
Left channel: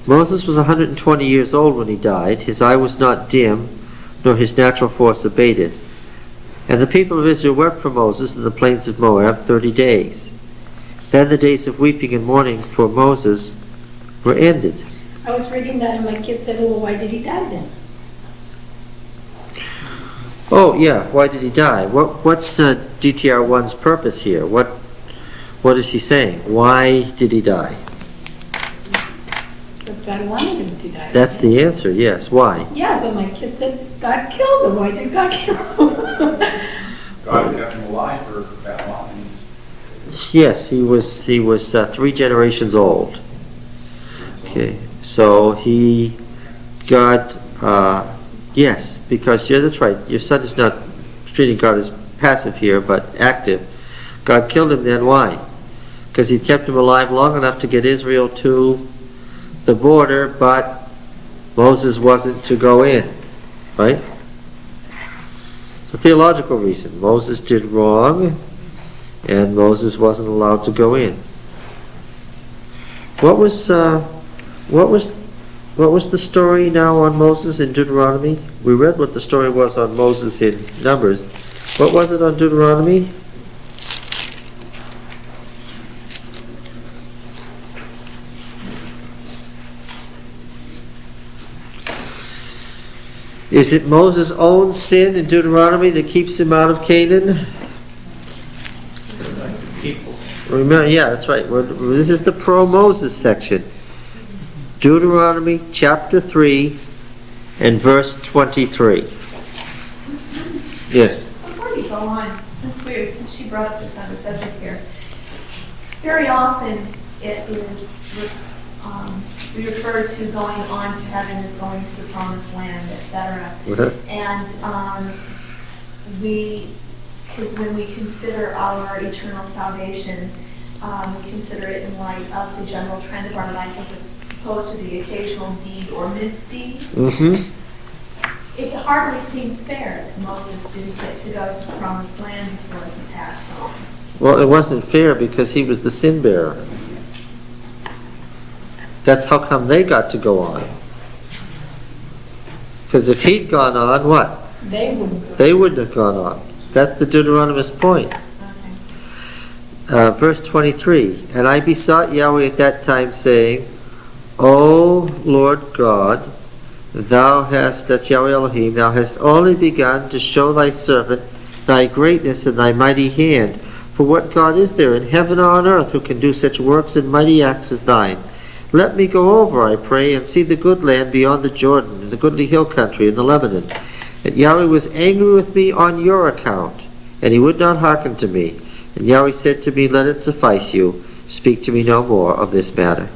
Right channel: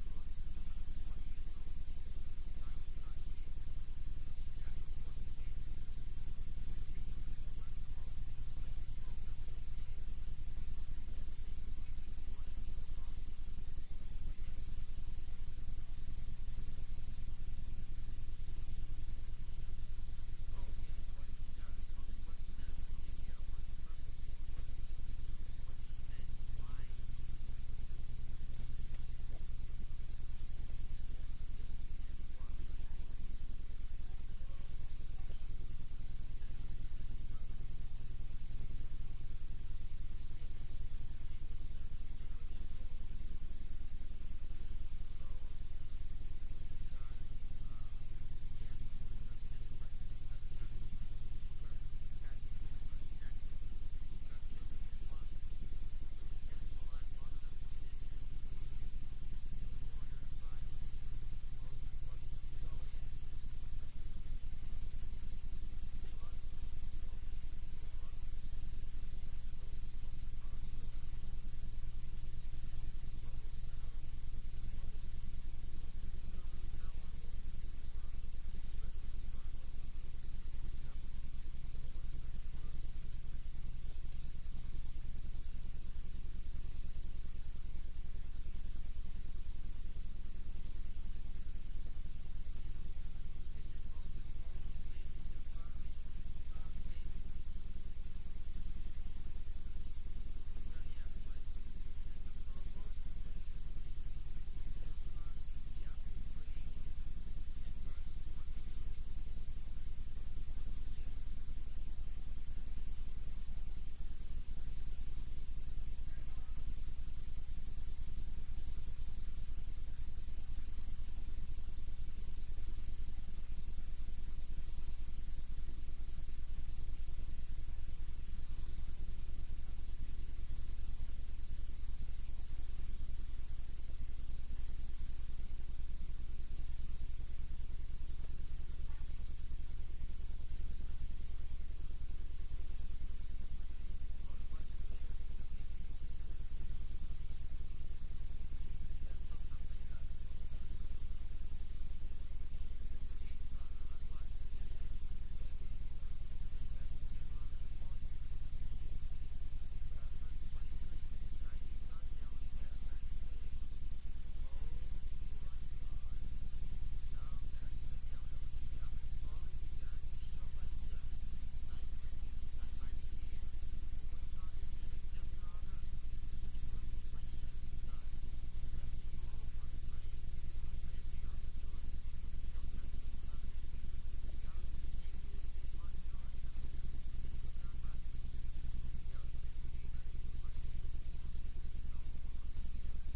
Moses was 120 years old when he died. His eye was not dim, nor his natural force abated. And the people of Israel wept for Moses in the plains of Moab 30 days. Then the days of weeping and mourning for Moses were ended. I was reading that and my kid said, well, why did he die then? Oh, yeah, why did he die? What's DTR 1's purpose here? What is he saying? Why did he die? But God wanted him to die. That's the answer, yes. Why? Yeah, but my kid said God killed him. Why did God kill him? God kept him alive for that long. Yes, he was 3 generations old. Okay, so yes, because, yeah, that's right, your son is not treating God as passive here, but active. God killed him then, why? Because he kept him alive long enough to get Israel to the border, but Moses wasn't to go in, right? It's a theological reason. Moses did wrong, and Moses wasn't allowed to go in. What was the story now on Moses in Deuteronomy? We read what the story was on Moses in Numbers. What was it on Deuteronomy? Is it Moses' own sin in Deuteronomy that keeps him out of Canaan? Remember, yeah, that's right. This is the pro-Moses section. Deuteronomy chapter 3 and verse 23. Yes. Before you go on, since she brought up this other subject here, very often it is we refer to going on to heaven as going to the promised land, etc. And when we consider our eternal salvation, we consider it in light of the general trend of our life as opposed to the occasional deed or misdeed. Mm-hmm. It hardly seems fair that Moses didn't get to go to the promised land before he passed on. Well, it wasn't fair because he was the sin bearer. That's how come they got to go on. Because if he'd gone on, what? They wouldn't have gone on. That's the Deuteronomist point. Okay. Verse 23, and I besought Yahweh at that time, saying, O Lord God, thou hast, that's Yahweh Elohim, thou hast only begun to show thy servant thy greatness and thy mighty hand. For what God is there in heaven or on earth who can do such works and mighty acts as thine? Let me go over, I pray, and see the good land beyond the Jordan, and the goodly hill country, and the Lebanon. And Yahweh was angry with me on your account, and he would not hearken to me. And Yahweh said to me, let it suffice you. speak to me no more of this matter.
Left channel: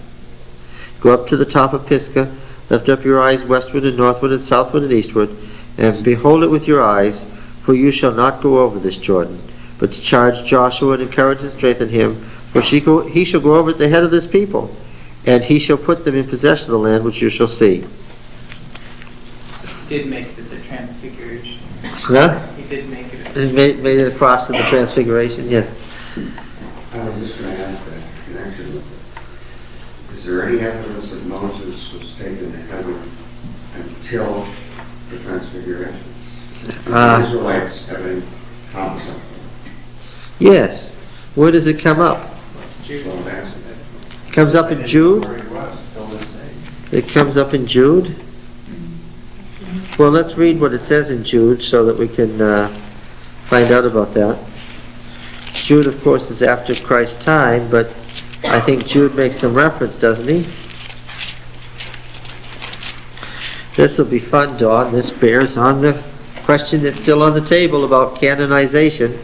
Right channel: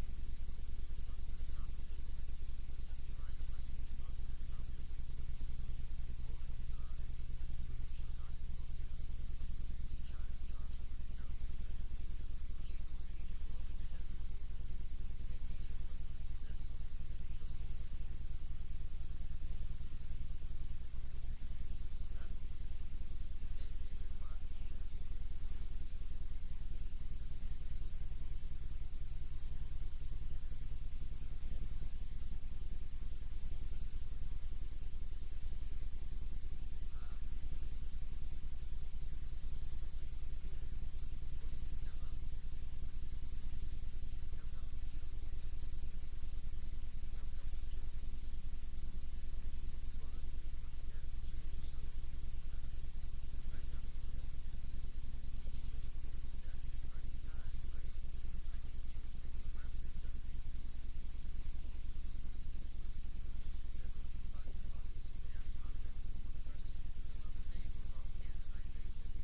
Go up to the top of Pisgah, lift up your eyes westward and northward and southward and eastward, and behold it with your eyes, for you shall not go over this Jordan, but to charge Joshua and encourage and strengthen him, for he shall go over at the head of this people, and he shall put them in possession of the land which you shall see. He did make it the transfiguration. Huh? He did make it. It made it across to the transfiguration, yes. I was just going to ask that in connection with it. Is there any evidence that Moses was taken to heaven until the transfiguration? The Israelites have any concept? Yes. Where does it come up? Jude. So that's it. It comes up in Jude? Where he was, till this day. It comes up in Jude? Well, let's read what it says in Jude so that we can find out about that. Jude, of course, is after Christ's time, but I think Jude makes some reference, doesn't he? This will be fun, Dawn. This bears on the question that's still on the table about canonization.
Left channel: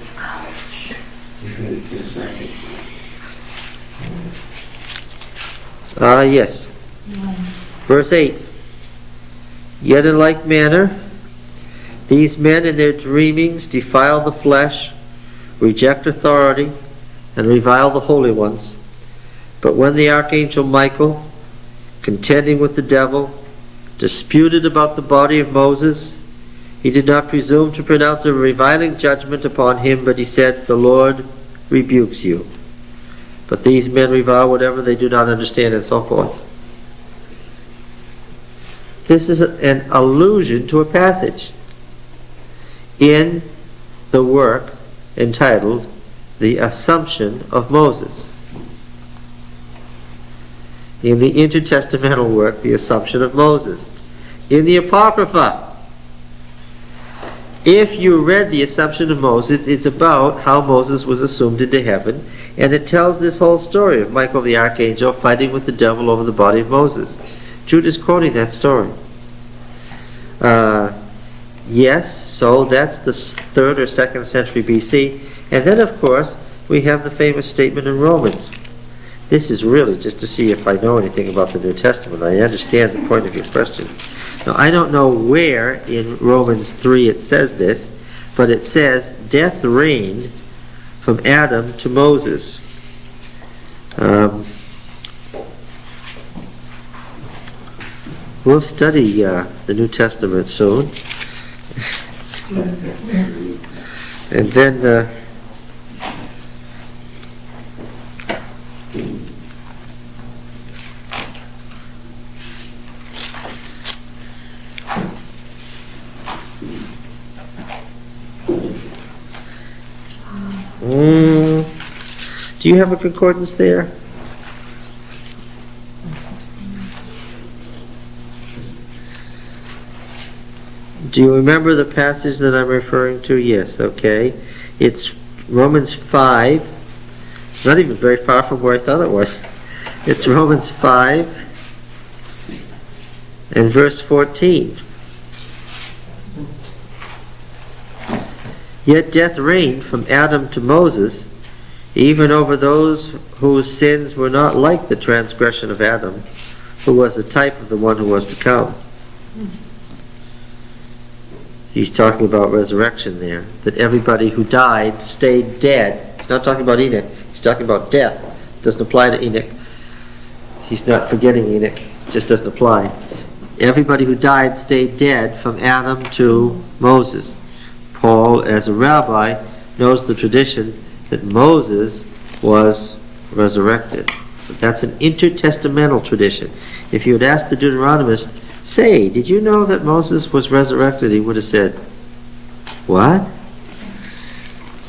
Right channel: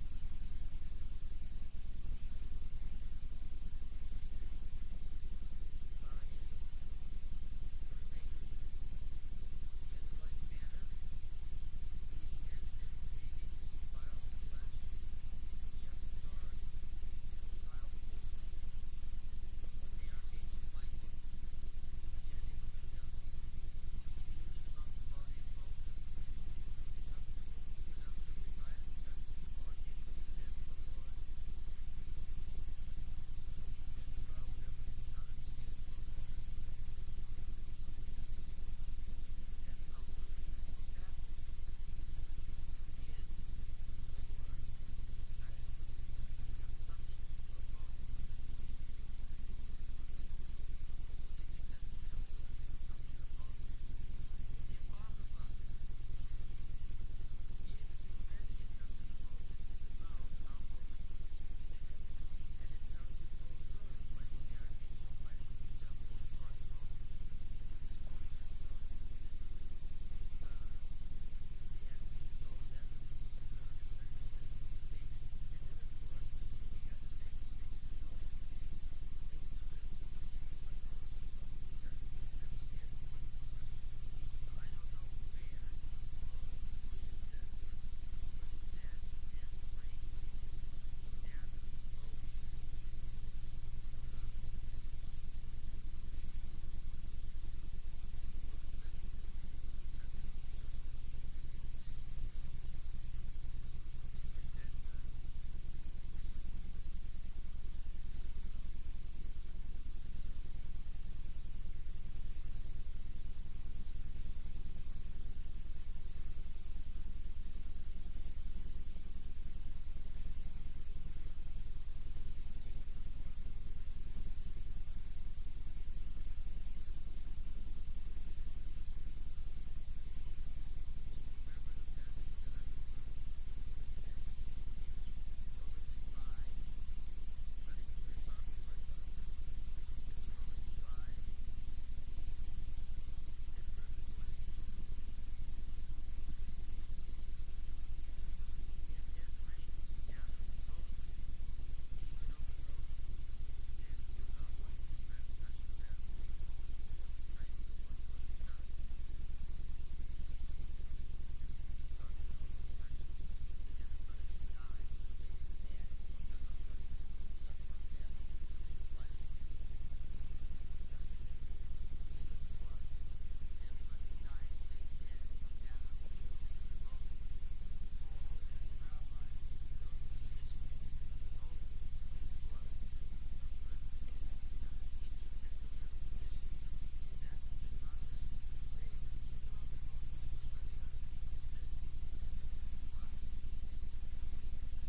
Yes. Verse 8. Yet in like manner, these men in their dreamings defile the flesh, reject authority, and revile the holy ones. But when the archangel Michael, contending with the devil, disputed about the body of Moses, he did not presume to pronounce a reviling judgment upon him, but he said, "The Lord rebukes you." But these men revile whatever they do not understand, and so forth. This is an allusion to a passage in the work entitled The Assumption of Moses. In the intertestamental work, The Assumption of Moses. In the Apocrypha, if you read The Assumption of Moses, it's about how Moses was assumed into heaven, and it tells this whole story of Michael the archangel fighting with the devil over the body of Moses. Jude is quoting that story. Yes, so that's the 3rd or 2nd century BC. And then, of course, we have the famous statement in Romans. This is really just to see if I know anything about the New Testament. I understand the point of your question. Now, I don't know where in Romans 3 it says this, but it says, death reigned from Adam to Moses. We'll study the New Testament soon. And then do you have a concordance there? Do you remember the passage that I'm referring to? Yes, okay. It's Romans 5. It's not even very far from where I thought it was. It's Romans 5 and verse 14. Yet death reigned from Adam to Moses, even over those whose sins were not like the transgression of Adam, who was the type of the one who was to come. He's talking about resurrection there, that everybody who died stayed dead. He's not talking about Enoch. He's talking about death. It doesn't apply to Enoch. He's not forgetting Enoch. It just doesn't apply. Everybody who died stayed dead from Adam to Moses. Paul, as a rabbi, knows the tradition that Moses was resurrected. But that's an intertestamental tradition. If you had asked the Deuteronomist, say, did you know that Moses was resurrected? He would have said, what?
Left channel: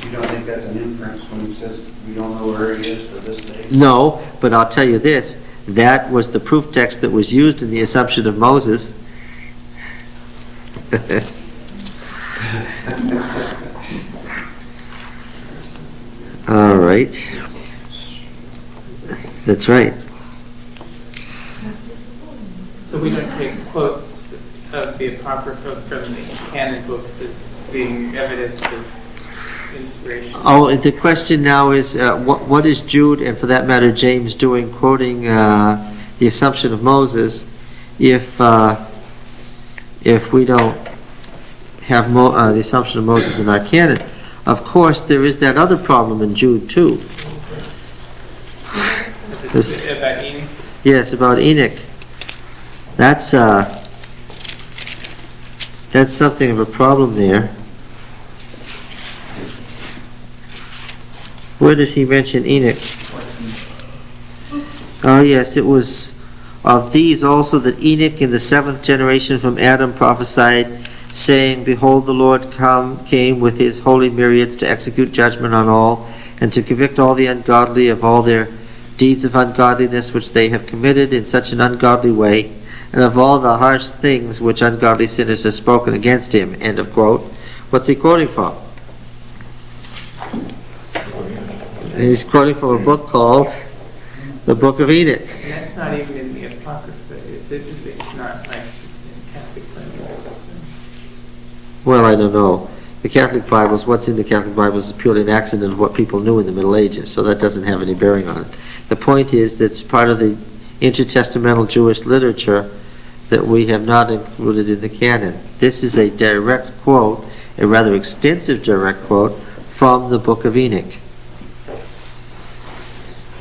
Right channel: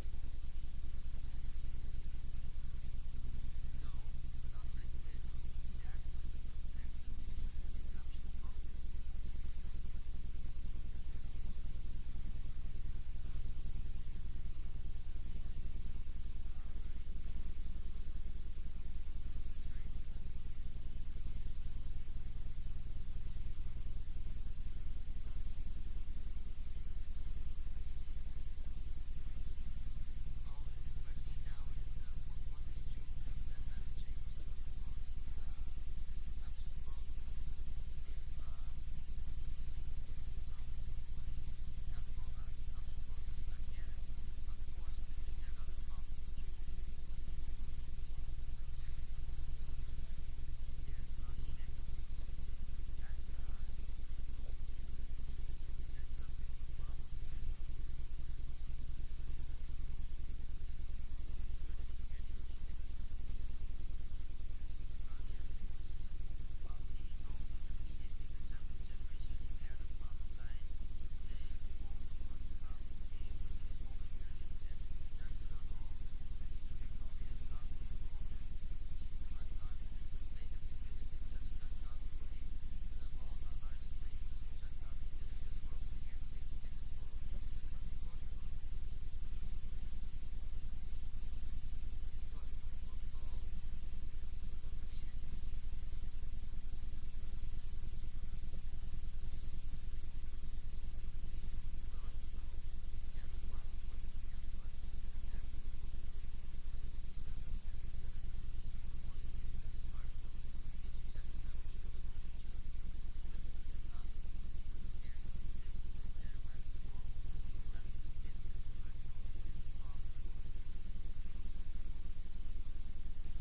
You don't think that's an inference when he says we don't know where he is to this day? No, but I'll tell you this. That was the proof text that was used in the Assumption of Moses. All right. That's right. So we don't take quotes of the Apocrypha from the canon books as being evidence of inspiration. Oh, the question now is, what is Jude, and for that matter James, doing quoting the assumption of Moses if we don't have the assumption of Moses in our canon? Of course, there is that other problem in Jude too. About Enoch? Yes, about Enoch. That's something of a problem there. Where does he mention Enoch? Oh yes, it was of these also that Enoch in the 7th generation from Adam prophesied, saying, Behold, the Lord came with his holy myriads to execute judgment on all, and to convict all the ungodly of all their deeds of ungodliness which they have committed in such an ungodly way, and of all the harsh things which ungodly sinners have spoken against him. End of quote. What's he quoting from? He's quoting from a book called the Book of Enoch. And that's not even in the Apocrypha. It's not like in Catholic Bible. Well, I don't know. The Catholic Bibles, what's in the Catholic Bibles is purely an accident of what people knew in the Middle Ages, so that doesn't have any bearing on it. The point is that it's part of the intertestamental Jewish literature that we have not included in the canon. This is a direct quote, a rather extensive direct quote, from the Book of Enoch.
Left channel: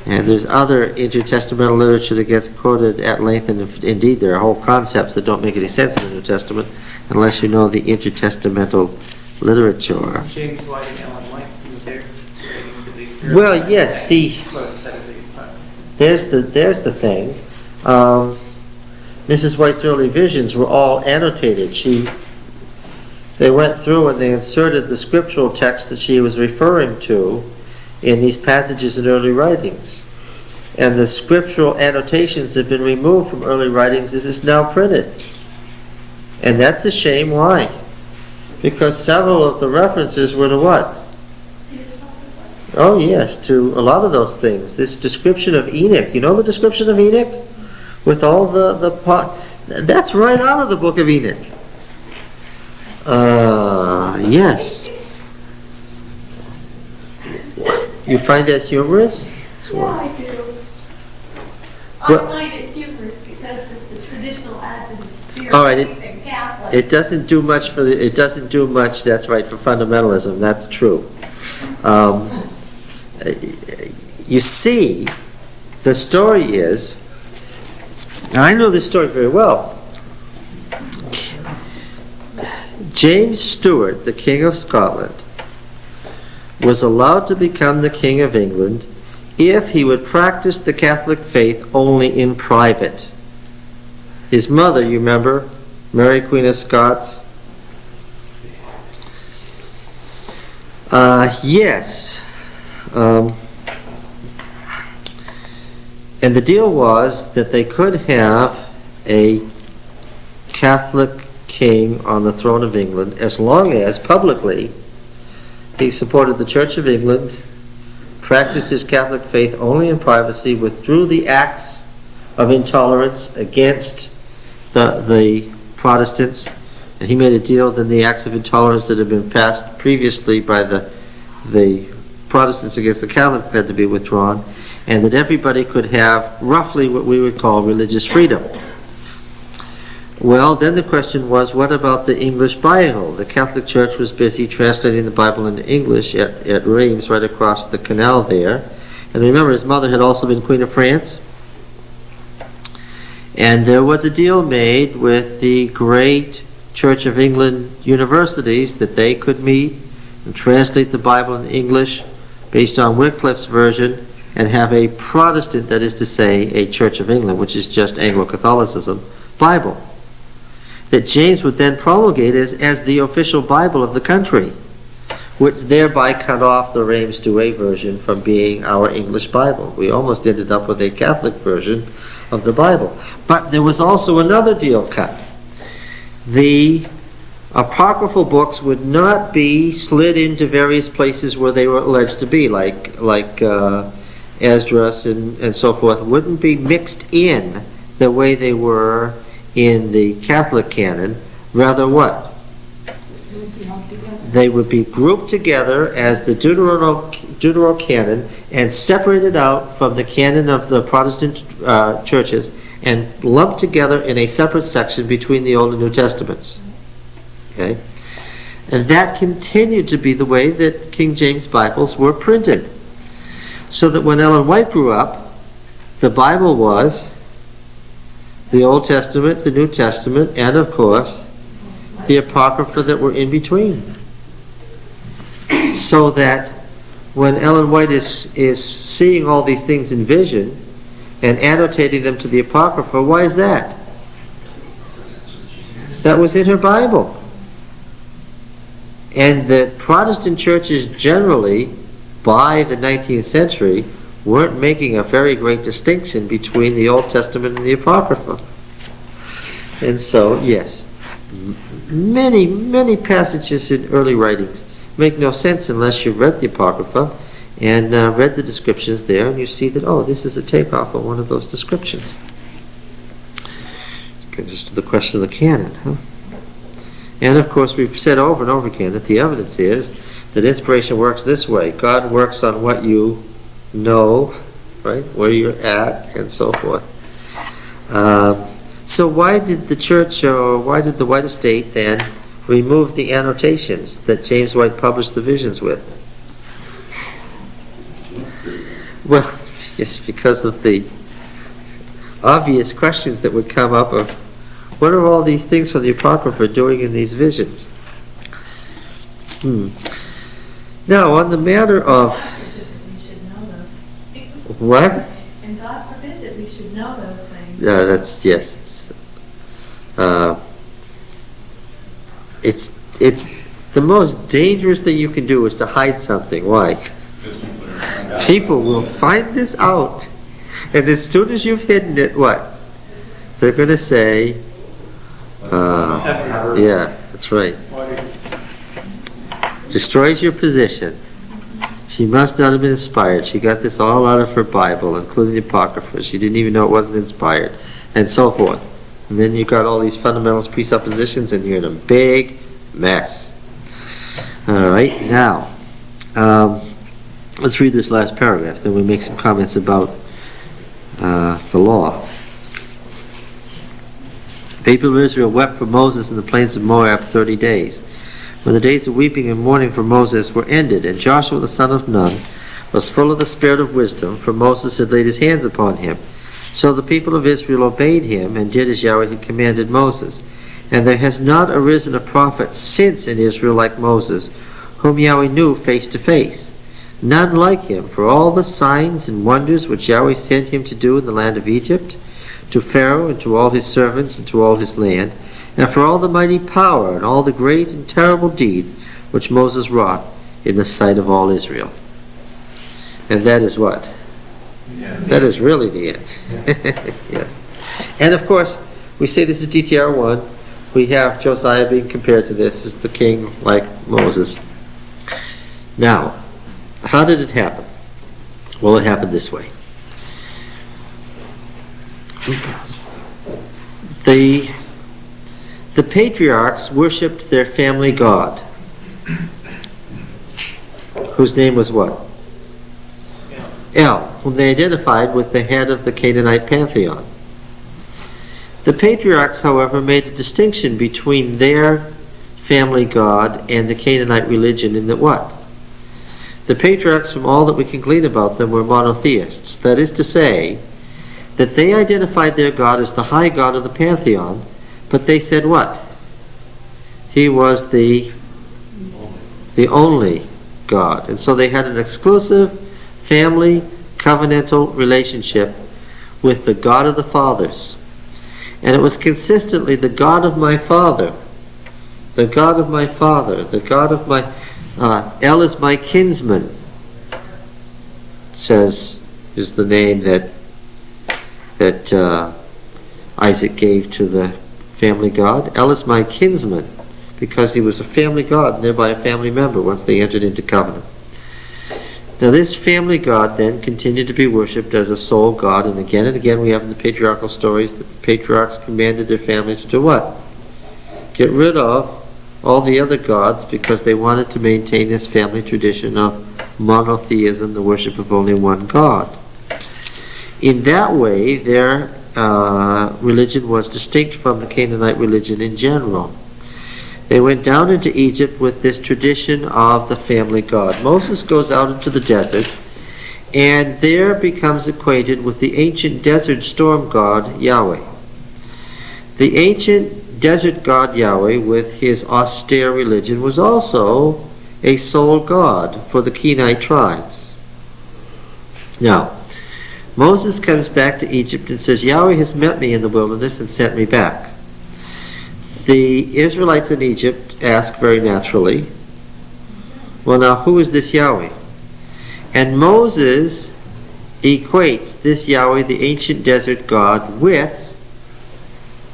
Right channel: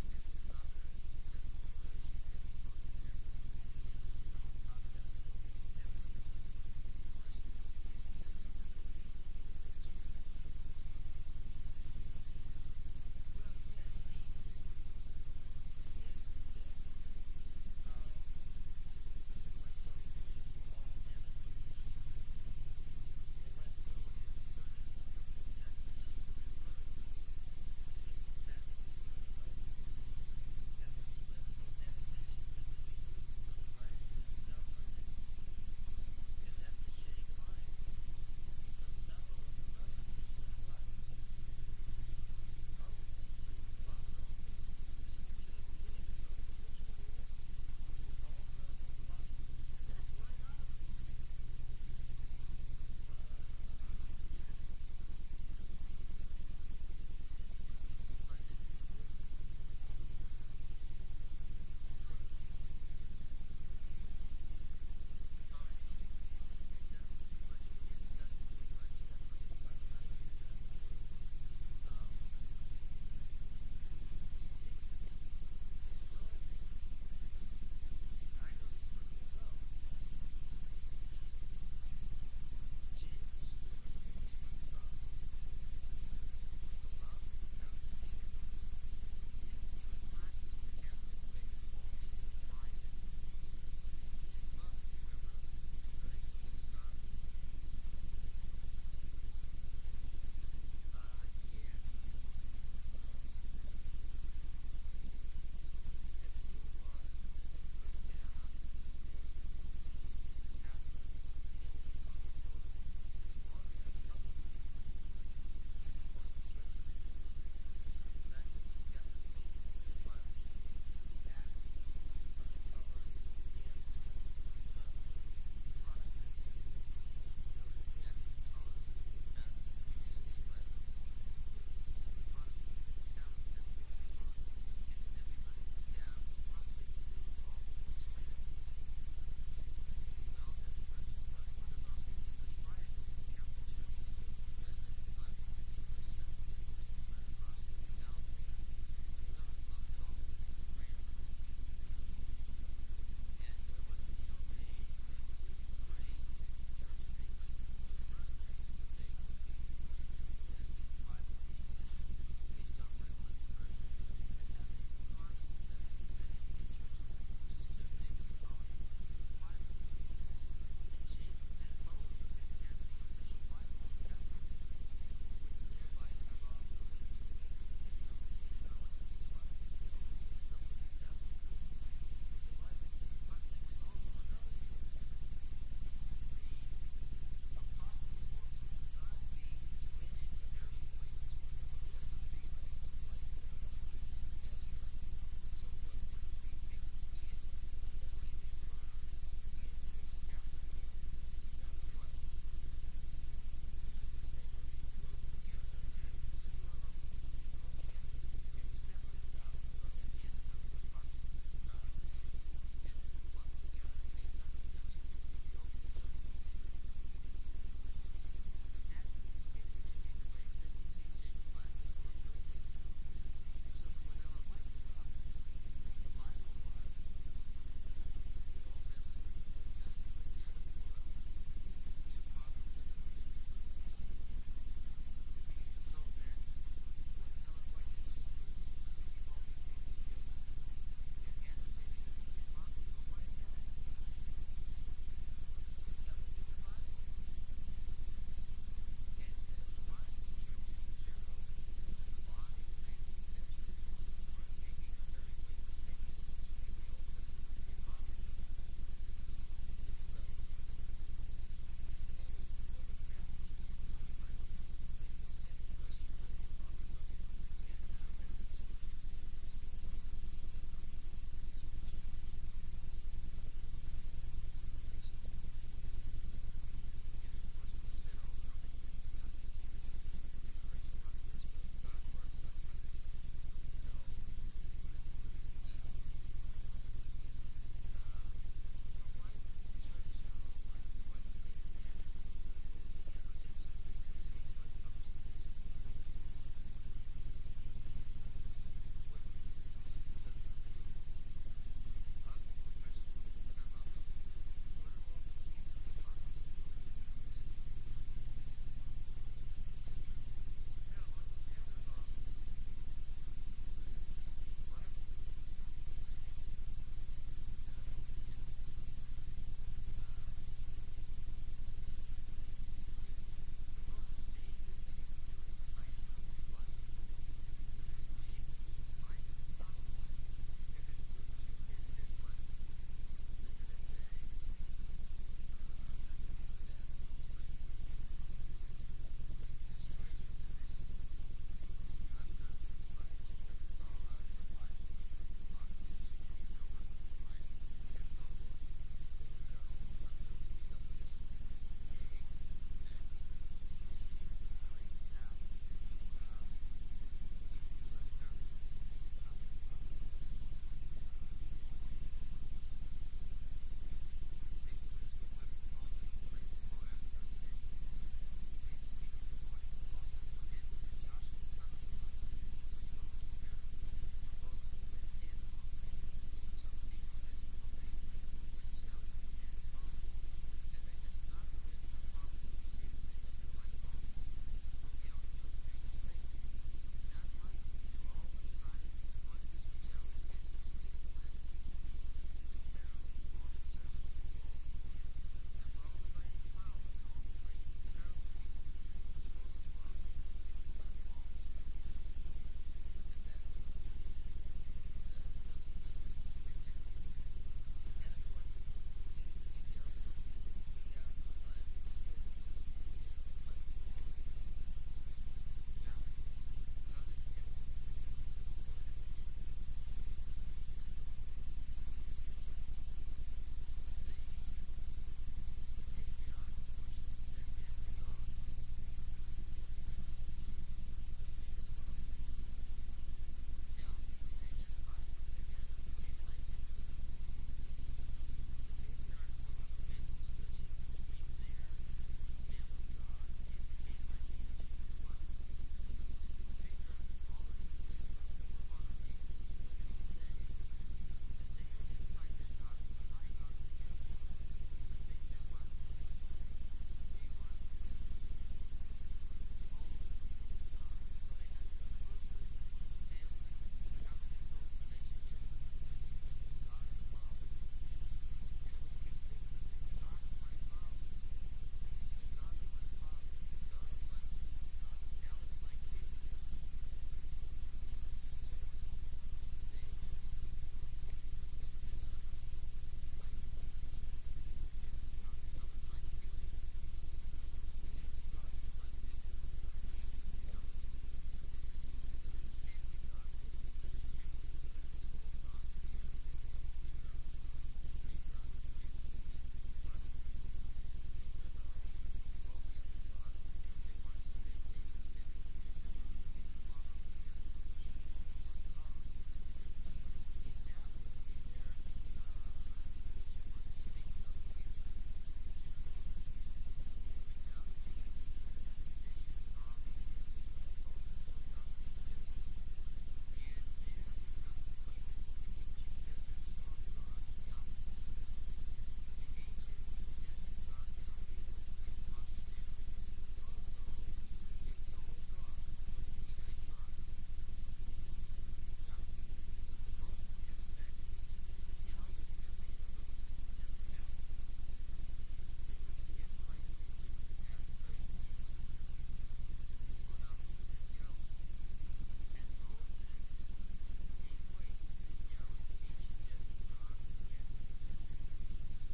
And there's other intertestamental literature that gets quoted at length, and indeed there are whole concepts that don't make any sense in the New Testament unless you know the intertestamental literature. James White and Ellen White, who were there relating to these spiritual Well, yes, see, quotes out of the Apocrypha. there's the thing. Mrs. White's early visions were all annotated. They went through and they inserted the scriptural text that she was referring to in these passages in early writings. And the scriptural annotations have been removed from early writings as it's now printed. And that's a shame. Why? Because several of the references were to what? Oh yes, to a lot of those things. This description of Enoch, you know the description of Enoch? With all the that's right out of the Book of Enoch. Yes. You find that humorous? Yeah, I do. Well- I find it humorous because it's the traditional Adventist spirit All right, and Catholic. It doesn't do much for it doesn't do much, that's right, for fundamentalism. That's true. You see, the story is, and I know this story very well. James Stuart, the King of Scotland, was allowed to become the King of England if he would practice the Catholic faith only in private. His mother, you remember, Mary Queen of Scots? Yes. And the deal was that they could have a Catholic king on the throne of England as long as publicly he supported the Church of England, practiced his Catholic faith only in privacy, withdrew the acts of intolerance against the Protestants, and he made a deal that the acts of intolerance that had been passed previously by the Protestants against the Catholics had to be withdrawn, and that everybody could have roughly what we would call religious freedom. Well, then the question was, what about the English Bible? The Catholic Church was busy translating the Bible into English at Reims, right across the canal there. And remember, his mother had also been Queen of France. And there was a deal made with the great Church of England universities that they could meet and translate the Bible in English based on Wycliffe's version and have a Protestant, that is to say, a Church of England, which is just Anglo-Catholicism, Bible, that James would then promulgate as the official Bible of the country, which thereby cut off the Reims Douay version from being our English Bible. We almost ended up with a Catholic version of the Bible. But there was also another deal cut. The apocryphal books would not be slid into various places where they were alleged to be, like Esdras and so forth, wouldn't be mixed in the way they were in the Catholic canon. Rather what? They would be grouped together as the Deuterocanon and separated out from the canon of the Protestant churches and lumped together in a separate section between the Old and New Testaments. Okay? And that continued to be the way that King James Bibles were printed. So that when Ellen White grew up, the Bible was the Old Testament, the New Testament, and of course, the Apocrypha that were in between. So that when Ellen White is seeing all these things in vision and annotating them to the Apocrypha, why is that? That was in her Bible. And the Protestant churches generally, by the 19th century, weren't making a very great distinction between the Old Testament and the Apocrypha. And so, yes, many, many passages in early writings make no sense unless you've read the Apocrypha and read the descriptions there, and you see that, oh, this is a takeoff of one of those descriptions. Brings us to the question of the canon, huh? And of course, we've said over and over again that the evidence is that inspiration works this way. God works on what you know, right, where you're at, and so forth. So why did the church, or why did the White Estate then remove the annotations that James White published the visions with? Well, it's because of the obvious questions that would come up of what are all these things from the Apocrypha doing in these visions? Now, on the matter of what? And God forbid that we should know those things. Yeah, that's, yes. It's the most dangerous thing you can do is to hide something. Why? People will find this out, and as soon as you've hidden it, what? They're going to say, yeah, that's right. Destroys your position. She must not have been inspired. She got this all out of her Bible, including the Apocrypha. She didn't even know it wasn't inspired, and so forth. And then you got all these fundamentalist presuppositions, and you're in a big mess. All right, now, let's read this last paragraph, then we make some comments about the law. The people of Israel wept for Moses in the plains of Moab 30 days. When the days of weeping and mourning for Moses were ended, and Joshua the son of Nun was full of the spirit of wisdom, for Moses had laid his hands upon him. So the people of Israel obeyed him and did as Yahweh had commanded Moses. And there has not arisen a prophet since in Israel like Moses, whom Yahweh knew face to face. None like him, for all the signs and wonders which Yahweh sent him to do in the land of Egypt, to Pharaoh and to all his servants and to all his land, and for all the mighty power and all the great and terrible deeds which Moses wrought in the sight of all Israel. And that is what? Yeah. That is really the end. Yeah. And of course, we say this is DTR 1. We have Josiah being compared to this as the king like Moses. Now, how did it happen? Well, it happened this way. The patriarchs worshipped their family god, whose name was what? El, whom they identified with the head of the Canaanite pantheon. The patriarchs, however, made a distinction between their family god and the Canaanite religion in that what? The patriarchs, from all that we can glean about them, were monotheists. That is to say, that they identified their god as the high god of the pantheon, but they said what? He was the only God. And so they had an exclusive family covenantal relationship with the God of the fathers. And it was consistently the God of my father, the God of my father, the God of my... El is my kinsman, is the name that Isaac gave to the family god. El is my kinsman, because he was a family god and thereby a family member once they entered into covenant. Now this family god then continued to be worshipped as a sole god, and again we have in the patriarchal stories that the patriarchs commanded their families to what? Get rid of all the other gods because they wanted to maintain this family tradition of monotheism, the worship of only one God. In that way, their religion was distinct from the Canaanite religion in general. They went down into Egypt with this tradition of the family God. Moses goes out into the desert and there becomes acquainted with the ancient desert storm god Yahweh. The ancient desert god Yahweh, with his austere religion, was also a sole god for the Kenite tribes. Now, Moses comes back to Egypt and says, Yahweh has met me in the wilderness and sent me back. The Israelites in Egypt ask very naturally, well, now, who is this Yahweh? And Moses equates this Yahweh, the ancient desert god, with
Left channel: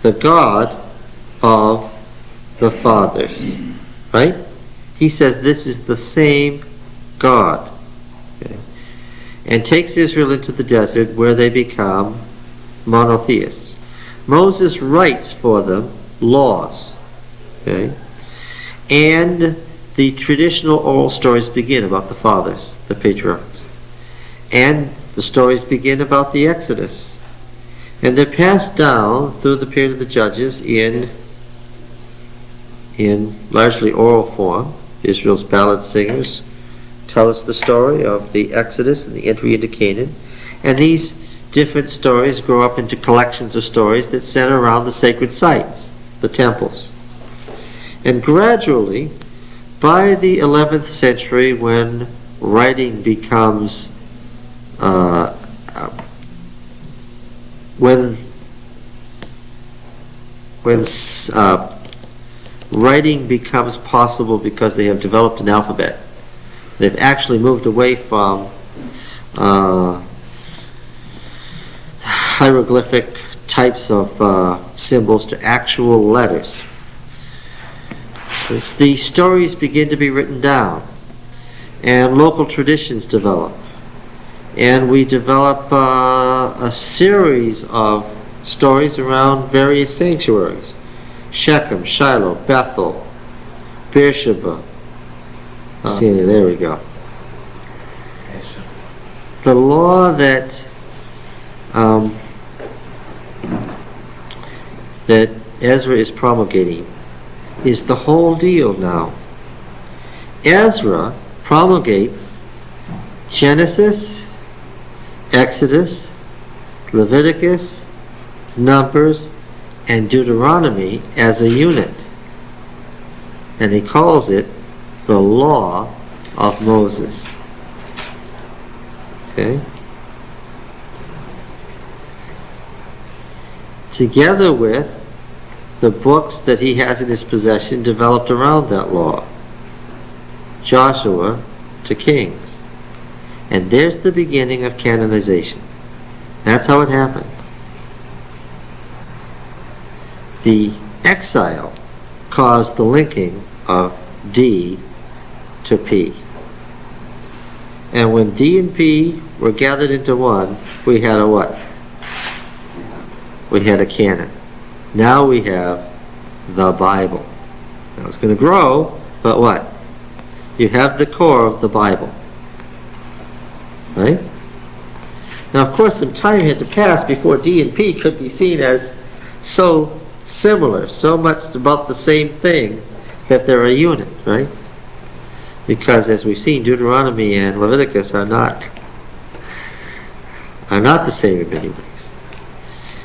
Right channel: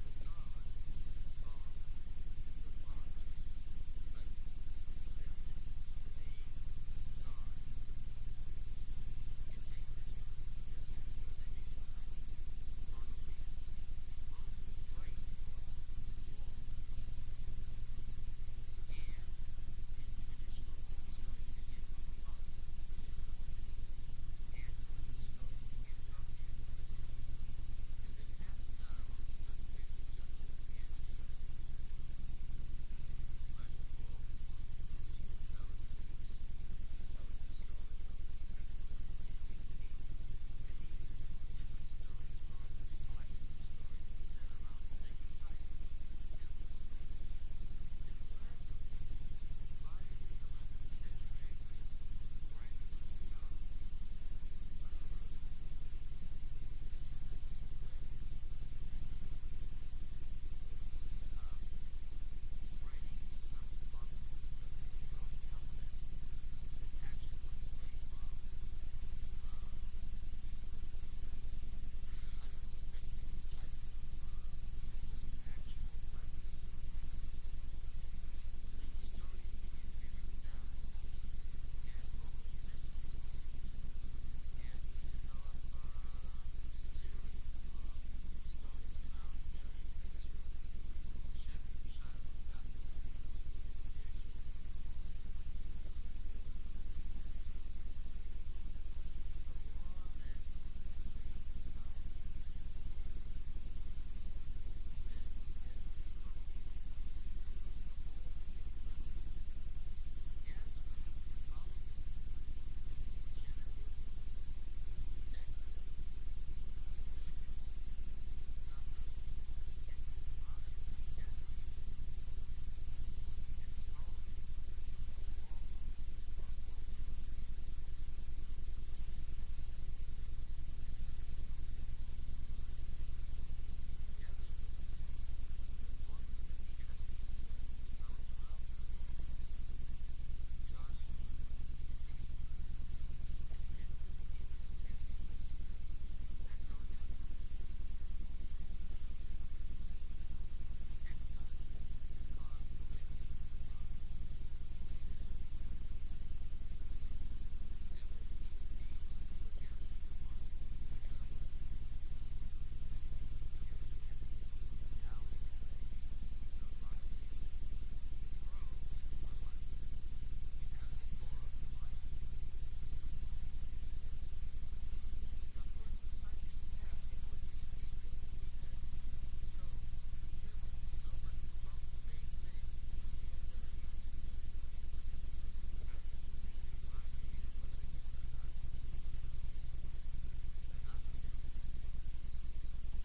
the God of the fathers. Right? He says this is the same God. Okay. And takes Israel into the desert where they become monotheists. Moses writes for them laws. Okay? And the traditional oral stories begin about the fathers, the patriarchs. And the stories begin about the Exodus. And they're passed down through the period of the judges in largely oral form. Israel's ballad singers tell us the story of the Exodus and the entry into Canaan. And these different stories grow up into collections of stories that center around the sacred sites, the temples. And gradually, by the 11th century, when writing becomes writing becomes possible because they have developed an alphabet. They've actually moved away from hieroglyphic types of symbols to actual letters. As the stories begin to be written down, and local traditions develop, and we develop a series of stories around various sanctuaries: Shechem, Shiloh, Bethel, Beersheba. There we go. The law that Ezra is promulgating is the whole deal now. Ezra promulgates Genesis, Exodus, Leviticus, Numbers, and Deuteronomy as a unit. And he calls it the law of Moses. Okay? Together with the books that he has in his possession developed around that law. Joshua to Kings. And there's the beginning of canonization. That's how it happened. The exile caused the linking of D to P. And when D and P were gathered into one, we had a what? We had a canon. Now we have the Bible. Now it's going to grow, but what? You have the core of the Bible. Right? Now, of course, some time had to pass before D and P could be seen as so similar, so much about the same thing that they're a unit, right? Because, as we've seen, Deuteronomy and Leviticus are not the same in many ways.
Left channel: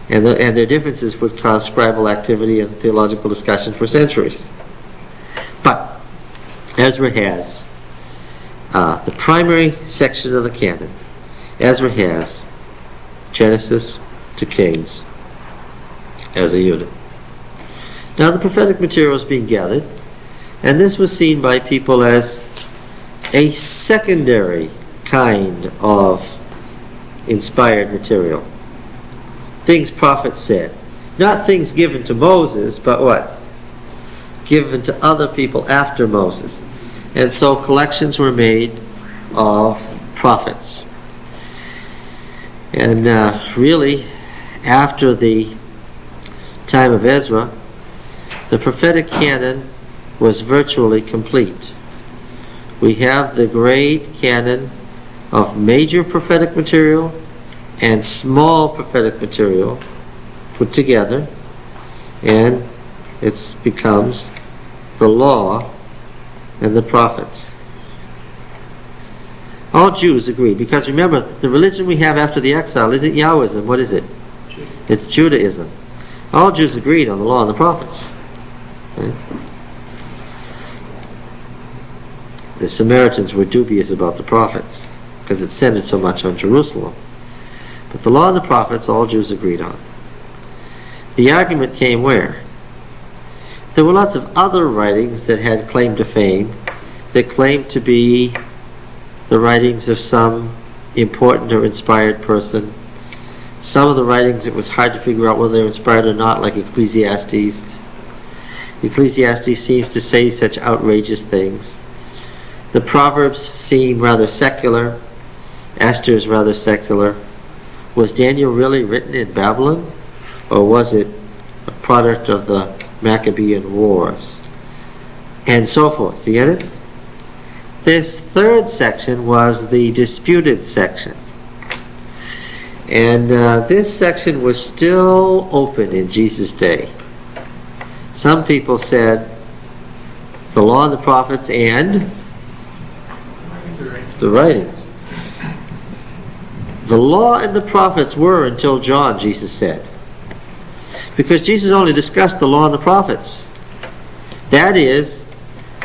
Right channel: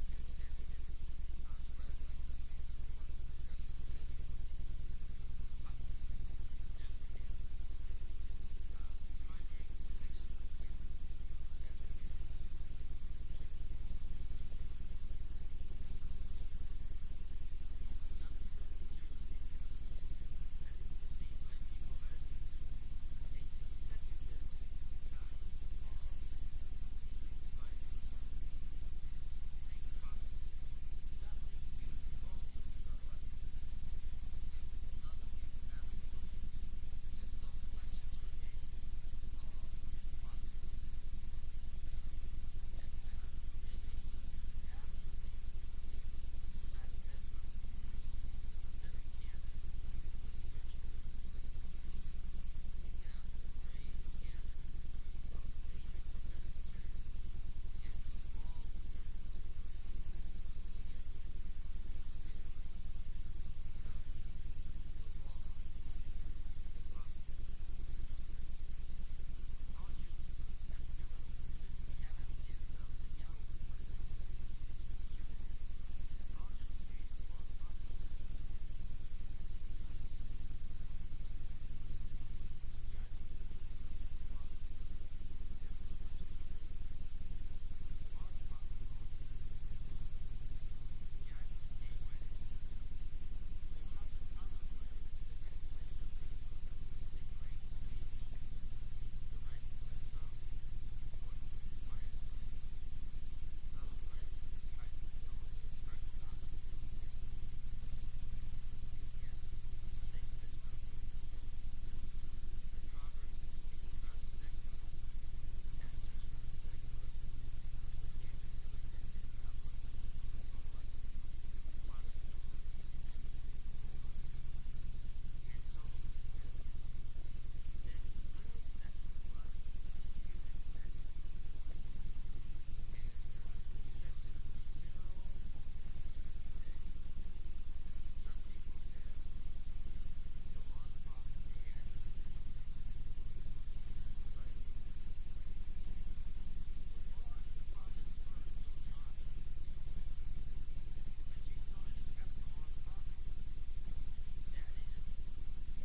And their differences would cause scribal activity and theological discussion for centuries. But Ezra has the primary section of the canon. Ezra has Genesis to Kings as a unit. Now the prophetic material is being gathered, and this was seen by people as a secondary kind of inspired material. Things prophets said. Not things given to Moses, but what? Given to other people after Moses. And so collections were made of prophets. And really, after the time of Ezra, the prophetic canon was virtually complete. We have the great canon of major prophetic material and small prophetic material put together, and it becomes the law and the prophets. All Jews agree, because remember, the religion we have after the exile isn't Yahwism. What is it? It's Judaism. All Jews agreed on the law and the prophets. Okay? The Samaritans were dubious about the prophets because it centered so much on Jerusalem. But the law and the prophets, all Jews agreed on. The argument came where? There were lots of other writings that had claim to fame, that claimed to be the writings of some important or inspired person. Some of the writings, it was hard to figure out whether they were inspired or not, like Ecclesiastes. Ecclesiastes seems to say such outrageous things. The Proverbs seem rather secular. Esther is rather secular. Was Daniel really written in Babylon? Or was it a product of the Maccabean Wars? And so forth. You get it? This third section was the disputed section. And this section was still open in Jesus' day. Some people said the law and the prophets and the writings. The law and the prophets were until John, Jesus said. Because Jesus only discussed the law and the prophets. That is,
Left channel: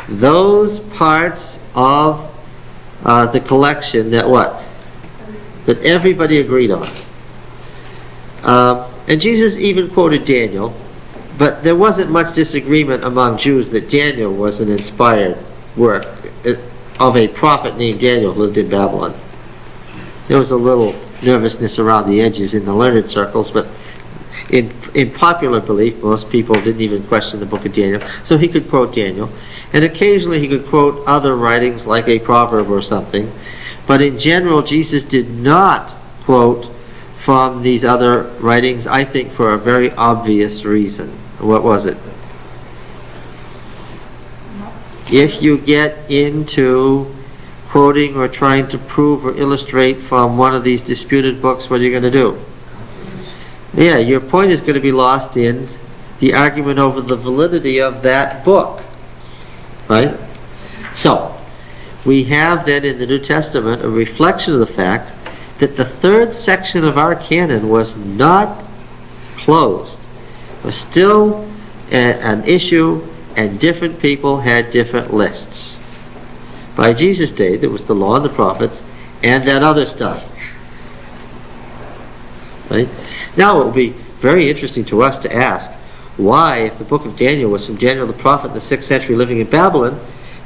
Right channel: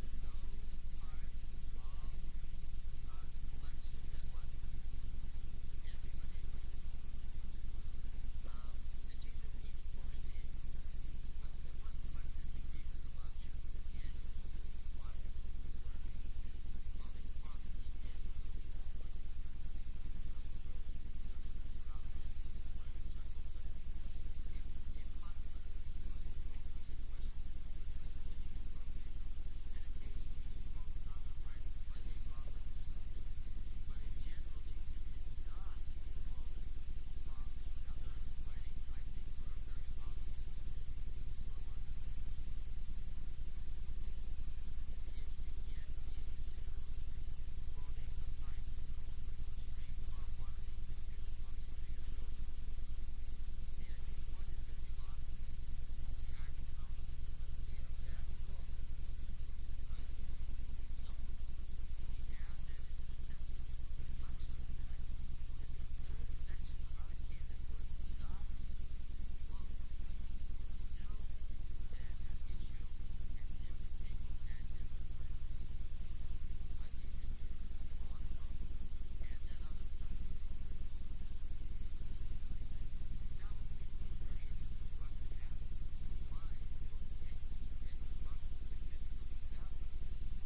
those parts of the collection that what? That everybody agreed on. And Jesus even quoted Daniel, but there wasn't much disagreement among Jews that Daniel was an inspired work of a prophet named Daniel who lived in Babylon. There was a little nervousness around the edges in the learned circles, but in popular belief, most people didn't even question the book of Daniel, so he could quote Daniel. And occasionally he could quote other writings like a proverb or something, but in general Jesus did not quote from these other writings, I think for a very obvious reason. What was it? If you get into quoting or trying to prove or illustrate from one of these disputed books, what are you going to do? Yeah, your point is going to be lost in the argument over the validity of that book. Right? So, we have then in the New Testament a reflection of the fact that the third section of our canon was not closed. It was still an issue, and different people had different lists. By Jesus' day, there was the law and the prophets and that other stuff. Right? Now it will be very interesting to us to ask why, if the book of Daniel was from Daniel the prophet in the 6th century living in Babylon,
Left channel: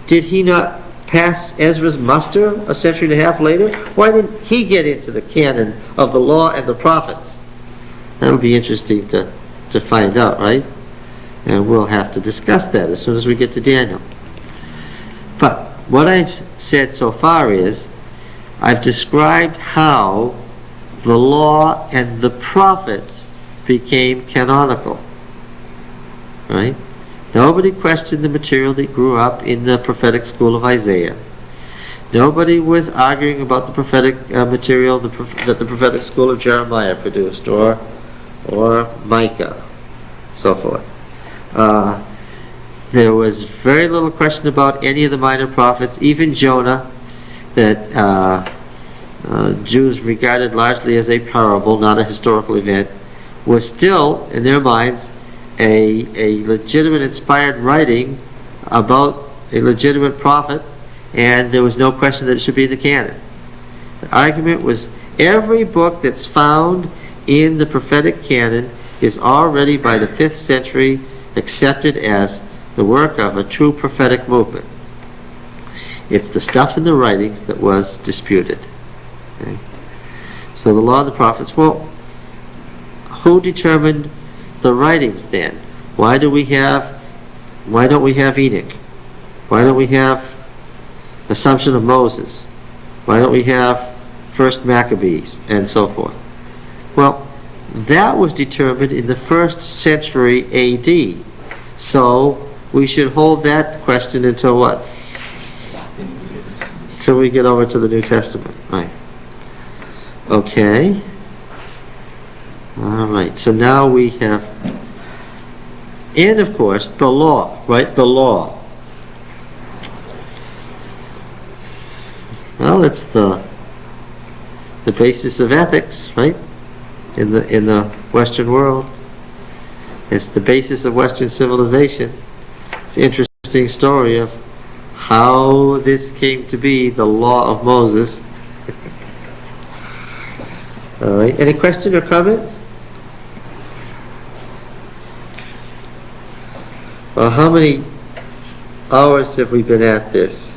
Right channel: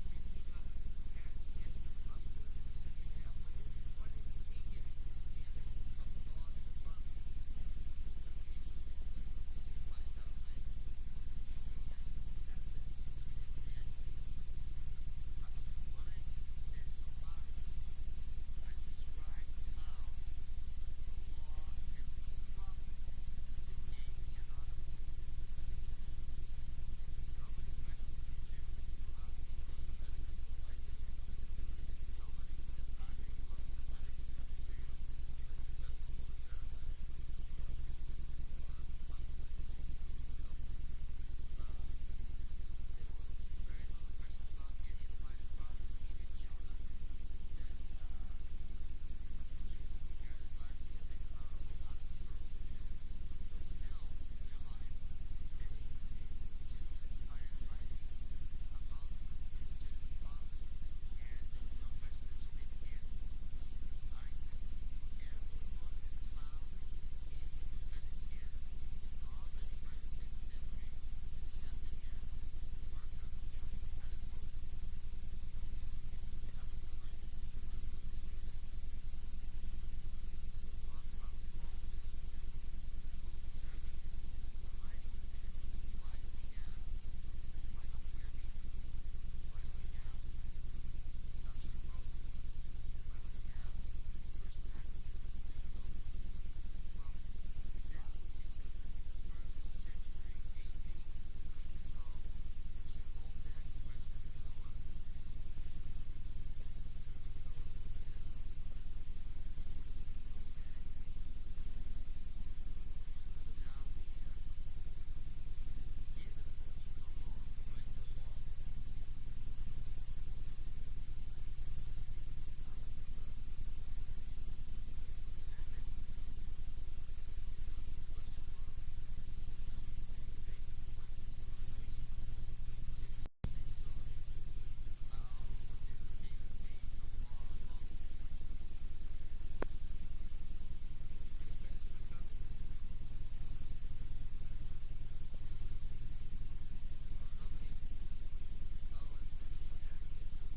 did he not pass Ezra's muster a century and a half later? Why didn't he get into the canon of the law and the prophets? That'll be interesting to find out, right? And we'll have to discuss that as soon as we get to Daniel. But what I've said so far is I've described how the law and the prophets became canonical. Right? Nobody questioned the material that grew up in the prophetic school of Isaiah. Nobody was arguing about the prophetic material that the prophetic school of Jeremiah produced, or Micah, so forth. There was very little question about any of the minor prophets, even Jonah, that Jews regarded largely as a parable, not a historical event, was still, in their minds, a legitimate inspired writing about a legitimate prophet, and there was no question that it should be in the canon. The argument was every book that's found in the prophetic canon is already by the 5th century accepted as the work of a true prophetic movement. It's the stuff in the writings that was disputed. Okay? So the law of the prophets, well, who determined the writings then? Why don't we have Enoch? Why don't we have Assumption of Moses? Why don't we have First Maccabees and so forth? Well, that was determined in the 1st century AD. So we should hold that question until what? Till we get over to the New Testament, right? Okay. All right, so now we have, and of course, the law, right? The law. Well, it's the basis of ethics, right? In the Western world. It's the basis of Western civilization. It's an interesting story of how this came to be the law of Moses. All right, any question or comment? Well, how many hours have we been at this?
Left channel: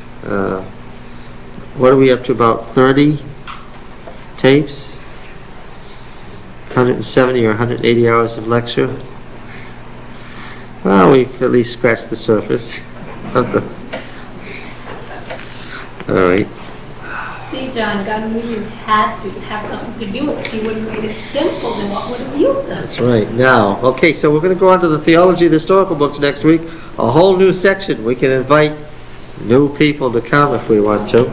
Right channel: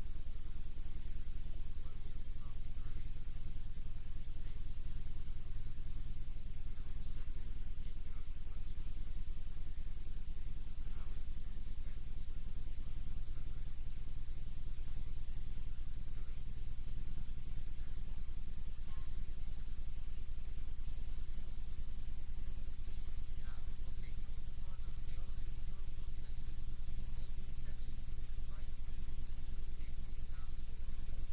What are we up to, about 30 tapes? 170 or 180 hours of lecture? Well, we've at least scratched the surface of the... All right. See, John, God knew you had to have something to do with it. He would have made it simple, then what would have you done? That's right. Now, okay, so we're going to go on to the theology of the historical books next week. A whole new section. We can invite new people to come if we want to.